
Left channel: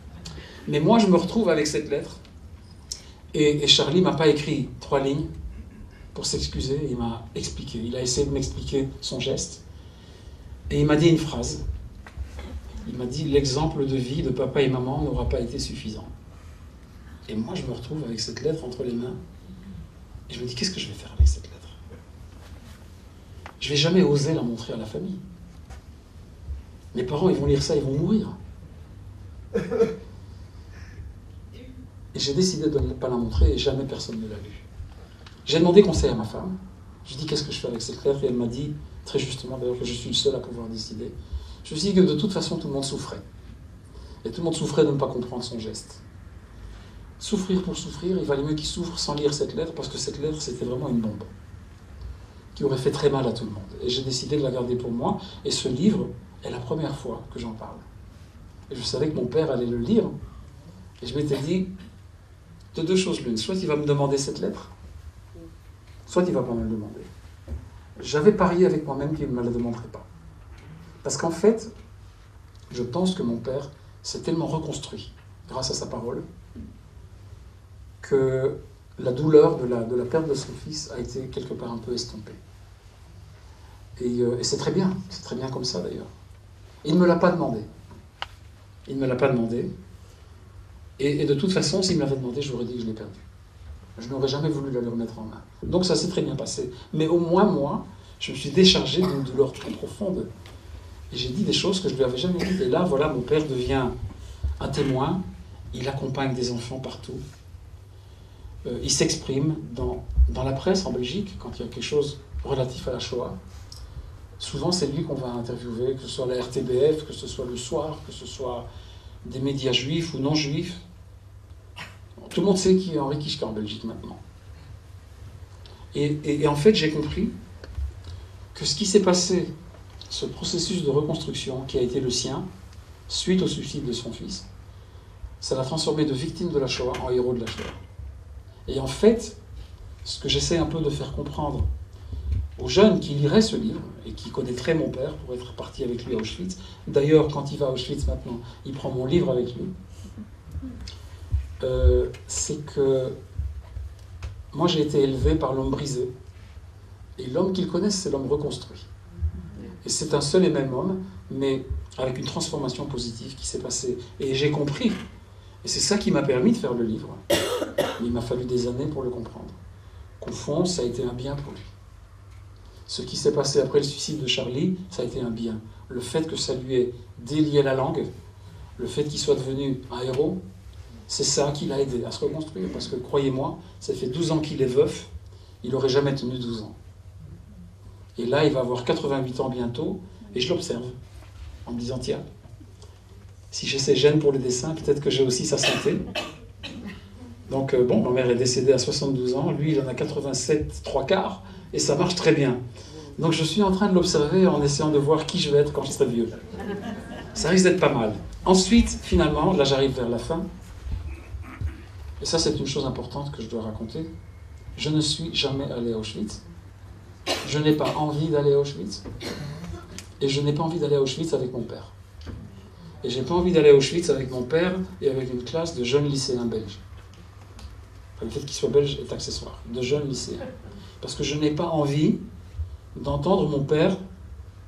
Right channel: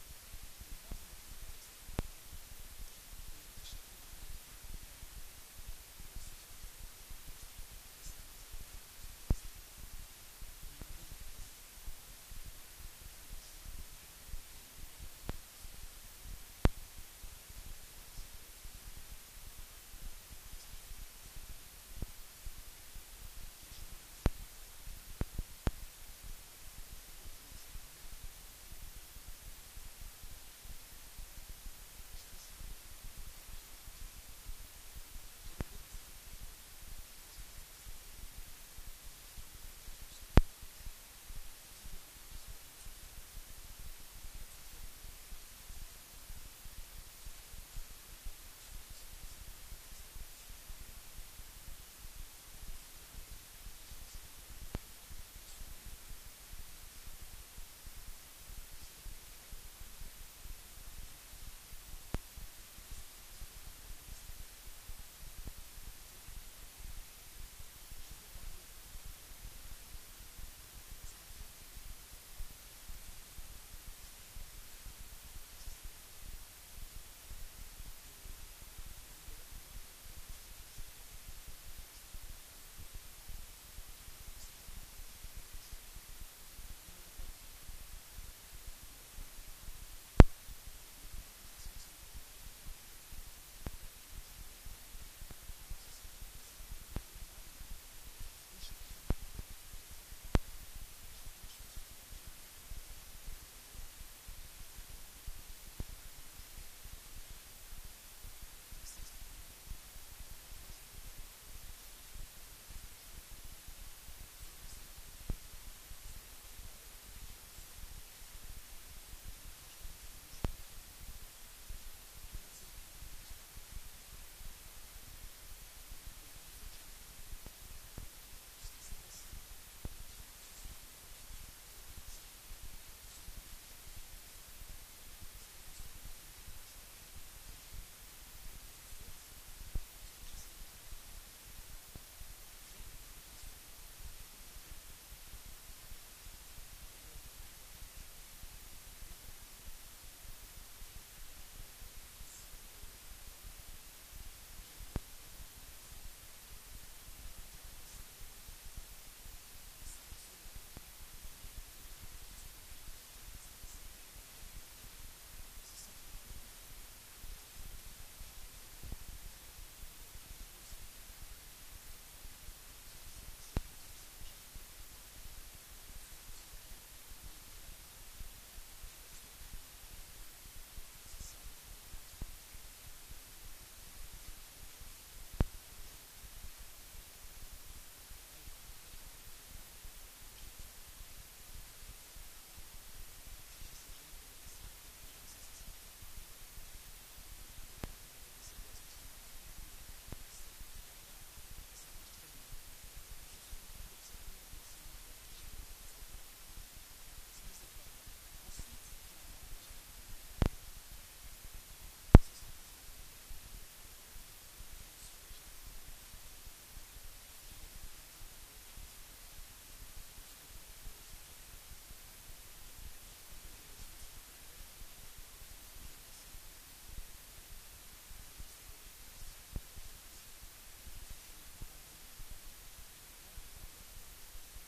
Mais moi, je me retrouve avec cette lettre. Et Charlie ne m'a pas écrit 3 lignes pour s'excuser. Il m'a expliqué. Il a essayé de m'expliquer son geste. Et il m'a dit une phrase. Il m'a dit « L'exemple de vie de papa et maman n'aura pas été suffisant. » Et moi, je me retrouve avec cette lettre entre les mains. Et je me dis « Qu'est-ce que je vais faire avec cette lettre ?» Je ne vais jamais oser la montrer à la famille. Mes parents, ils vont lire ça, ils vont mourir. Et j'ai décidé de ne pas la montrer et jamais personne ne l'a vue. J'ai demandé conseil à ma femme. Je lui ai dit qu'est-ce que je fais avec cette lettre et elle m'a dit, très justement d'ailleurs, que je suis le seul à pouvoir décider. Je me suis dit que de toute façon tout le monde souffrait. Et tout le monde souffrait de ne pas comprendre son geste. Souffrir pour souffrir, il valait mieux qu'il souffre sans lire cette lettre parce que cette lettre c'était vraiment une bombe qui aurait fait très mal à tout le monde. Et j'ai décidé de la garder pour moi et ce livre est la première fois que j'en parle. Et je savais que mon père allait le lire et je m'étais dit de 2 choses l'une, soit il va me demander cette lettre, soit il ne va pas me le demander. J'avais parié avec moi-même qu'il ne me la demanderait pas. Parce qu'en fait, je pense que mon père s'est tellement reconstruit grâce à sa parole que la douleur de la perte de son fils a été quelque part un peu estompée. Et c'est très bien comme ça d'ailleurs. Il ne me l'a pas demandé. Il ne me l'a pas demandé. Et de toute façon, s'il me l'avait demandé, j'aurais dit que je l'ai perdu. Je n'aurais jamais voulu la lui remettre en main. Donc ça s'est très bien passé. Mais au moins, moi, je me suis déchargé d'une douleur très profonde. Et j'ai dit des choses que je ne lui avais jamais dites. Et là, voilà, mon père devient un témoin. Il accompagne des enfants partout. Il s'exprime dans la presse en Belgique, quand il y a quelque chose relatif à la Shoah. Souvent, c'est lui qu'on va interviewer, que ce soit la RTBF, que ce soit Le Soir, que ce soit des médias juifs ou non juifs. Tout le monde sait qui est Henri Kischka en Belgique maintenant. Et en fait, j'ai compris que ce qui s'est passé, ce processus de reconstruction qui a été le sien, suite au suicide de son fils, ça l'a transformé de victime de la Shoah en héros de la Shoah. Et en fait, ce que j'essaie un peu de faire comprendre aux jeunes qui liraient ce livre et qui connaîtraient mon père pour être parti avec lui à Auschwitz, d'ailleurs, quand il va à Auschwitz maintenant, il prend mon livre avec lui, c'est que moi j'ai été élevé par l'homme brisé. Et l'homme qu'ils connaissent, c'est l'homme reconstruit. Et c'est un seul et même homme, mais avec une transformation positive qui s'est passée. Et j'ai compris. Et c'est ça qui m'a permis de faire le livre. Il m'a fallu des années pour le comprendre. Qu'au fond, ça a été un bien pour lui. Ce qui s'est passé après le suicide de Charlie, ça a été un bien. Le fait que ça lui ait délié la langue, le fait qu'il soit devenu un héros, c'est ça qui l'a aidé à se reconstruire. Parce que, croyez-moi, ça fait 12 ans qu'il est veuf, il n'aurait jamais tenu 12 ans. Et là, il va avoir 88 ans bientôt, et je l'observe, en me disant, tiens, si j'ai ces gènes pour le dessin, peut-être que j'ai aussi sa santé. Donc, bon, ma mère est décédée à 72 ans, lui, il en a 87, 3/4, et ça marche très bien. Donc, je suis en train de l'observer en essayant de voir qui je vais être quand je serai vieux. Ça risque d'être pas mal. Ensuite, finalement, là, j'arrive vers la fin, et ça, c'est une chose importante que je dois raconter. Je ne suis jamais allé à Auschwitz. Je n'ai pas envie d'aller à Auschwitz. Et je n'ai pas envie d'aller à Auschwitz avec mon père. Et j'ai pas envie d'aller à Auschwitz avec mon père et avec une classe de jeunes lycéens belges. Le fait qu'ils soient belges est accessoire. De jeunes lycéens. Parce que je n'ai pas envie d'entendre mon père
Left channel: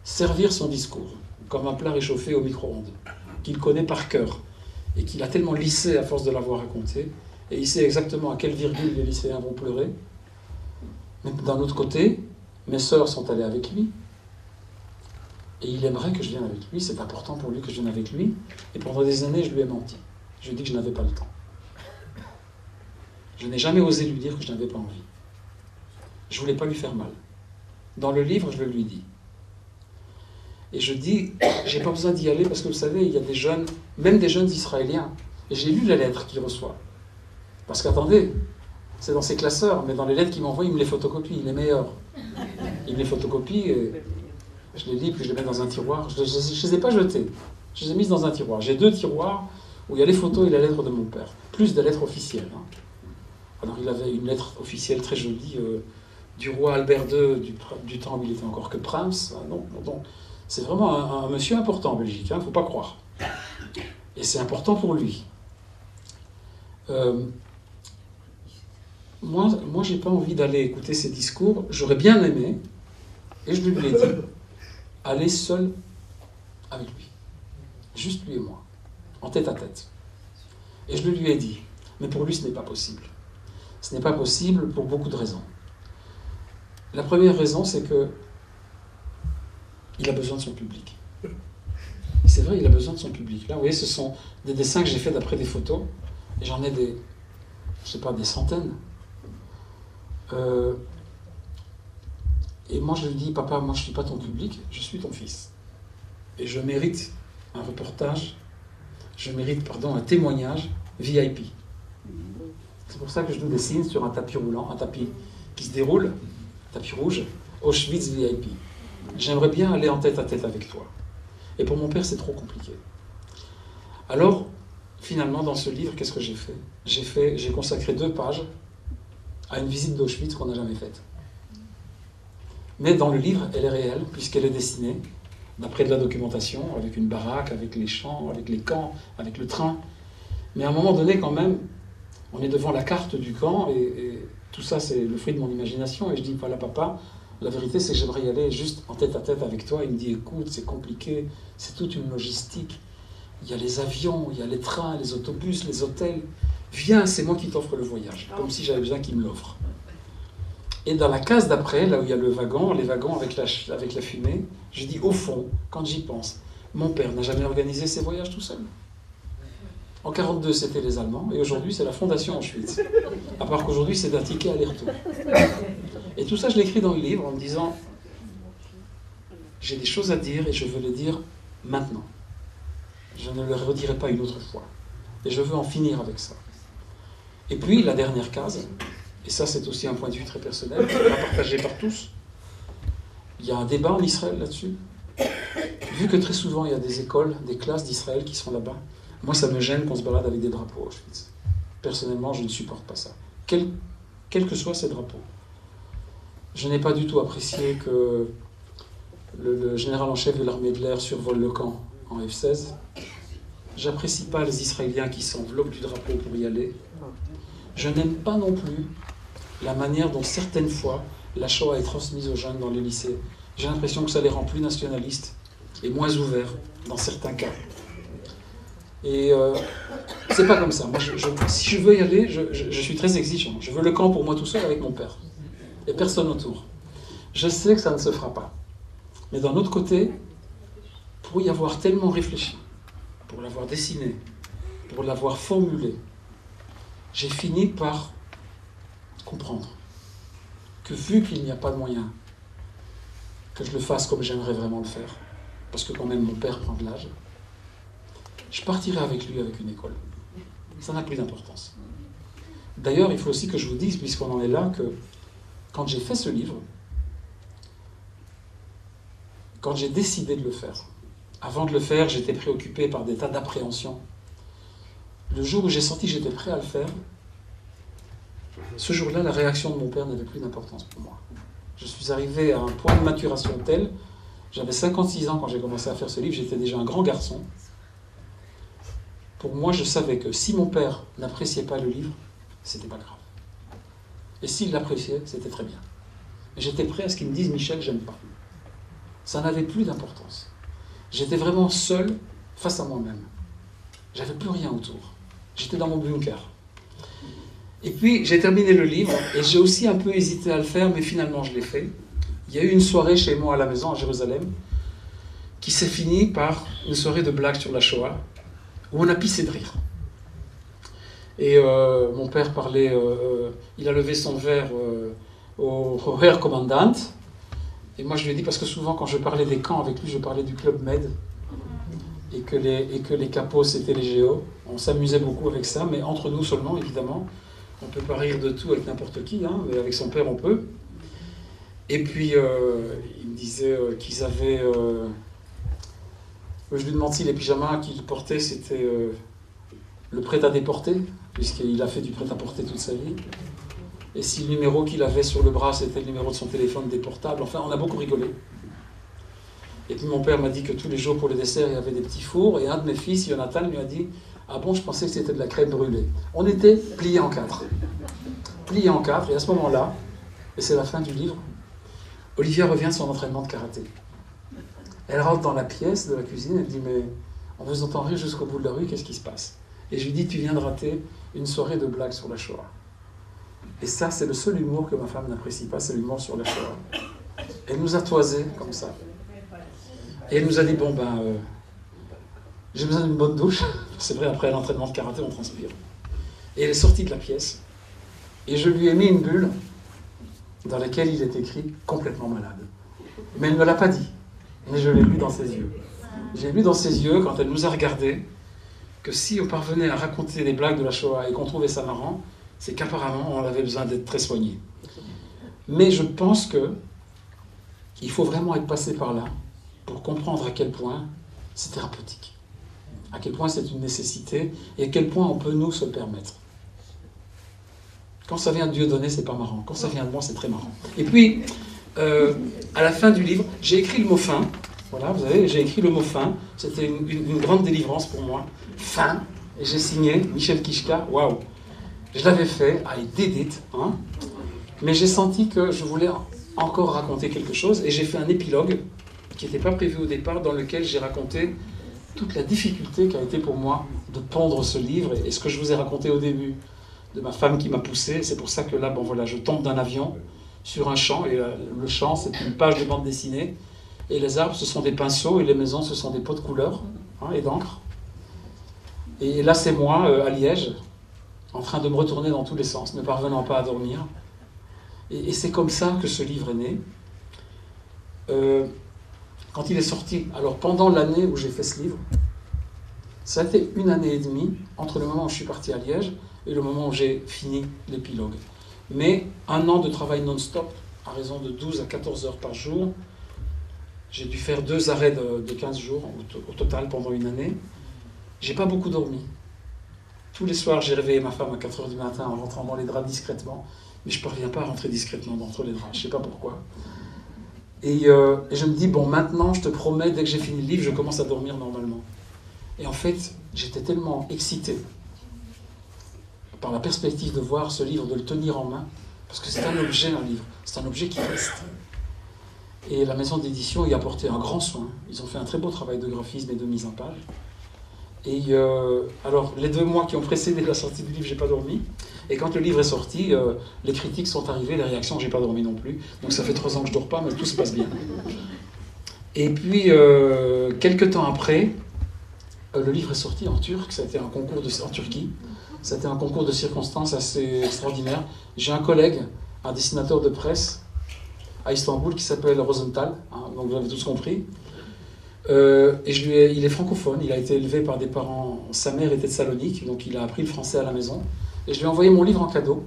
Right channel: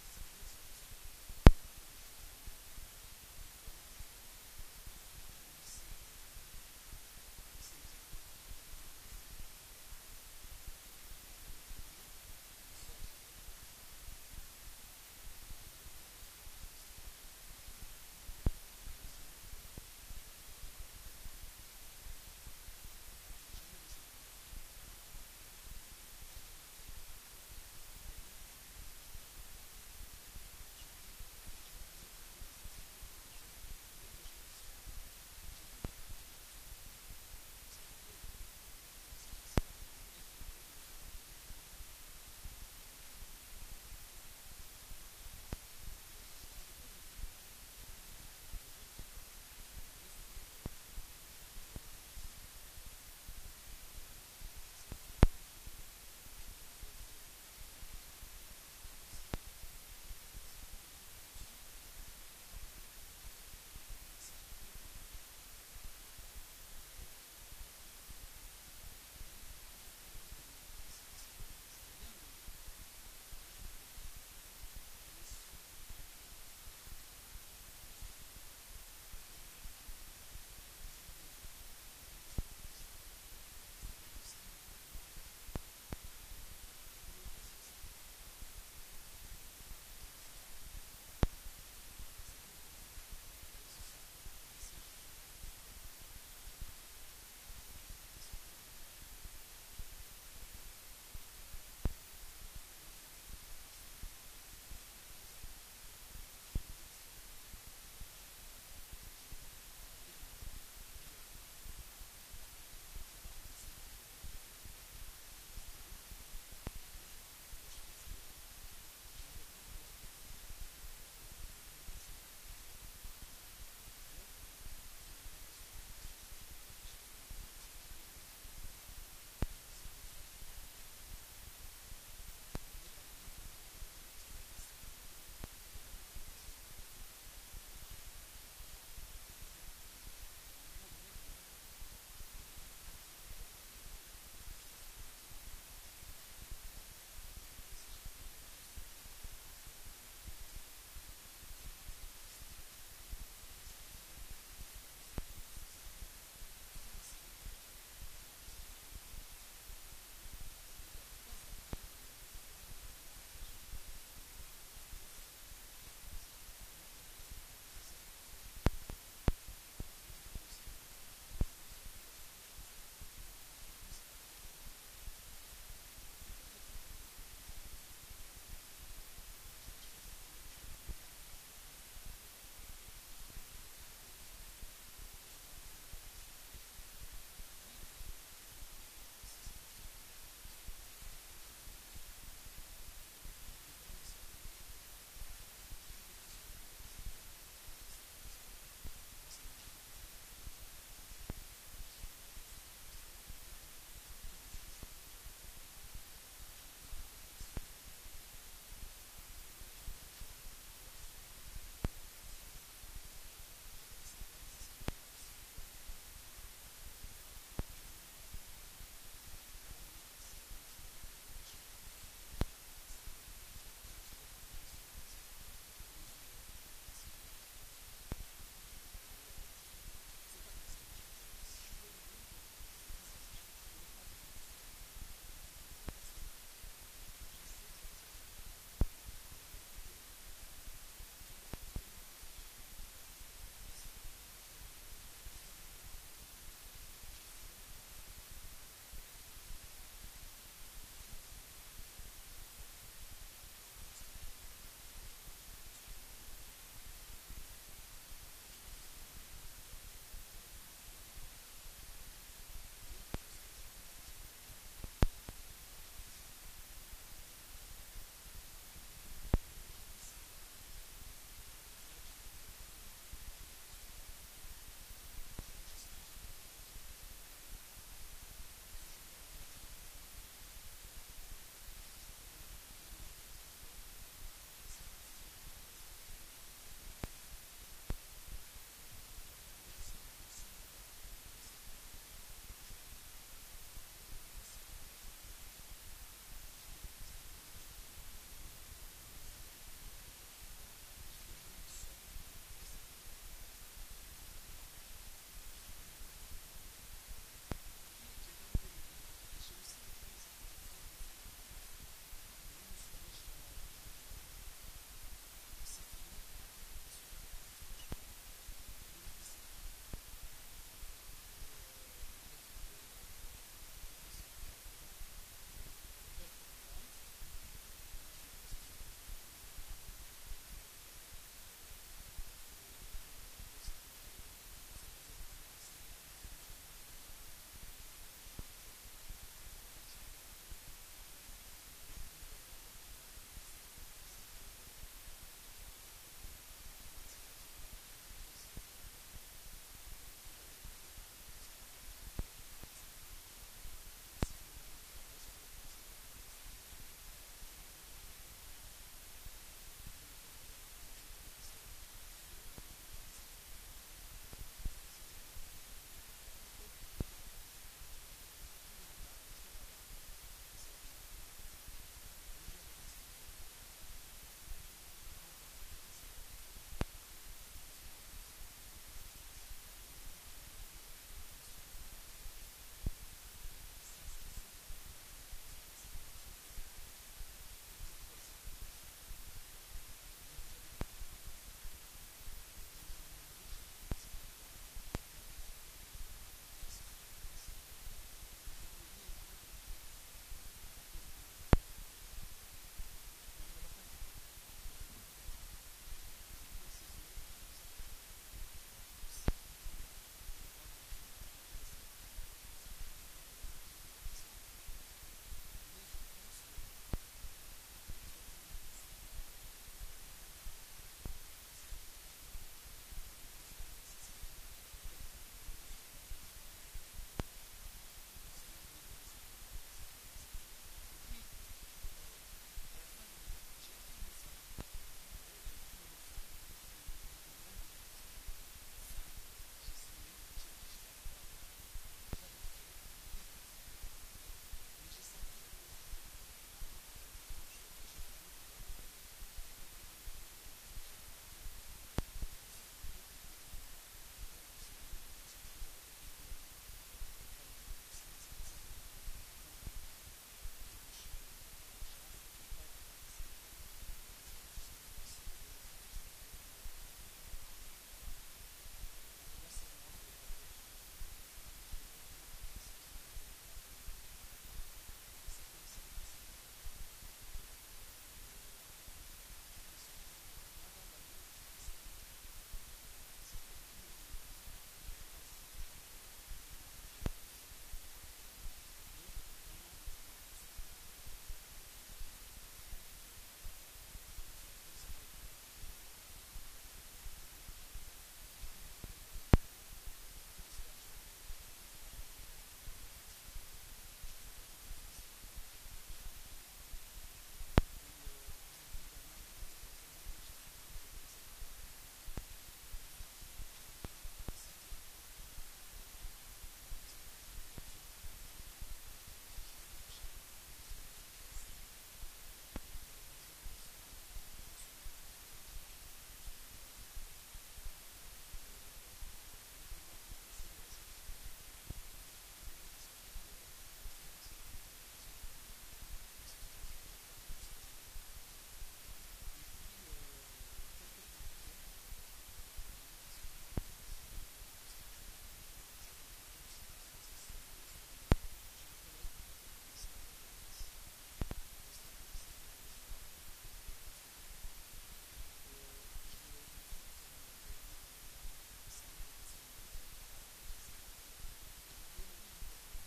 servir son discours comme un plat réchauffé au micro-ondes, qu'il connaît par cœur et qu'il a tellement lissé à force de l'avoir raconté. Et il sait exactement à quelle virgule les lycéens vont pleurer. Mais d'un autre côté, mes sœurs sont allées avec lui. Et il aimerait que je vienne avec lui. C'est important pour lui que je vienne avec lui. Et pendant des années, je lui ai menti. Je lui ai dit que je n'avais pas le temps. Je n'ai jamais osé lui dire que je n'avais pas envie. Je ne voulais pas lui faire mal. Dans le livre, je le lui dis. Et je dis, j'ai pas besoin d'y aller parce que vous savez, il y a des jeunes, même des jeunes Israéliens. Et j'ai lu les lettres qu'il reçoit. Parce qu'attendez, c'est dans ses classeurs, mais dans les lettres qu'il m'envoie, il me les photocopie, les meilleurs. Il me les photocopie, et je les lis, puis je les mets dans un tiroir. Je ne les ai pas jetés, je les ai mises dans un tiroir. J'ai 2 tiroirs où il y a les photos et la lettre de mon père, plus des lettres officielles. Alors il avait une lettre officielle très jolie du roi Albert II du temps où il était encore que prince. Non, non. C'est vraiment un monsieur important en Belgique, il ne faut pas croire. Et c'est important pour lui. Moi, je n'ai pas envie d'aller écouter ses discours. J'aurais bien aimé, et je lui ai dit, aller seul avec lui. Juste lui et moi, en tête à tête. Et je lui ai dit, mais pour lui, ce n'est pas possible. Ce n'est pas possible pour beaucoup de raisons. La première raison, c'est que il a besoin de son public. C'est vrai, il a besoin de son public. Là, vous voyez, ce sont des dessins que j'ai faits d'après des photos, et j'en ai des, je sais pas, des centaines. Et moi, je lui dis, papa, moi, je ne suis pas ton public, je suis ton fils. Et je mérite un reportage, je mérite, pardon, un témoignage VIP. C'est pour ça que je nous dessine sur un tapis roulant, un tapis qui se déroule, tapis rouge, Auschwitz VIP. J'aimerais bien aller en tête à tête avec toi. Et pour mon père, c'est trop compliqué. Alors, finalement, dans ce livre, qu'est-ce que j'ai fait? J'ai consacré 2 pages à une visite d'Auschwitz qu'on n'a jamais faite. Mais dans le livre, elle est réelle, puisqu'elle est dessinée, d'après de la documentation, avec une baraque, avec les champs, avec les camps, avec le train. Mais à un moment donné, quand même, on est devant la carte du camp, et tout ça, c'est le fruit de mon imagination, et je dis, voilà, papa, la vérité, c'est que j'aimerais y aller juste en tête à tête avec toi. Il me dit, écoute, c'est compliqué, c'est toute une logistique. Il y a les avions, il y a les trains, les autobus, les hôtels. Viens, c'est moi qui t'offre le voyage, comme si j'avais besoin qu'il me l'offre. Et dans la case d'après, là où il y a le wagon, les wagons avec la fumée, je dis, au fond, quand j'y pense, mon père n'a jamais organisé ses voyages tout seul. En 1942, c'était les Allemands, et aujourd'hui, c'est la Fondation Auschwitz. À part qu'aujourd'hui, c'est d'un ticket aller-retour. Et tout ça, je l'écris dans le livre en me disant, j'ai des choses à dire et je veux les dire maintenant. Je ne le redirai pas une autre fois. Et je veux en finir avec ça. Et puis, la dernière case, et ça c'est aussi un point de vue très personnel, pas partagé par tous, il y a un débat en Israël là-dessus. Vu que très souvent il y a des écoles, des classes d'Israël qui sont là-bas, moi ça me gêne qu'on se balade avec des drapeaux à Auschwitz. Personnellement, je ne supporte pas ça. Quels que soient ces drapeaux. Je n'ai pas du tout apprécié que le général en chef de l'armée de l'air survole le camp en F-16. J'apprécie pas les Israéliens qui s'enveloppent du drapeau pour y aller. Je n'aime pas non plus la manière dont certaines fois la Shoah est transmise aux jeunes dans les lycées. J'ai l'impression que ça les rend plus nationalistes et moins ouverts dans certains cas. Et c'est pas comme ça. Moi, si je veux y aller, je suis très exigeant. Je veux le camp pour moi tout seul avec mon père et personne autour. Je sais que ça ne se fera pas. Mais d'un autre côté, pour y avoir tellement réfléchi, pour l'avoir dessiné, pour l'avoir formulé, j'ai fini par comprendre que vu qu'il n'y a pas de moyen que je le fasse comme j'aimerais vraiment le faire, parce que quand même mon père prend de l'âge, je partirai avec lui avec une école. Ça n'a plus d'importance. D'ailleurs, il faut aussi que je vous dise, puisqu'on en est là, que quand j'ai fait ce livre, quand j'ai décidé de le faire, avant de le faire, j'étais préoccupé par des tas d'appréhensions. Le jour où j'ai senti que j'étais prêt à le faire, ce jour-là, la réaction de mon père n'avait plus d'importance pour moi. Je suis arrivé à un point de maturation tel, j'avais 56 ans quand j'ai commencé à faire ce livre, j'étais déjà un grand garçon. Pour moi, je savais que si mon père n'appréciait pas le livre, c'était pas grave. Et s'il l'appréciait, c'était très bien. Et j'étais prêt à ce qu'il me dise, Michel, j'aime pas. Ça n'avait plus d'importance. J'étais vraiment seul face à moi-même. J'avais plus rien autour. J'étais dans mon bunker. Et puis, j'ai terminé le livre, et j'ai aussi un peu hésité à le faire, mais finalement, je l'ai fait. Il y a eu une soirée chez moi à la maison, à Jérusalem, qui s'est finie par une soirée de blagues sur la Shoah, où on a pissé de rire. Et mon père parlait, il a levé son verre au Herr Kommandant, et moi je lui ai dit, parce que souvent quand je parlais des camps avec lui, je parlais du Club Med, et que les capos c'était les géos. On s'amusait beaucoup avec ça, mais entre nous seulement, évidemment. On ne peut pas rire de tout avec n'importe qui, hein, mais avec son père on peut. Et puis il me disait qu'ils avaient... je lui demande si les pyjamas qu'il portait c'était le prêt à déporter, puisqu'il a fait du prêt à porter toute sa vie. et si le numéro qu'il avait sur le bras, c'était le numéro de son téléphone des portables. Enfin, on a beaucoup rigolé. Et puis mon père m'a dit que tous les jours pour le dessert, il y avait des petits fours, et un de mes fils, Jonathan, lui a dit « Ah bon, je pensais que c'était de la crème brûlée. » On était pliés en quatre. Pliés en quatre, et à ce moment-là, et c'est la fin du livre, Olivia revient de son entraînement de karaté. Elle rentre dans la pièce de la cuisine, elle dit « Mais on vous entend rire jusqu'au bout de la rue, qu'est-ce qui se passe ?» Et je lui dis « Tu viens de rater une soirée de blagues sur la Shoah. » Et ça, c'est le seul humour que ma femme n'apprécie pas, c'est l'humour sur la Shoah. Elle nous a toisés comme ça. Et elle nous a dit « Bon, j'ai besoin d'une bonne douche. » C'est vrai, après l'entraînement de karaté, on transpire. Et elle est sortie de la pièce. Et je lui ai mis une bulle dans laquelle il est écrit « complètement malade ». Mais elle ne me l'a pas dit. Mais je l'ai lu dans ses yeux. J'ai lu dans ses yeux, quand elle nous a regardés, que si on parvenait à raconter des blagues de la Shoah et qu'on trouvait ça marrant, c'est qu'apparemment on avait besoin d'être très soigné. Mais je pense qu'il faut vraiment être passé par là pour comprendre à quel point c'est thérapeutique, à quel point c'est une nécessité et à quel point on peut nous se le permettre. Quand ça vient de Dieu donné, c'est pas marrant. Quand ça vient de moi, c'est très marrant. Et puis, à la fin du livre, j'ai écrit le mot fin. Voilà, vous savez, j'ai écrit le mot fin. C'était une grande délivrance pour moi. Fin. Et j'ai signé Michel Kichka. Waouh! Je l'avais fait, I did it. Hein, mais j'ai senti que je voulais encore raconter quelque chose. Et j'ai fait un épilogue qui n'était pas prévu au départ, dans lequel j'ai raconté toute la difficulté qu'a été pour moi de pondre ce livre. Et ce que je vous ai raconté au début de ma femme qui m'a poussé. C'est pour ça que là, bon voilà, je tombe d'un avion sur un champ. Et le champ, c'est une page de bande dessinée. Et les arbres, ce sont des pinceaux, et les maisons, ce sont des pots de couleur et d'encre. Et là, c'est moi, à Liège, en train de me retourner dans tous les sens, ne parvenant pas à dormir. Et c'est comme ça que ce livre est né. Quand il est sorti, alors pendant l'année où j'ai fait ce livre, ça a été 1 année et demie entre le moment où je suis parti à Liège et le moment où j'ai fini l'épilogue. Mais 1 an de travail non-stop, à raison de 12 à 14 heures par jour. J'ai dû faire 2 arrêts de 15 jours au total pendant 1 année. J'ai pas beaucoup dormi. Tous les soirs, j'ai réveillé ma femme à 4 heures du matin en rentrant dans les draps discrètement. Mais je ne parviens pas à rentrer discrètement entre les draps. Je ne sais pas pourquoi. Et je me dis, bon, maintenant, je te promets, dès que j'ai fini le livre, je commence à dormir normalement. Et en fait, j'étais tellement excité par la perspective de voir ce livre, de le tenir en main, parce que c'est un objet, un livre. C'est un objet qui reste. Et la maison d'édition y a apporté un grand soin. Ils ont fait un très beau travail de graphisme et de mise en page. Et alors, les 2 mois qui ont précédé la sortie du livre, j'ai pas dormi. Et quand le livre est sorti, les critiques sont arrivées, les réactions, j'ai pas dormi non plus. Donc ça fait 3 ans que je dors pas, mais tout se passe bien. Et puis, quelques temps après, le livre est sorti en turc. Ça a été un concours en Turquie. Ça a été un concours de circonstances assez extraordinaire. J'ai un collègue, un dessinateur de presse, à Istanbul, qui s'appelle Rosenthal, hein, donc vous avez tous compris. Et il est francophone, il a été élevé par des parents, sa mère était de Salonique, donc il a appris le français à la maison. Et je lui ai envoyé mon livre en cadeau,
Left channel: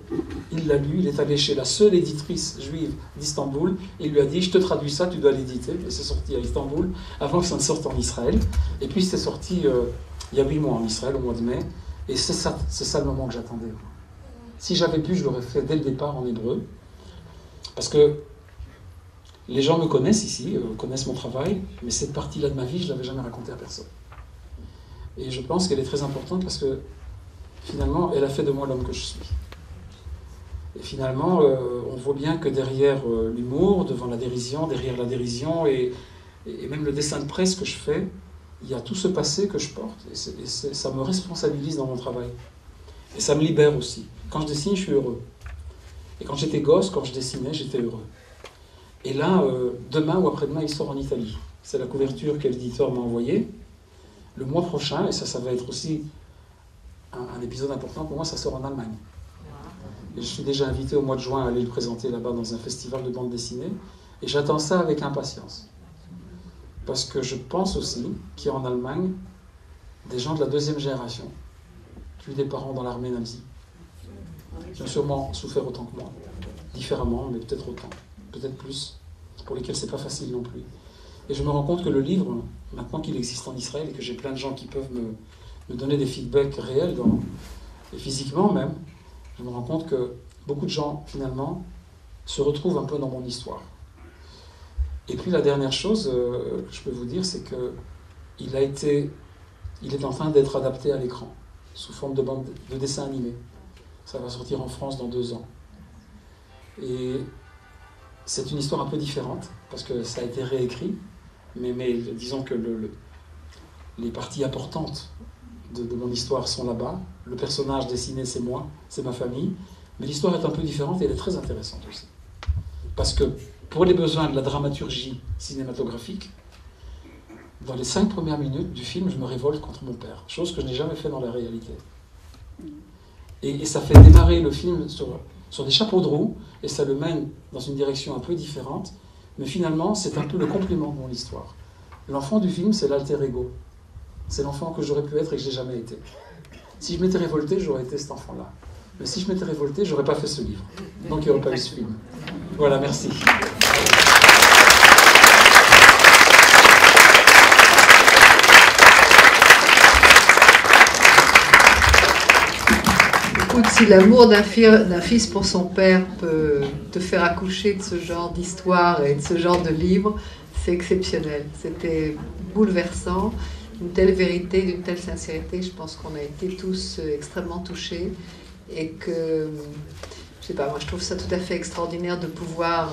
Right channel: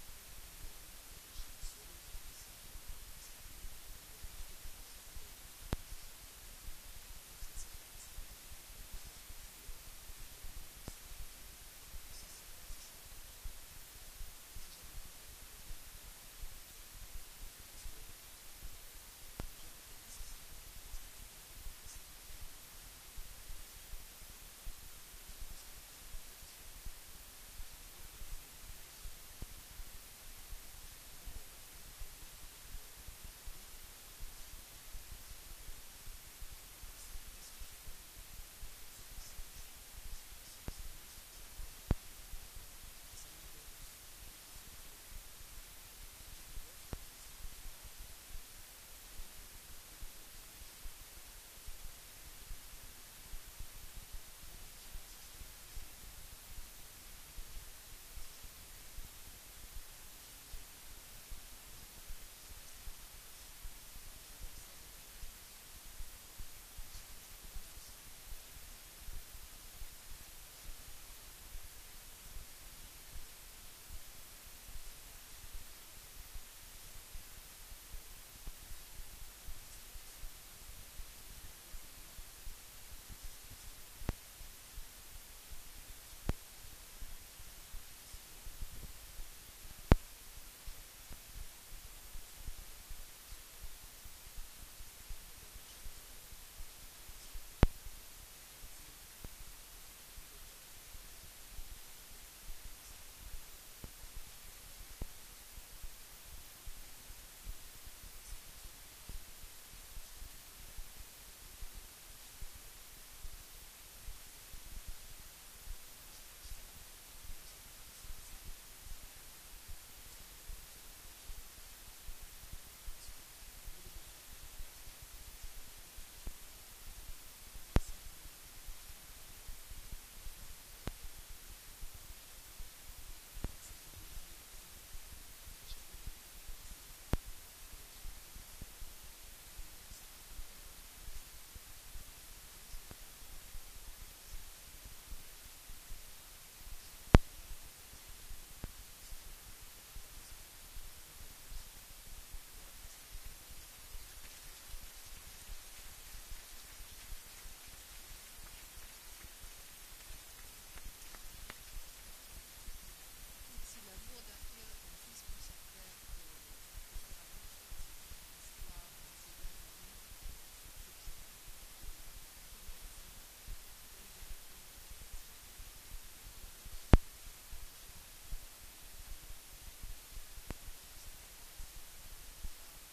il l'a lu, il est allé chez la seule éditrice juive d'Istanbul, et il lui a dit, je te traduis ça, tu dois l'éditer. Et c'est sorti à Istanbul, avant que ça ne sorte en Israël. Et puis c'est sorti il y a 8 mois en Israël, au mois de mai, et c'est ça le moment que j'attendais. Si j'avais pu, je l'aurais fait dès le départ en hébreu, parce que les gens me connaissent ici, connaissent mon travail, mais cette partie-là de ma vie, je ne l'avais jamais racontée à personne. Et je pense qu'elle est très importante parce que, finalement, elle a fait de moi l'homme que je suis. Et finalement, on voit bien que derrière l'humour, devant la dérision, derrière la dérision, et même le dessin de presse que je fais, il y a tout ce passé que je porte. Et ça me responsabilise dans mon travail. Et ça me libère aussi. Quand je dessine, je suis heureux. Et quand j'étais gosse, quand je dessinais, j'étais heureux. Et là, demain ou après-demain, il sort en Italie. C'est la couverture que l'éditeur m'a envoyée. Le mois prochain, et ça va être aussi un épisode important pour moi, ça sort en Allemagne. Et je suis déjà invité au mois de juin à aller le présenter là-bas dans un festival de bande dessinée. Et j'attends ça avec impatience. Parce que je pense aussi qu'il y a en Allemagne des gens de la 2e génération qui ont eu des parents dans l'armée nazie. Qui ont sûrement souffert autant que moi. Différemment, mais peut-être autant. Peut-être plus, pour lesquels c'est pas facile non plus. Et je me rends compte que le livre, maintenant qu'il existe en Israël et que j'ai plein de gens qui peuvent me donner des feedbacks réels, et physiquement même, je me rends compte que beaucoup de gens, finalement, se retrouvent un peu dans mon histoire. Et puis la dernière chose que je peux vous dire, c'est qu'il est en train d'être adapté à l'écran, sous forme de dessin animé. Ça va sortir en France dans 2 ans. Et c'est une histoire un peu différente, parce que ça a été réécrit, mais disons que les parties importantes de mon histoire sont là-bas. Le personnage dessiné, c'est moi, c'est ma famille. Mais l'histoire est un peu différente et elle est très intéressante aussi. Parce que pour les besoins de la dramaturgie cinématographique, dans les 5 premières minutes du film, je me révolte contre mon père, chose que je n'ai jamais fait dans la réalité. Et ça fait démarrer le film sur des chapeaux de roue, et ça le mène dans une direction un peu différente, mais finalement, c'est un peu le complément de mon histoire. L'enfant du film, c'est l'alter ego. C'est l'enfant que j'aurais pu être et que je n'ai jamais été. Si je m'étais révolté, j'aurais été cet enfant-là. Mais si je m'étais révolté, je n'aurais pas fait ce livre. Donc il n'y aurait pas eu ce film. Voilà, merci. Écoute, si l'amour d'un fils pour son père peut te faire accoucher de ce genre d'histoire et de ce genre de livre, c'est exceptionnel. C'était bouleversant. Une telle vérité, d'une telle sincérité, je pense qu'on a été tous extrêmement touchés et que, je sais pas, moi je trouve ça tout à fait extraordinaire de pouvoir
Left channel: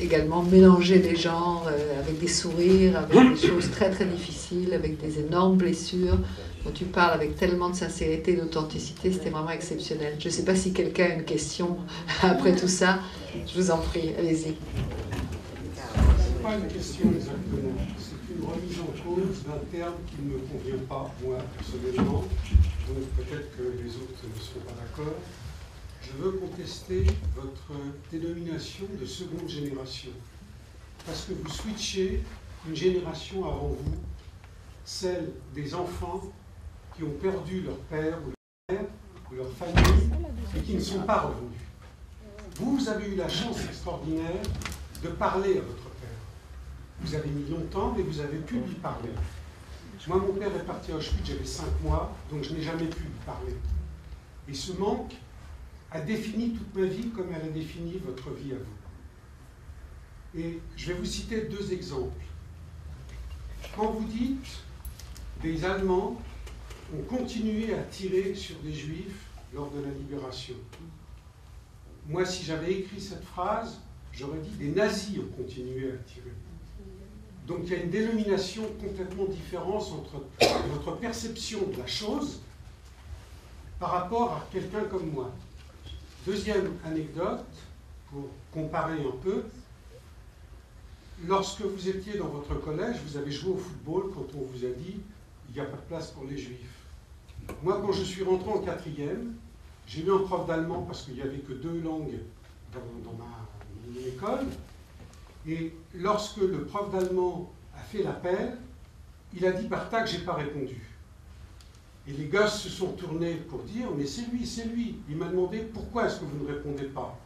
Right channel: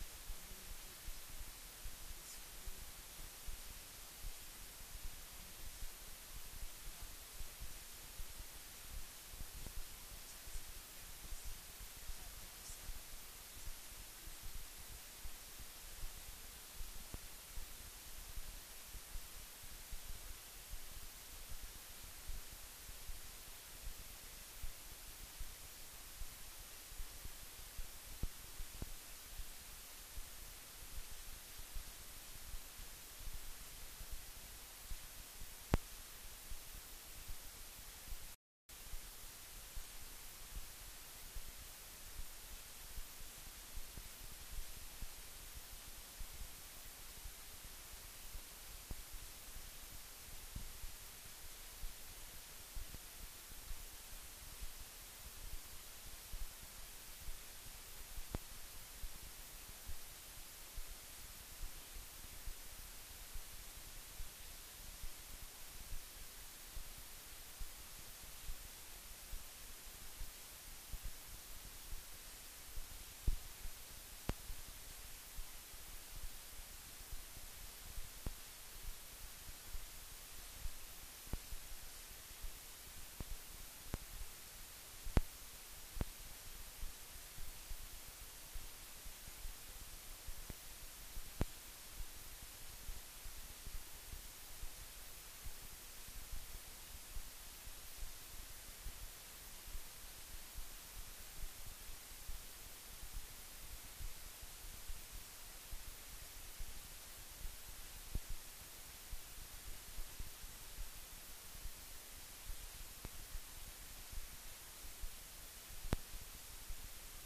également mélanger des genres avec des sourires, avec des choses très très difficiles, avec des énormes blessures dont tu parles avec tellement de sincérité et d'authenticité, c'était vraiment exceptionnel. Je ne sais pas si quelqu'un a une question après tout ça, je vous en prie, allez-y. C'est pas une question exactement. Une remise en cause d'un terme qui ne me convient pas, moi, personnellement, donc peut-être que les autres ne seront pas d'accord. Je veux contester votre dénomination de seconde génération, parce que vous switchez une génération avant vous, celle des enfants qui ont perdu leur père ou leur mère ou leur famille et qui ne sont pas revenus. Vous avez eu la chance extraordinaire de parler à votre père. Vous avez mis longtemps, mais vous avez pu lui parler. Moi, mon père est parti à Auschwitz, j'avais 5 mois, donc je n'ai jamais pu lui parler. Et ce manque a défini toute ma vie comme elle a défini votre vie à vous. Et je vais vous citer 2 exemples. Quand vous dites des Allemands ont continué à tirer sur des Juifs lors de la libération. Moi, si j'avais écrit cette phrase, j'aurais dit des nazis ont continué à tirer. Donc il y a une dénomination complètement différente entre votre perception de la chose par rapport à quelqu'un comme moi. Deuxième anecdote, pour comparer un peu, lorsque vous étiez dans votre collège, vous avez joué au football quand on vous a dit il n'y a pas de place pour les Juifs. Moi, quand je suis rentré en 4e, j'ai eu un prof d'allemand parce qu'il n'y avait que 2 langues dans mon école. Et lorsque le prof d'allemand a fait l'appel, il a dit par tac, j'ai pas répondu. Et les gosses se sont tournés pour dire mais c'est lui, c'est lui. Il m'a demandé pourquoi est-ce que vous ne répondez pas.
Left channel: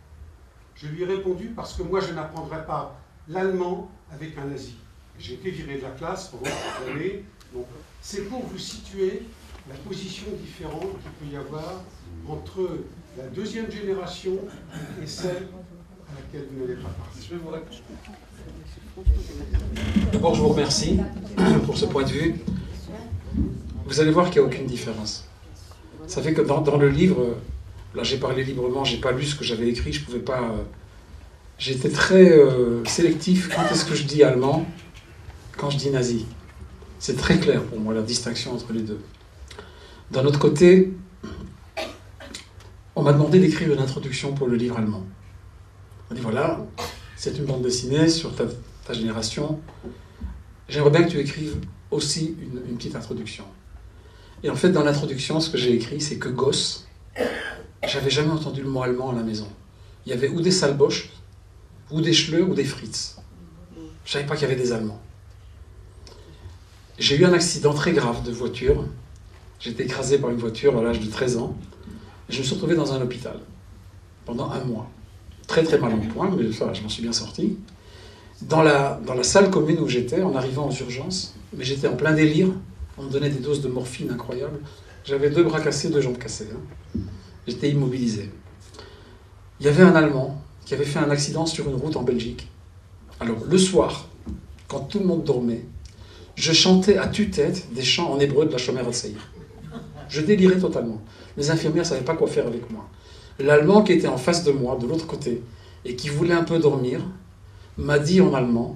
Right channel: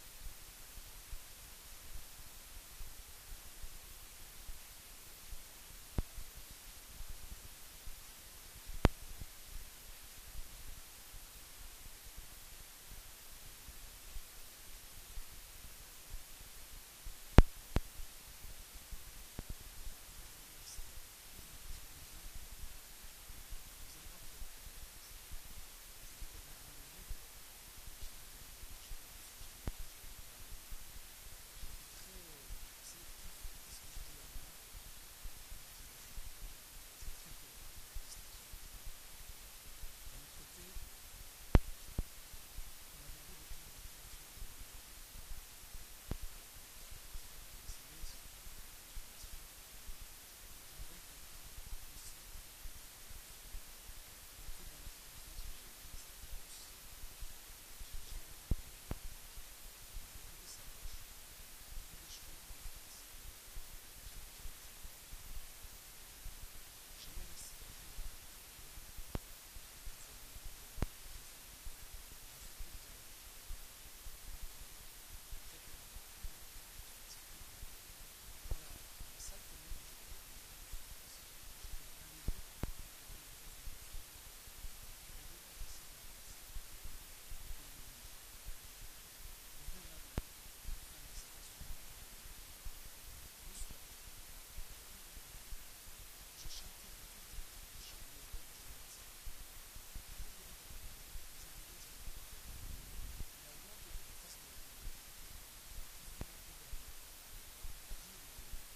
Je lui ai répondu parce que moi je n'apprendrai pas l'allemand avec un nazi. J'ai été viré de la classe pendant 3 années. Donc c'est pour vous situer la position différente qu'il peut y avoir entre la 2e génération et celle à laquelle vous n'allez pas partir. D'abord, je vous remercie pour ce point de vue. Vous allez voir qu'il n'y a aucune différence. Ça fait que dans le livre, là j'ai parlé librement, j'ai pas lu ce que j'avais écrit, je pouvais pas... J'étais très sélectif quand est-ce que je dis allemand, quand je dis nazi. C'est très clair pour moi, la distinction entre les deux. D'un autre côté, on m'a demandé d'écrire une introduction pour le livre allemand. On m'a dit voilà, c'est une bande dessinée sur ta génération. J'aimerais bien que tu écrives aussi une petite introduction. Et en fait, dans l'introduction, ce que j'ai écrit, c'est que gosse, j'avais jamais entendu le mot allemand à la maison. Il y avait ou des Salbosch, ou des Schleux, ou des Fritz. Je ne savais pas qu'il y avait des Allemands. J'ai eu un accident très grave de voiture. J'ai été écrasé par une voiture à l'âge de 13 ans. Et je me suis retrouvé dans un hôpital pendant 1 mois. Très très mal en point, mais ça, je m'en suis bien sorti. Dans la salle commune où j'étais, en arrivant aux urgences, mais j'étais en plein délire, on me donnait des doses de morphine incroyables. J'avais 2 bras cassés, 2 jambes cassées. J'étais immobilisé. Il y avait un Allemand qui avait fait un accident sur une route en Belgique. Alors, le soir, quand tout le monde dormait, je chantais à tue-tête des chants en hébreu de la Shomer HaTzaïr. Je délirais totalement. Les infirmières ne savaient pas quoi faire avec moi. L'Allemand qui était en face de moi, de l'autre côté, et qui voulait un peu dormir, m'a dit en allemand,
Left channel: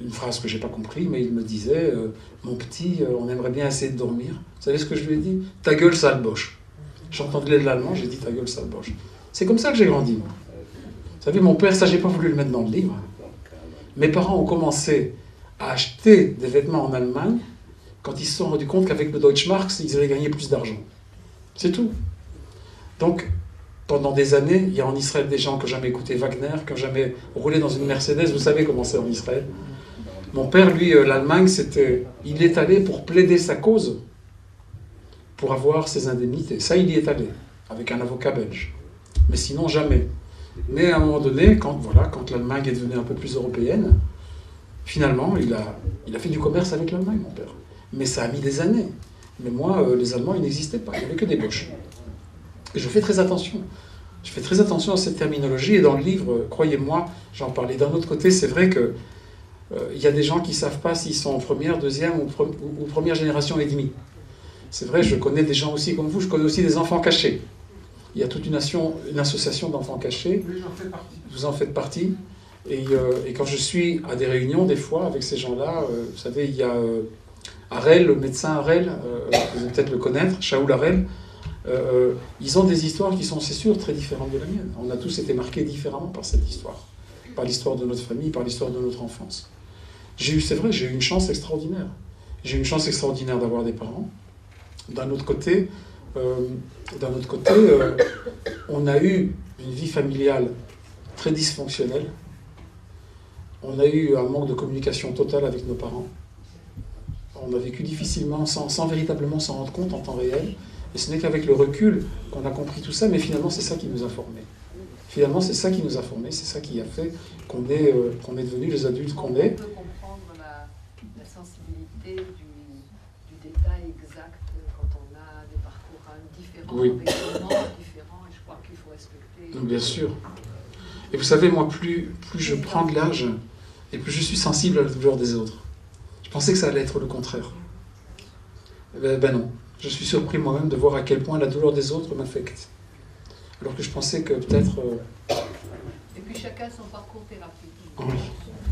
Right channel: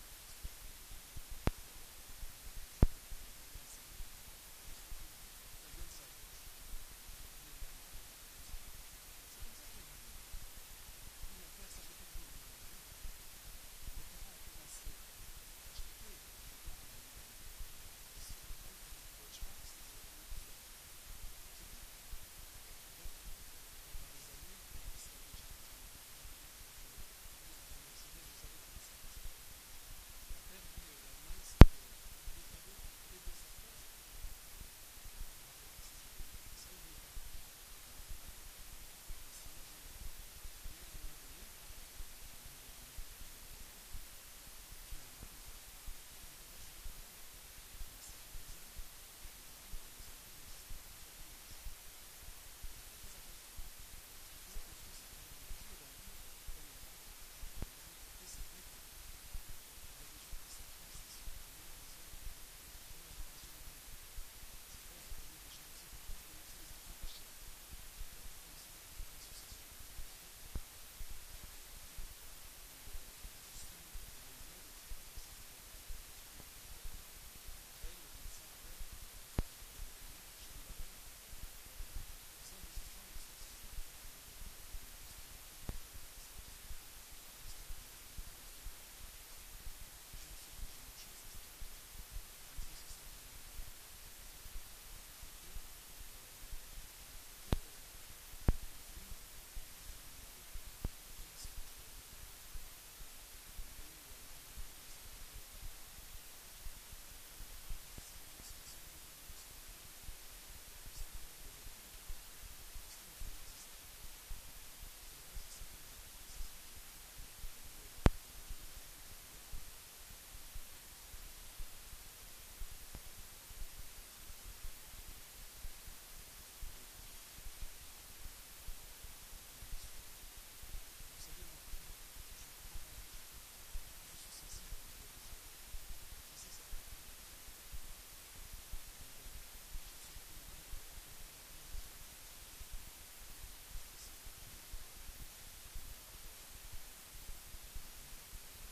une phrase que je n'ai pas compris, mais il me disait mon petit, on aimerait bien essayer de dormir. Vous savez ce que je lui ai dit? Ta gueule, sale boche. J'entendais de l'allemand, j'ai dit ta gueule, sale boche. C'est comme ça que j'ai grandi. Vous savez, mon père, ça, j'ai pas voulu le mettre dans le livre. Mes parents ont commencé à acheter des vêtements en Allemagne quand ils se sont rendus compte qu'avec le Deutschmark, ils allaient gagner plus d'argent. C'est tout. Donc, pendant des années, il y a en Israël des gens qui n'ont jamais écouté Wagner, qui n'ont jamais roulé dans une Mercedes. Vous savez comment c'est en Israël. Mon père, lui, l'Allemagne, il est allé pour plaider sa cause, pour avoir ses indemnités. Ça, il y est allé, avec un avocat belge. Mais sinon, jamais. Mais à un moment donné, quand l'Allemagne est devenue un peu plus européenne, finalement, il a fait du commerce avec l'Allemagne, mon père. Mais ça a mis des années. Mais moi, les Allemands, ils n'existaient pas. Il n'y avait que des boches. Et je fais très attention. Je fais très attention à cette terminologie. Et dans le livre, croyez-moi, j'en parlais. D'un autre côté, c'est vrai que il y a des gens qui ne savent pas s'ils sont en première, deuxième ou première génération et demie. C'est vrai, je connais des gens aussi comme vous. Je connais aussi des enfants cachés. Il y a toute une association d'enfants cachés. Oui, j'en fais partie. Vous en faites partie. Et quand je suis à des réunions, des fois, avec ces gens-là, vous savez, il y a Harel, le médecin Harel, vous allez peut-être le connaître, Shaoul Harel, ils ont des histoires qui sont, c'est sûr, très différentes de la mienne. On a tous été marqués différemment par cette histoire, par l'histoire de notre famille, par l'histoire de notre enfance. C'est vrai, j'ai eu une chance extraordinaire. J'ai eu une chance extraordinaire d'avoir des parents. D'un autre côté, on a eu une vie familiale très dysfonctionnelle. On a eu un manque de communication totale avec nos parents. On a vécu difficilement, sans véritablement s'en rendre compte en temps réel. Et ce n'est qu'avec le recul qu'on a compris tout ça, mais finalement, c'est ça qui nous a formés. Finalement, c'est ça qui nous a formés, c'est ça qui a fait qu'on est devenus les adultes qu'on est. On peut comprendre la sensibilité du détail exact quand on a des parcours différents, Oui. avec des moments différents, et je crois qu'il faut respecter. Bien sûr. Et vous savez, moi, plus je prends de l'âge, et plus je suis sensible à la douleur des autres. Je pensais que ça allait être le contraire. Ben non. Je suis surpris moi-même de voir à quel point la douleur des autres m'affecte. Alors que je pensais que peut-être... Et puis chacun son parcours thérapeutique. Oui.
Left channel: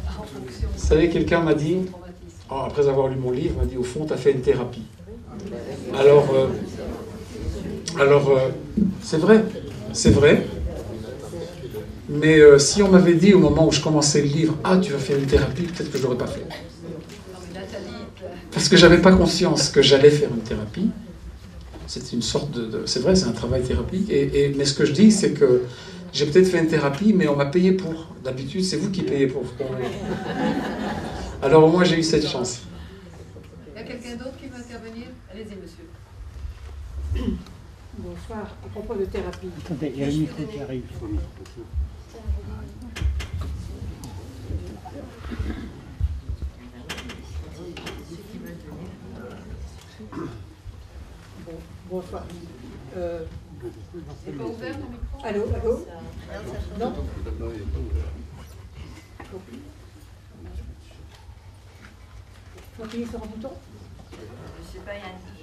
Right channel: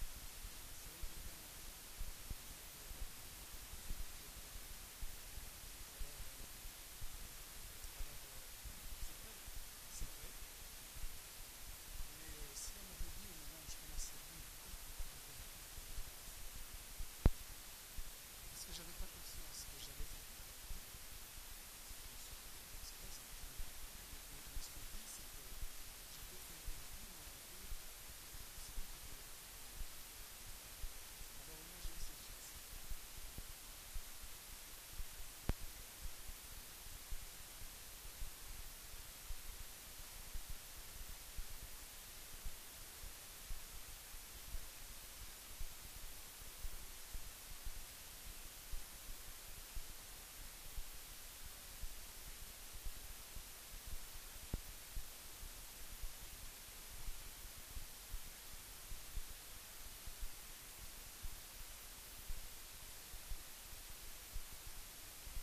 En fonction Vous savez, quelqu'un m'a dit, traumatisme. après avoir lu mon livre, m'a dit, au fond, tu as fait une thérapie. Alors, c'est vrai. Mais si on m'avait dit au moment où je commençais le livre, ah, tu vas faire une thérapie, peut-être que je ne l'aurais pas fait. Parce que je n'avais pas conscience que j'allais faire une thérapie. C'est une sorte c'est vrai, c'est un travail thérapeutique. Mais ce que je dis, c'est que j'ai peut-être fait une thérapie, mais on m'a payé pour. D'habitude, c'est vous qui payez pour. Alors au moins, j'ai eu cette chance. Il y a quelqu'un d'autre qui veut intervenir? Allez-y, monsieur. Bonsoir. À propos de thérapie. Attendez, il y a le micro qui arrive. Bonsoir. C'est pas ouvert le micro? Allô? Non? Faut appuyer sur un bouton? Je sais pas, il y a un petit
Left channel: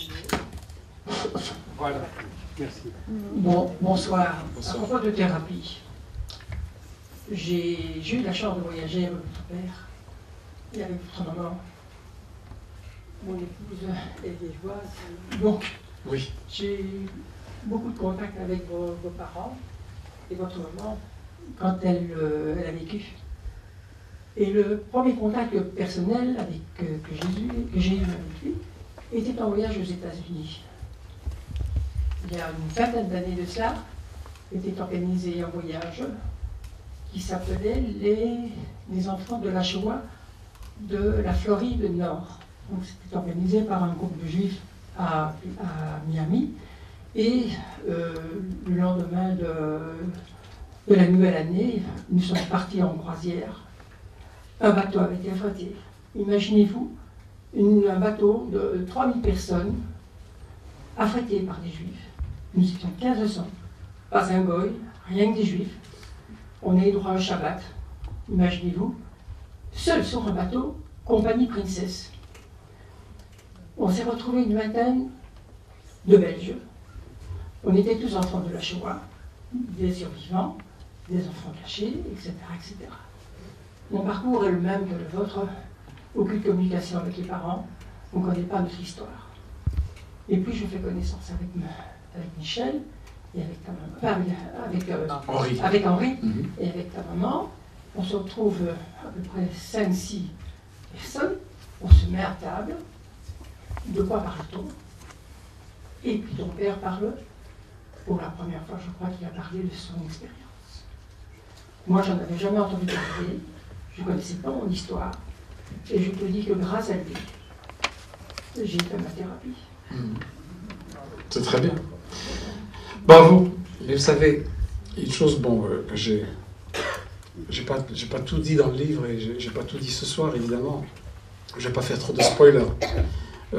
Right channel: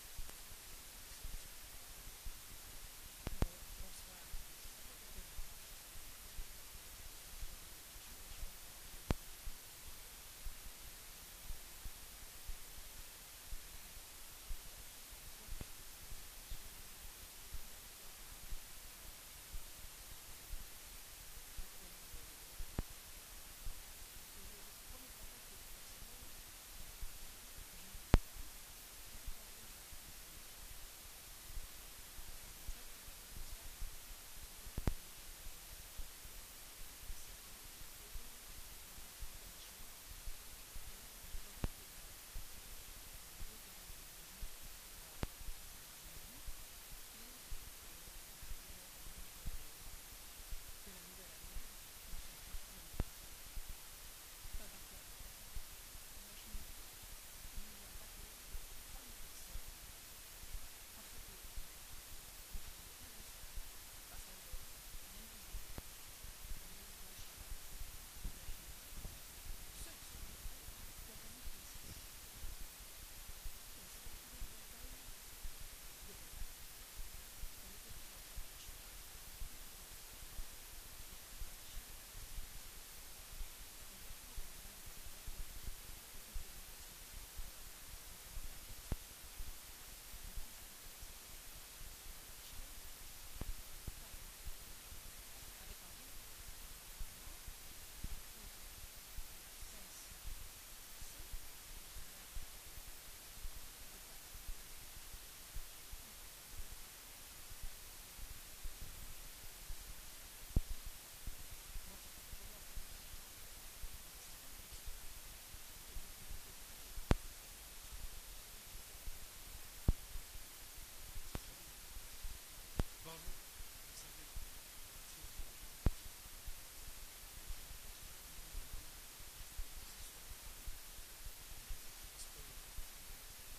jeu. Voilà. Merci. Bonsoir. Bonsoir. À propos de thérapie, j'ai eu la chance de voyager avec votre père et avec votre maman. Mon épouse est liégeoise. Donc, Oui. j'ai eu beaucoup de contacts avec vos parents et votre maman quand elle a vécu. Et le premier contact personnel que j'ai eu avec lui était en voyage aux États-Unis. Il y a une vingtaine d'années de cela, était organisé un voyage qui s'appelait les enfants de la Shoah de la Floride Nord. Donc c'était organisé par un groupe de juifs à Miami. Et le lendemain de la nouvelle année, nous sommes partis en croisière. Un bateau avait été affrété. Imaginez-vous, un bateau de 3000 personnes affrété par des juifs. Nous étions 1500. pas un goy, rien que des juifs. On est droit au Shabbat, imaginez-vous, seul sur un bateau, compagnie princesse. On s'est retrouvés une vingtaine de Belges. On était tous enfants de la Shoah, des survivants, des enfants cachés, etc., etc. Mon parcours est le même que le vôtre. Aucune communication avec les parents. On ne connaît pas notre histoire. Et puis je fais connaissance avec Michel et avec ta maman, avec Henri et avec ta maman. On se retrouve à peu près 5-6 personnes. On se met à table. De quoi parle-t-on? Et puis ton père parle. Pour la première fois, je crois qu'il a parlé de son expérience. Moi, j'en avais jamais entendu parler. Je ne connaissais pas mon histoire. Et je te dis que grâce à lui, j'ai fait ma thérapie. C'est très bien. Bravo. Mais vous savez, une chose, bon, que j'ai pas tout dit dans le livre et j'ai pas tout dit ce soir, évidemment. Je vais pas faire trop de spoilers.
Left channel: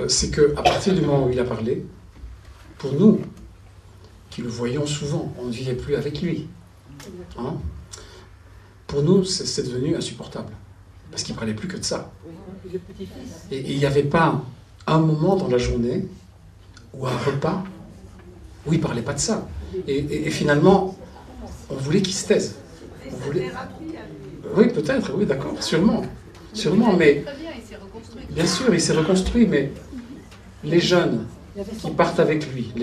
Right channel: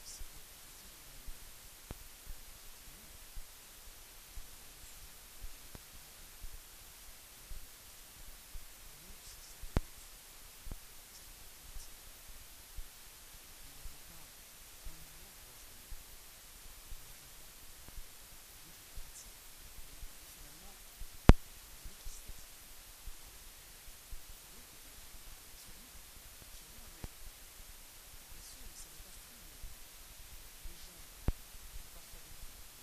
C'est qu'à partir du moment où il a parlé, pour nous, qui le voyions souvent, on ne vivait plus avec lui. Hein? Pour nous, c'est devenu insupportable. Parce qu'il ne parlait plus que de ça. Et il n'y avait pas un moment dans la journée ou un repas où il ne parlait pas de ça. Et finalement, on voulait qu'il se taise. On voulait... Oui, peut-être, oui, d'accord, sûrement. Sûrement, mais... Bien sûr, il s'est reconstruit, mais les jeunes qui partent avec lui,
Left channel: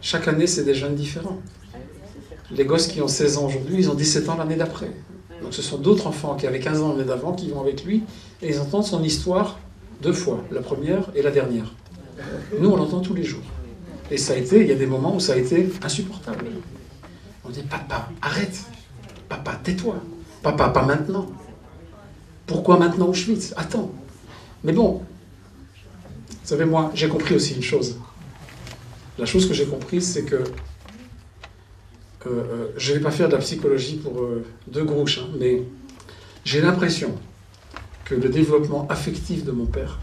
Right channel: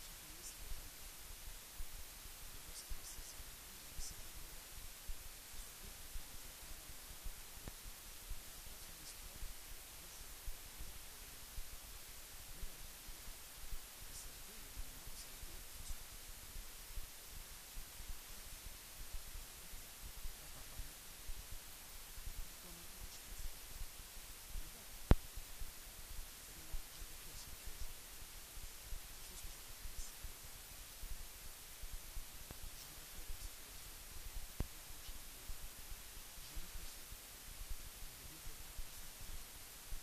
chaque année, c'est des jeunes différents. Les gosses qui ont 16 ans aujourd'hui, ils ont 17 ans l'année d'après. Donc ce sont d'autres enfants qui avaient 15 ans l'année d'avant qui vont avec lui et ils entendent son histoire 2 fois, la première et la dernière. Nous, on l'entend tous les jours. Et ça a été, il y a des moments où ça a été insupportable. On dit, papa, arrête. Papa, tais-toi. Papa, pas maintenant. Pourquoi maintenant Auschwitz? Attends. Mais bon, vous savez, moi, j'ai compris aussi une chose. La chose que j'ai comprise, c'est que je ne vais pas faire de la psychologie pour deux grouches, hein, mais j'ai l'impression que le développement affectif de mon père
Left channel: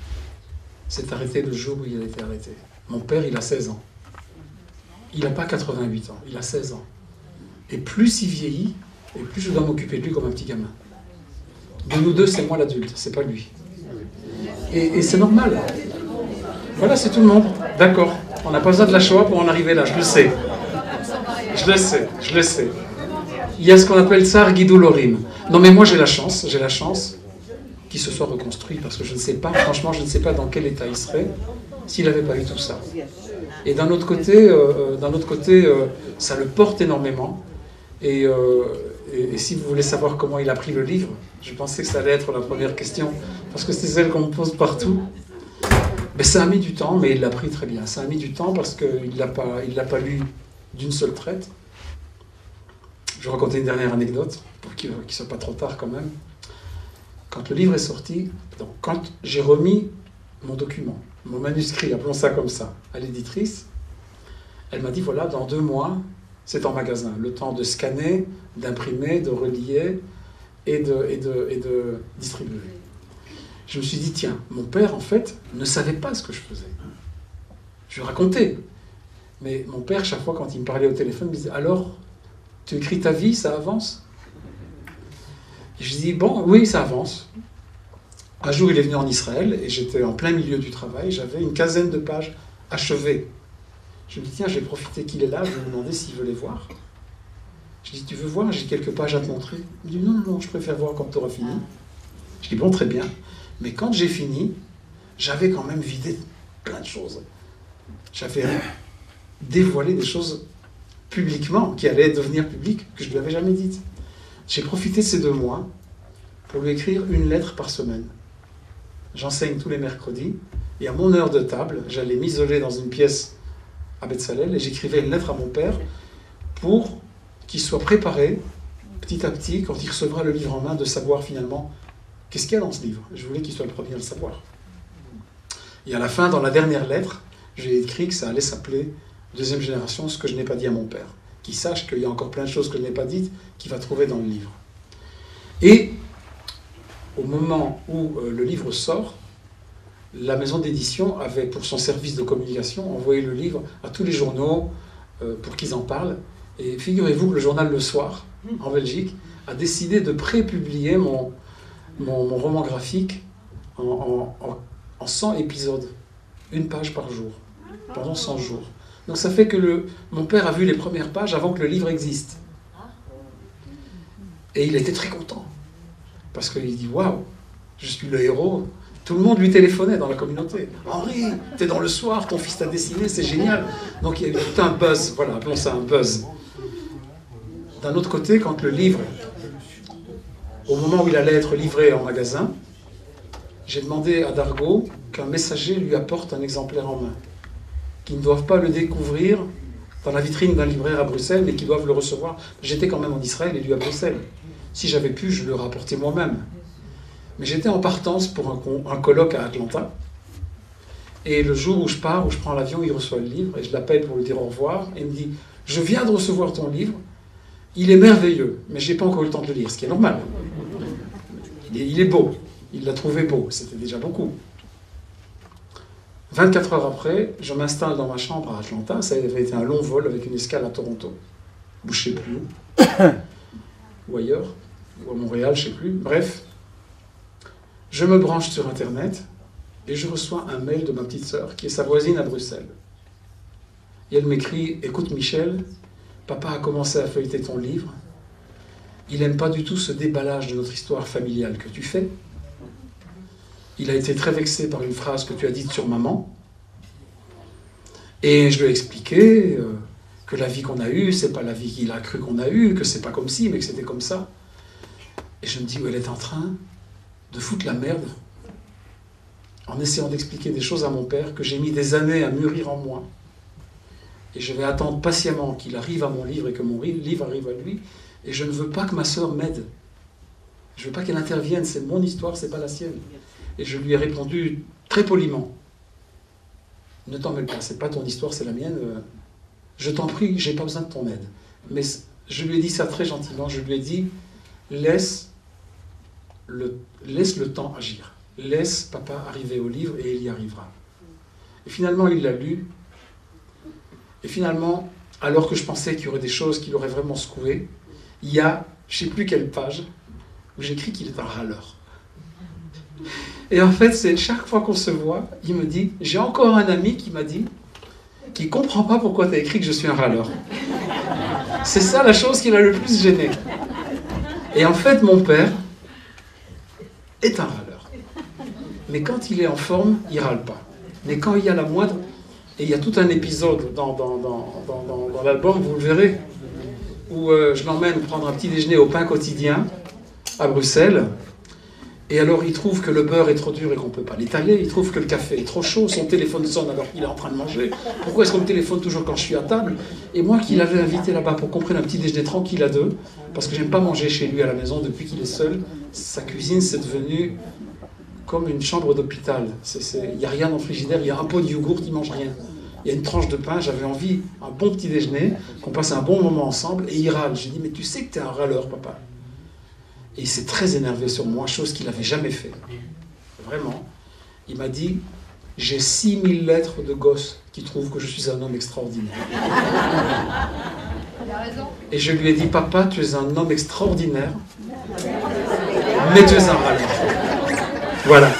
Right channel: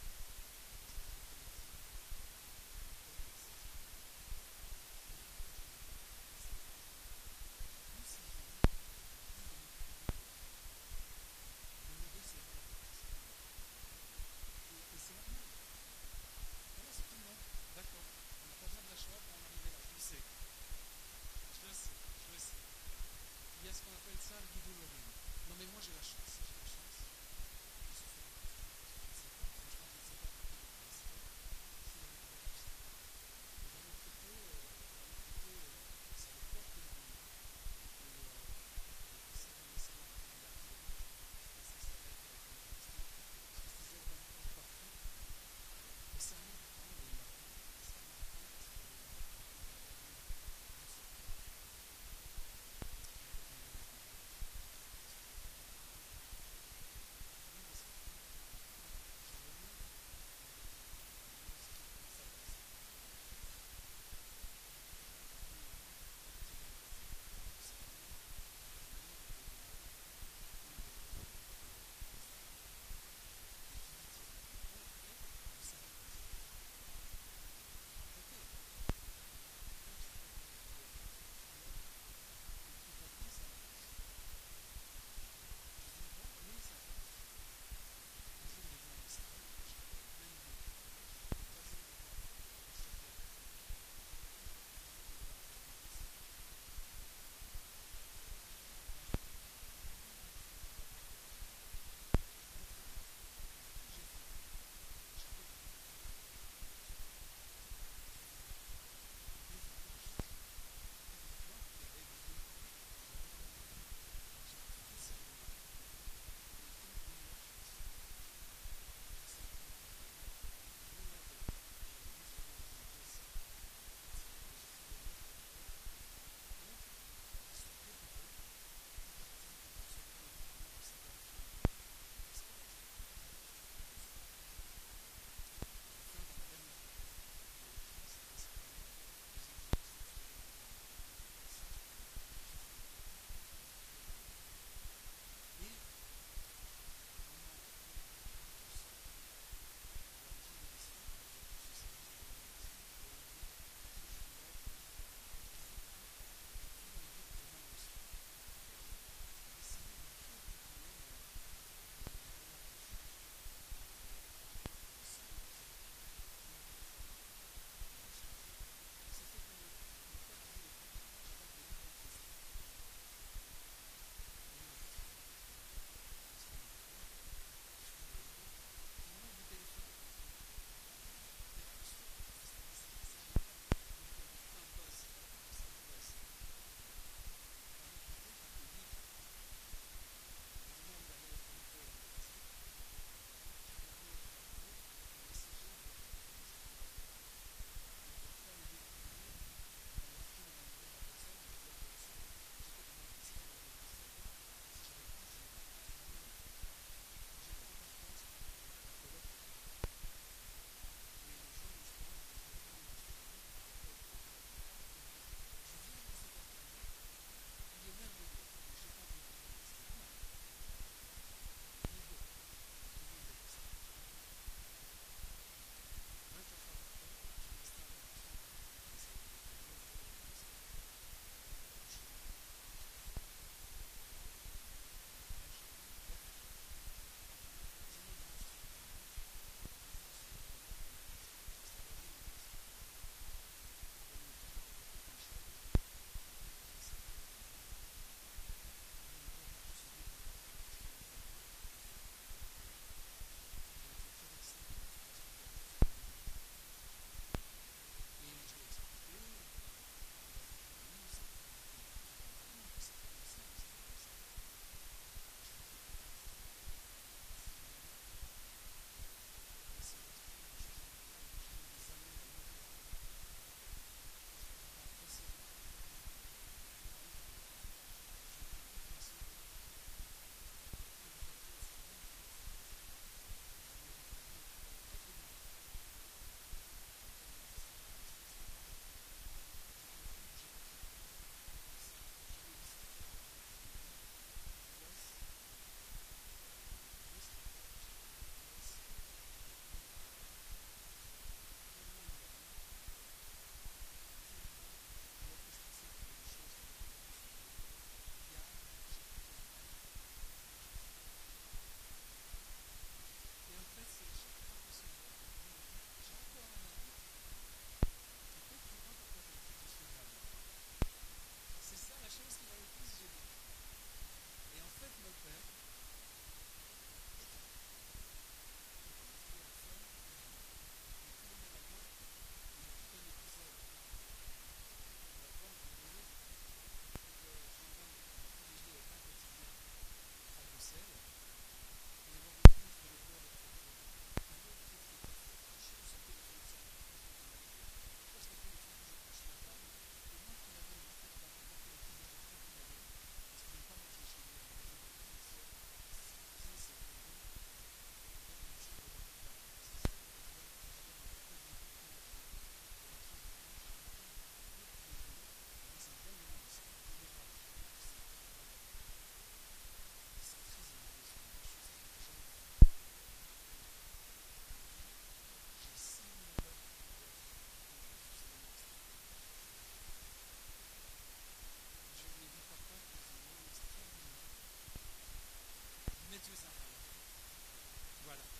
s'est arrêté le jour où il a été arrêté. Mon père, il a 16 ans. Il n'a pas 88 ans, il a 16 ans. Et plus il vieillit, et plus je dois m'occuper de lui comme un petit gamin. De nous deux, c'est moi l'adulte, c'est pas lui. Et c'est normal. Voilà, c'est tout le monde. D'accord. On n'a pas besoin de la Shoah pour en arriver là, je le sais. Je le sais. Il y a ce qu'on appelle Tsar Guido-Lorim. Non mais moi j'ai la chance qu'il se soit reconstruit, parce que je ne sais pas, franchement, je ne sais pas dans quel état il serait s'il n'avait pas eu tout ça. Et d'un autre côté, ça le porte énormément. Et si vous voulez savoir comment il a pris le livre, je pensais que ça allait être la première question, parce que c'est celle qu'on me pose partout. Mais ça a mis du temps, mais il l'a pris très bien. Ça a mis du temps parce qu'il ne l'a pas lu d'une seule traite. Je vais raconter une dernière anecdote, pour qu'il ne soit pas trop tard quand même. Quand le livre est sorti, donc quand j'ai remis mon document, mon manuscrit, appelons ça comme ça, à l'éditrice, elle m'a dit, voilà, dans 2 mois, c'est en magasin. Le temps de scanner, d'imprimer, de relier et de distribuer. Je me suis dit, tiens, mon père, en fait, ne savait pas ce que je faisais. Je lui racontais. Mais mon père, chaque fois, quand il me parlait au téléphone, il me disait, alors, tu écris ta vie, ça avance? Et je dis, bon, oui, ça avance. Un jour, il est venu en Israël, et j'étais en plein milieu du travail, j'avais une 15aine de pages achevées. Je me dis, tiens, je vais profiter qu'il est là, je vais lui demander s'il veut les voir. Je dis, tu veux voir? J'ai quelques pages à te montrer. Il dit, non, non, je préfère voir quand tu auras fini. Je dis, bon, très bien. Mais quand j'ai fini, j'avais quand même vidé plein de choses. J'avais dévoilé des choses publiquement, qui allaient devenir publiques, que je ne lui avais jamais dites. J'ai profité de ces 2 mois pour lui écrire une lettre par semaine. J'enseigne tous les mercredis, et à mon heure de table, j'allais m'isoler dans une pièce à Betzalel, et j'écrivais une lettre à mon père pour qu'il soit préparé, petit à petit, quand il recevra le livre en main, de savoir finalement qu'est-ce qu'il y a dans ce livre. Je voulais qu'il soit le premier à le savoir. Et à la fin, dans la dernière lettre, j'ai écrit que ça allait s'appeler Deuxième génération, ce que je n'ai pas dit à mon père. Qu'il sache qu'il y a encore plein de choses que je n'ai pas dites, qu'il va trouver dans le livre. Et au moment où le livre sort, la maison d'édition avait, pour son service de communication, envoyé le livre à tous les journaux, pour qu'ils en parlent. Et figurez-vous que le journal Le Soir, en Belgique, a décidé de pré-publier mon roman graphique en 100 épisodes, une page par jour, pendant 100 jours. Donc ça fait que mon père a vu les premières pages avant que le livre existe. Et il était très content, parce qu'il dit « Waouh, je suis le héros ». Tout le monde lui téléphonait dans la communauté. « Henri, t'es dans Le Soir, ton fils t'a dessiné, c'est génial ». Donc il y a eu tout un buzz, voilà, appelons ça un buzz. D'un autre côté, quand le livre, au moment où il allait être livré en magasin, j'ai demandé à Dargaud qu'un messager lui apporte un exemplaire en main, qu'ils ne doivent pas le découvrir dans la vitrine d'un libraire à Bruxelles, mais qu'ils doivent le recevoir. J'étais quand même en Israël et lui à Bruxelles. Si j'avais pu, je le rapportais moi-même. Mais j'étais en partance pour un colloque à Atlanta. Et le jour où je pars, où je prends l'avion, il reçoit le livre, et je l'appelle pour lui dire au revoir, et il me dit « Je viens de recevoir ton livre, il est merveilleux, mais je n'ai pas encore eu le temps de le lire, ce qui est normal. Il est beau, il l'a trouvé beau, c'était déjà beaucoup. » 24 heures après, je m'installe dans ma chambre à Atlanta, ça avait été un long vol avec une escale à Toronto, ou je ne sais plus où, ou ailleurs, ou à Montréal, je ne sais plus, bref. Je me branche sur Internet et je reçois un mail de ma petite sœur, qui est sa voisine à Bruxelles. Et elle m'écrit « Écoute Michel, papa a commencé à feuilleter ton livre. Il n'aime pas du tout ce déballage de notre histoire familiale que tu fais. Il a été très vexé par une phrase que tu as dite sur maman. Et je lui ai expliqué que la vie qu'on a eue, c'est pas la vie qu'il a cru qu'on a eue, que c'est pas comme ci, mais que c'était comme ça. Et je me dis, elle est en train de foutre la merde en essayant d'expliquer des choses à mon père que j'ai mis des années à mûrir en moi. Et je vais attendre patiemment qu'il arrive à mon livre et que mon livre arrive à lui. Et je ne veux pas que ma sœur m'aide. Je ne veux pas qu'elle intervienne. C'est mon histoire, c'est pas la sienne. Et je lui ai répondu très poliment. Ne t'en mêle pas, c'est pas ton histoire, c'est la mienne. Je t'en prie, j'ai pas besoin de ton aide. Mais je lui ai dit ça très gentiment. Je lui ai dit, laisse le temps agir. Laisse papa arriver au livre et il y arrivera. Et finalement, il l'a lu. Et finalement, alors que je pensais qu'il y aurait des choses qui l'auraient vraiment secoué, il y a, je ne sais plus quelle page, où j'écris qu'il est un râleur. Et en fait, c'est chaque fois qu'on se voit, il me dit, j'ai encore un ami qui m'a dit, qui ne comprend pas pourquoi tu as écrit que je suis un râleur. C'est ça la chose qui l'a le plus gêné. Et en fait, mon père est un râleur. Mais quand il est en forme, il ne râle pas. Mais quand il y a la moindre... Et il y a tout un épisode dans l'album, vous le verrez, où je l'emmène prendre un petit déjeuner au pain quotidien à Bruxelles. Et alors il trouve que le beurre est trop dur et qu'on ne peut pas l'étaler. Il trouve que le café est trop chaud, son téléphone sonne alors qu'il est en train de manger. Pourquoi est-ce qu'on me téléphone toujours quand je suis à table? Et moi qui l'avais invité là-bas pour qu'on prenne un petit déjeuner tranquille à deux, parce que j'aime pas manger chez lui à la maison depuis qu'il est seul, sa cuisine c'est devenu comme une chambre d'hôpital. Il n'y a rien dans le frigidaire, il y a un pot de yogourt, il ne mange rien. Il y a une tranche de pain, j'avais envie, un bon petit déjeuner, qu'on passe un bon moment ensemble, et il râle. J'ai dit, mais tu sais que tu es un râleur, papa. Et il s'est très énervé sur moi, chose qu'il n'avait jamais fait. Vraiment. Il m'a dit, j'ai 6000 lettres de gosses qui trouvent que je suis un homme extraordinaire. Et je lui ai dit, papa, tu es un homme extraordinaire, mais tu es un râleur. Voilà.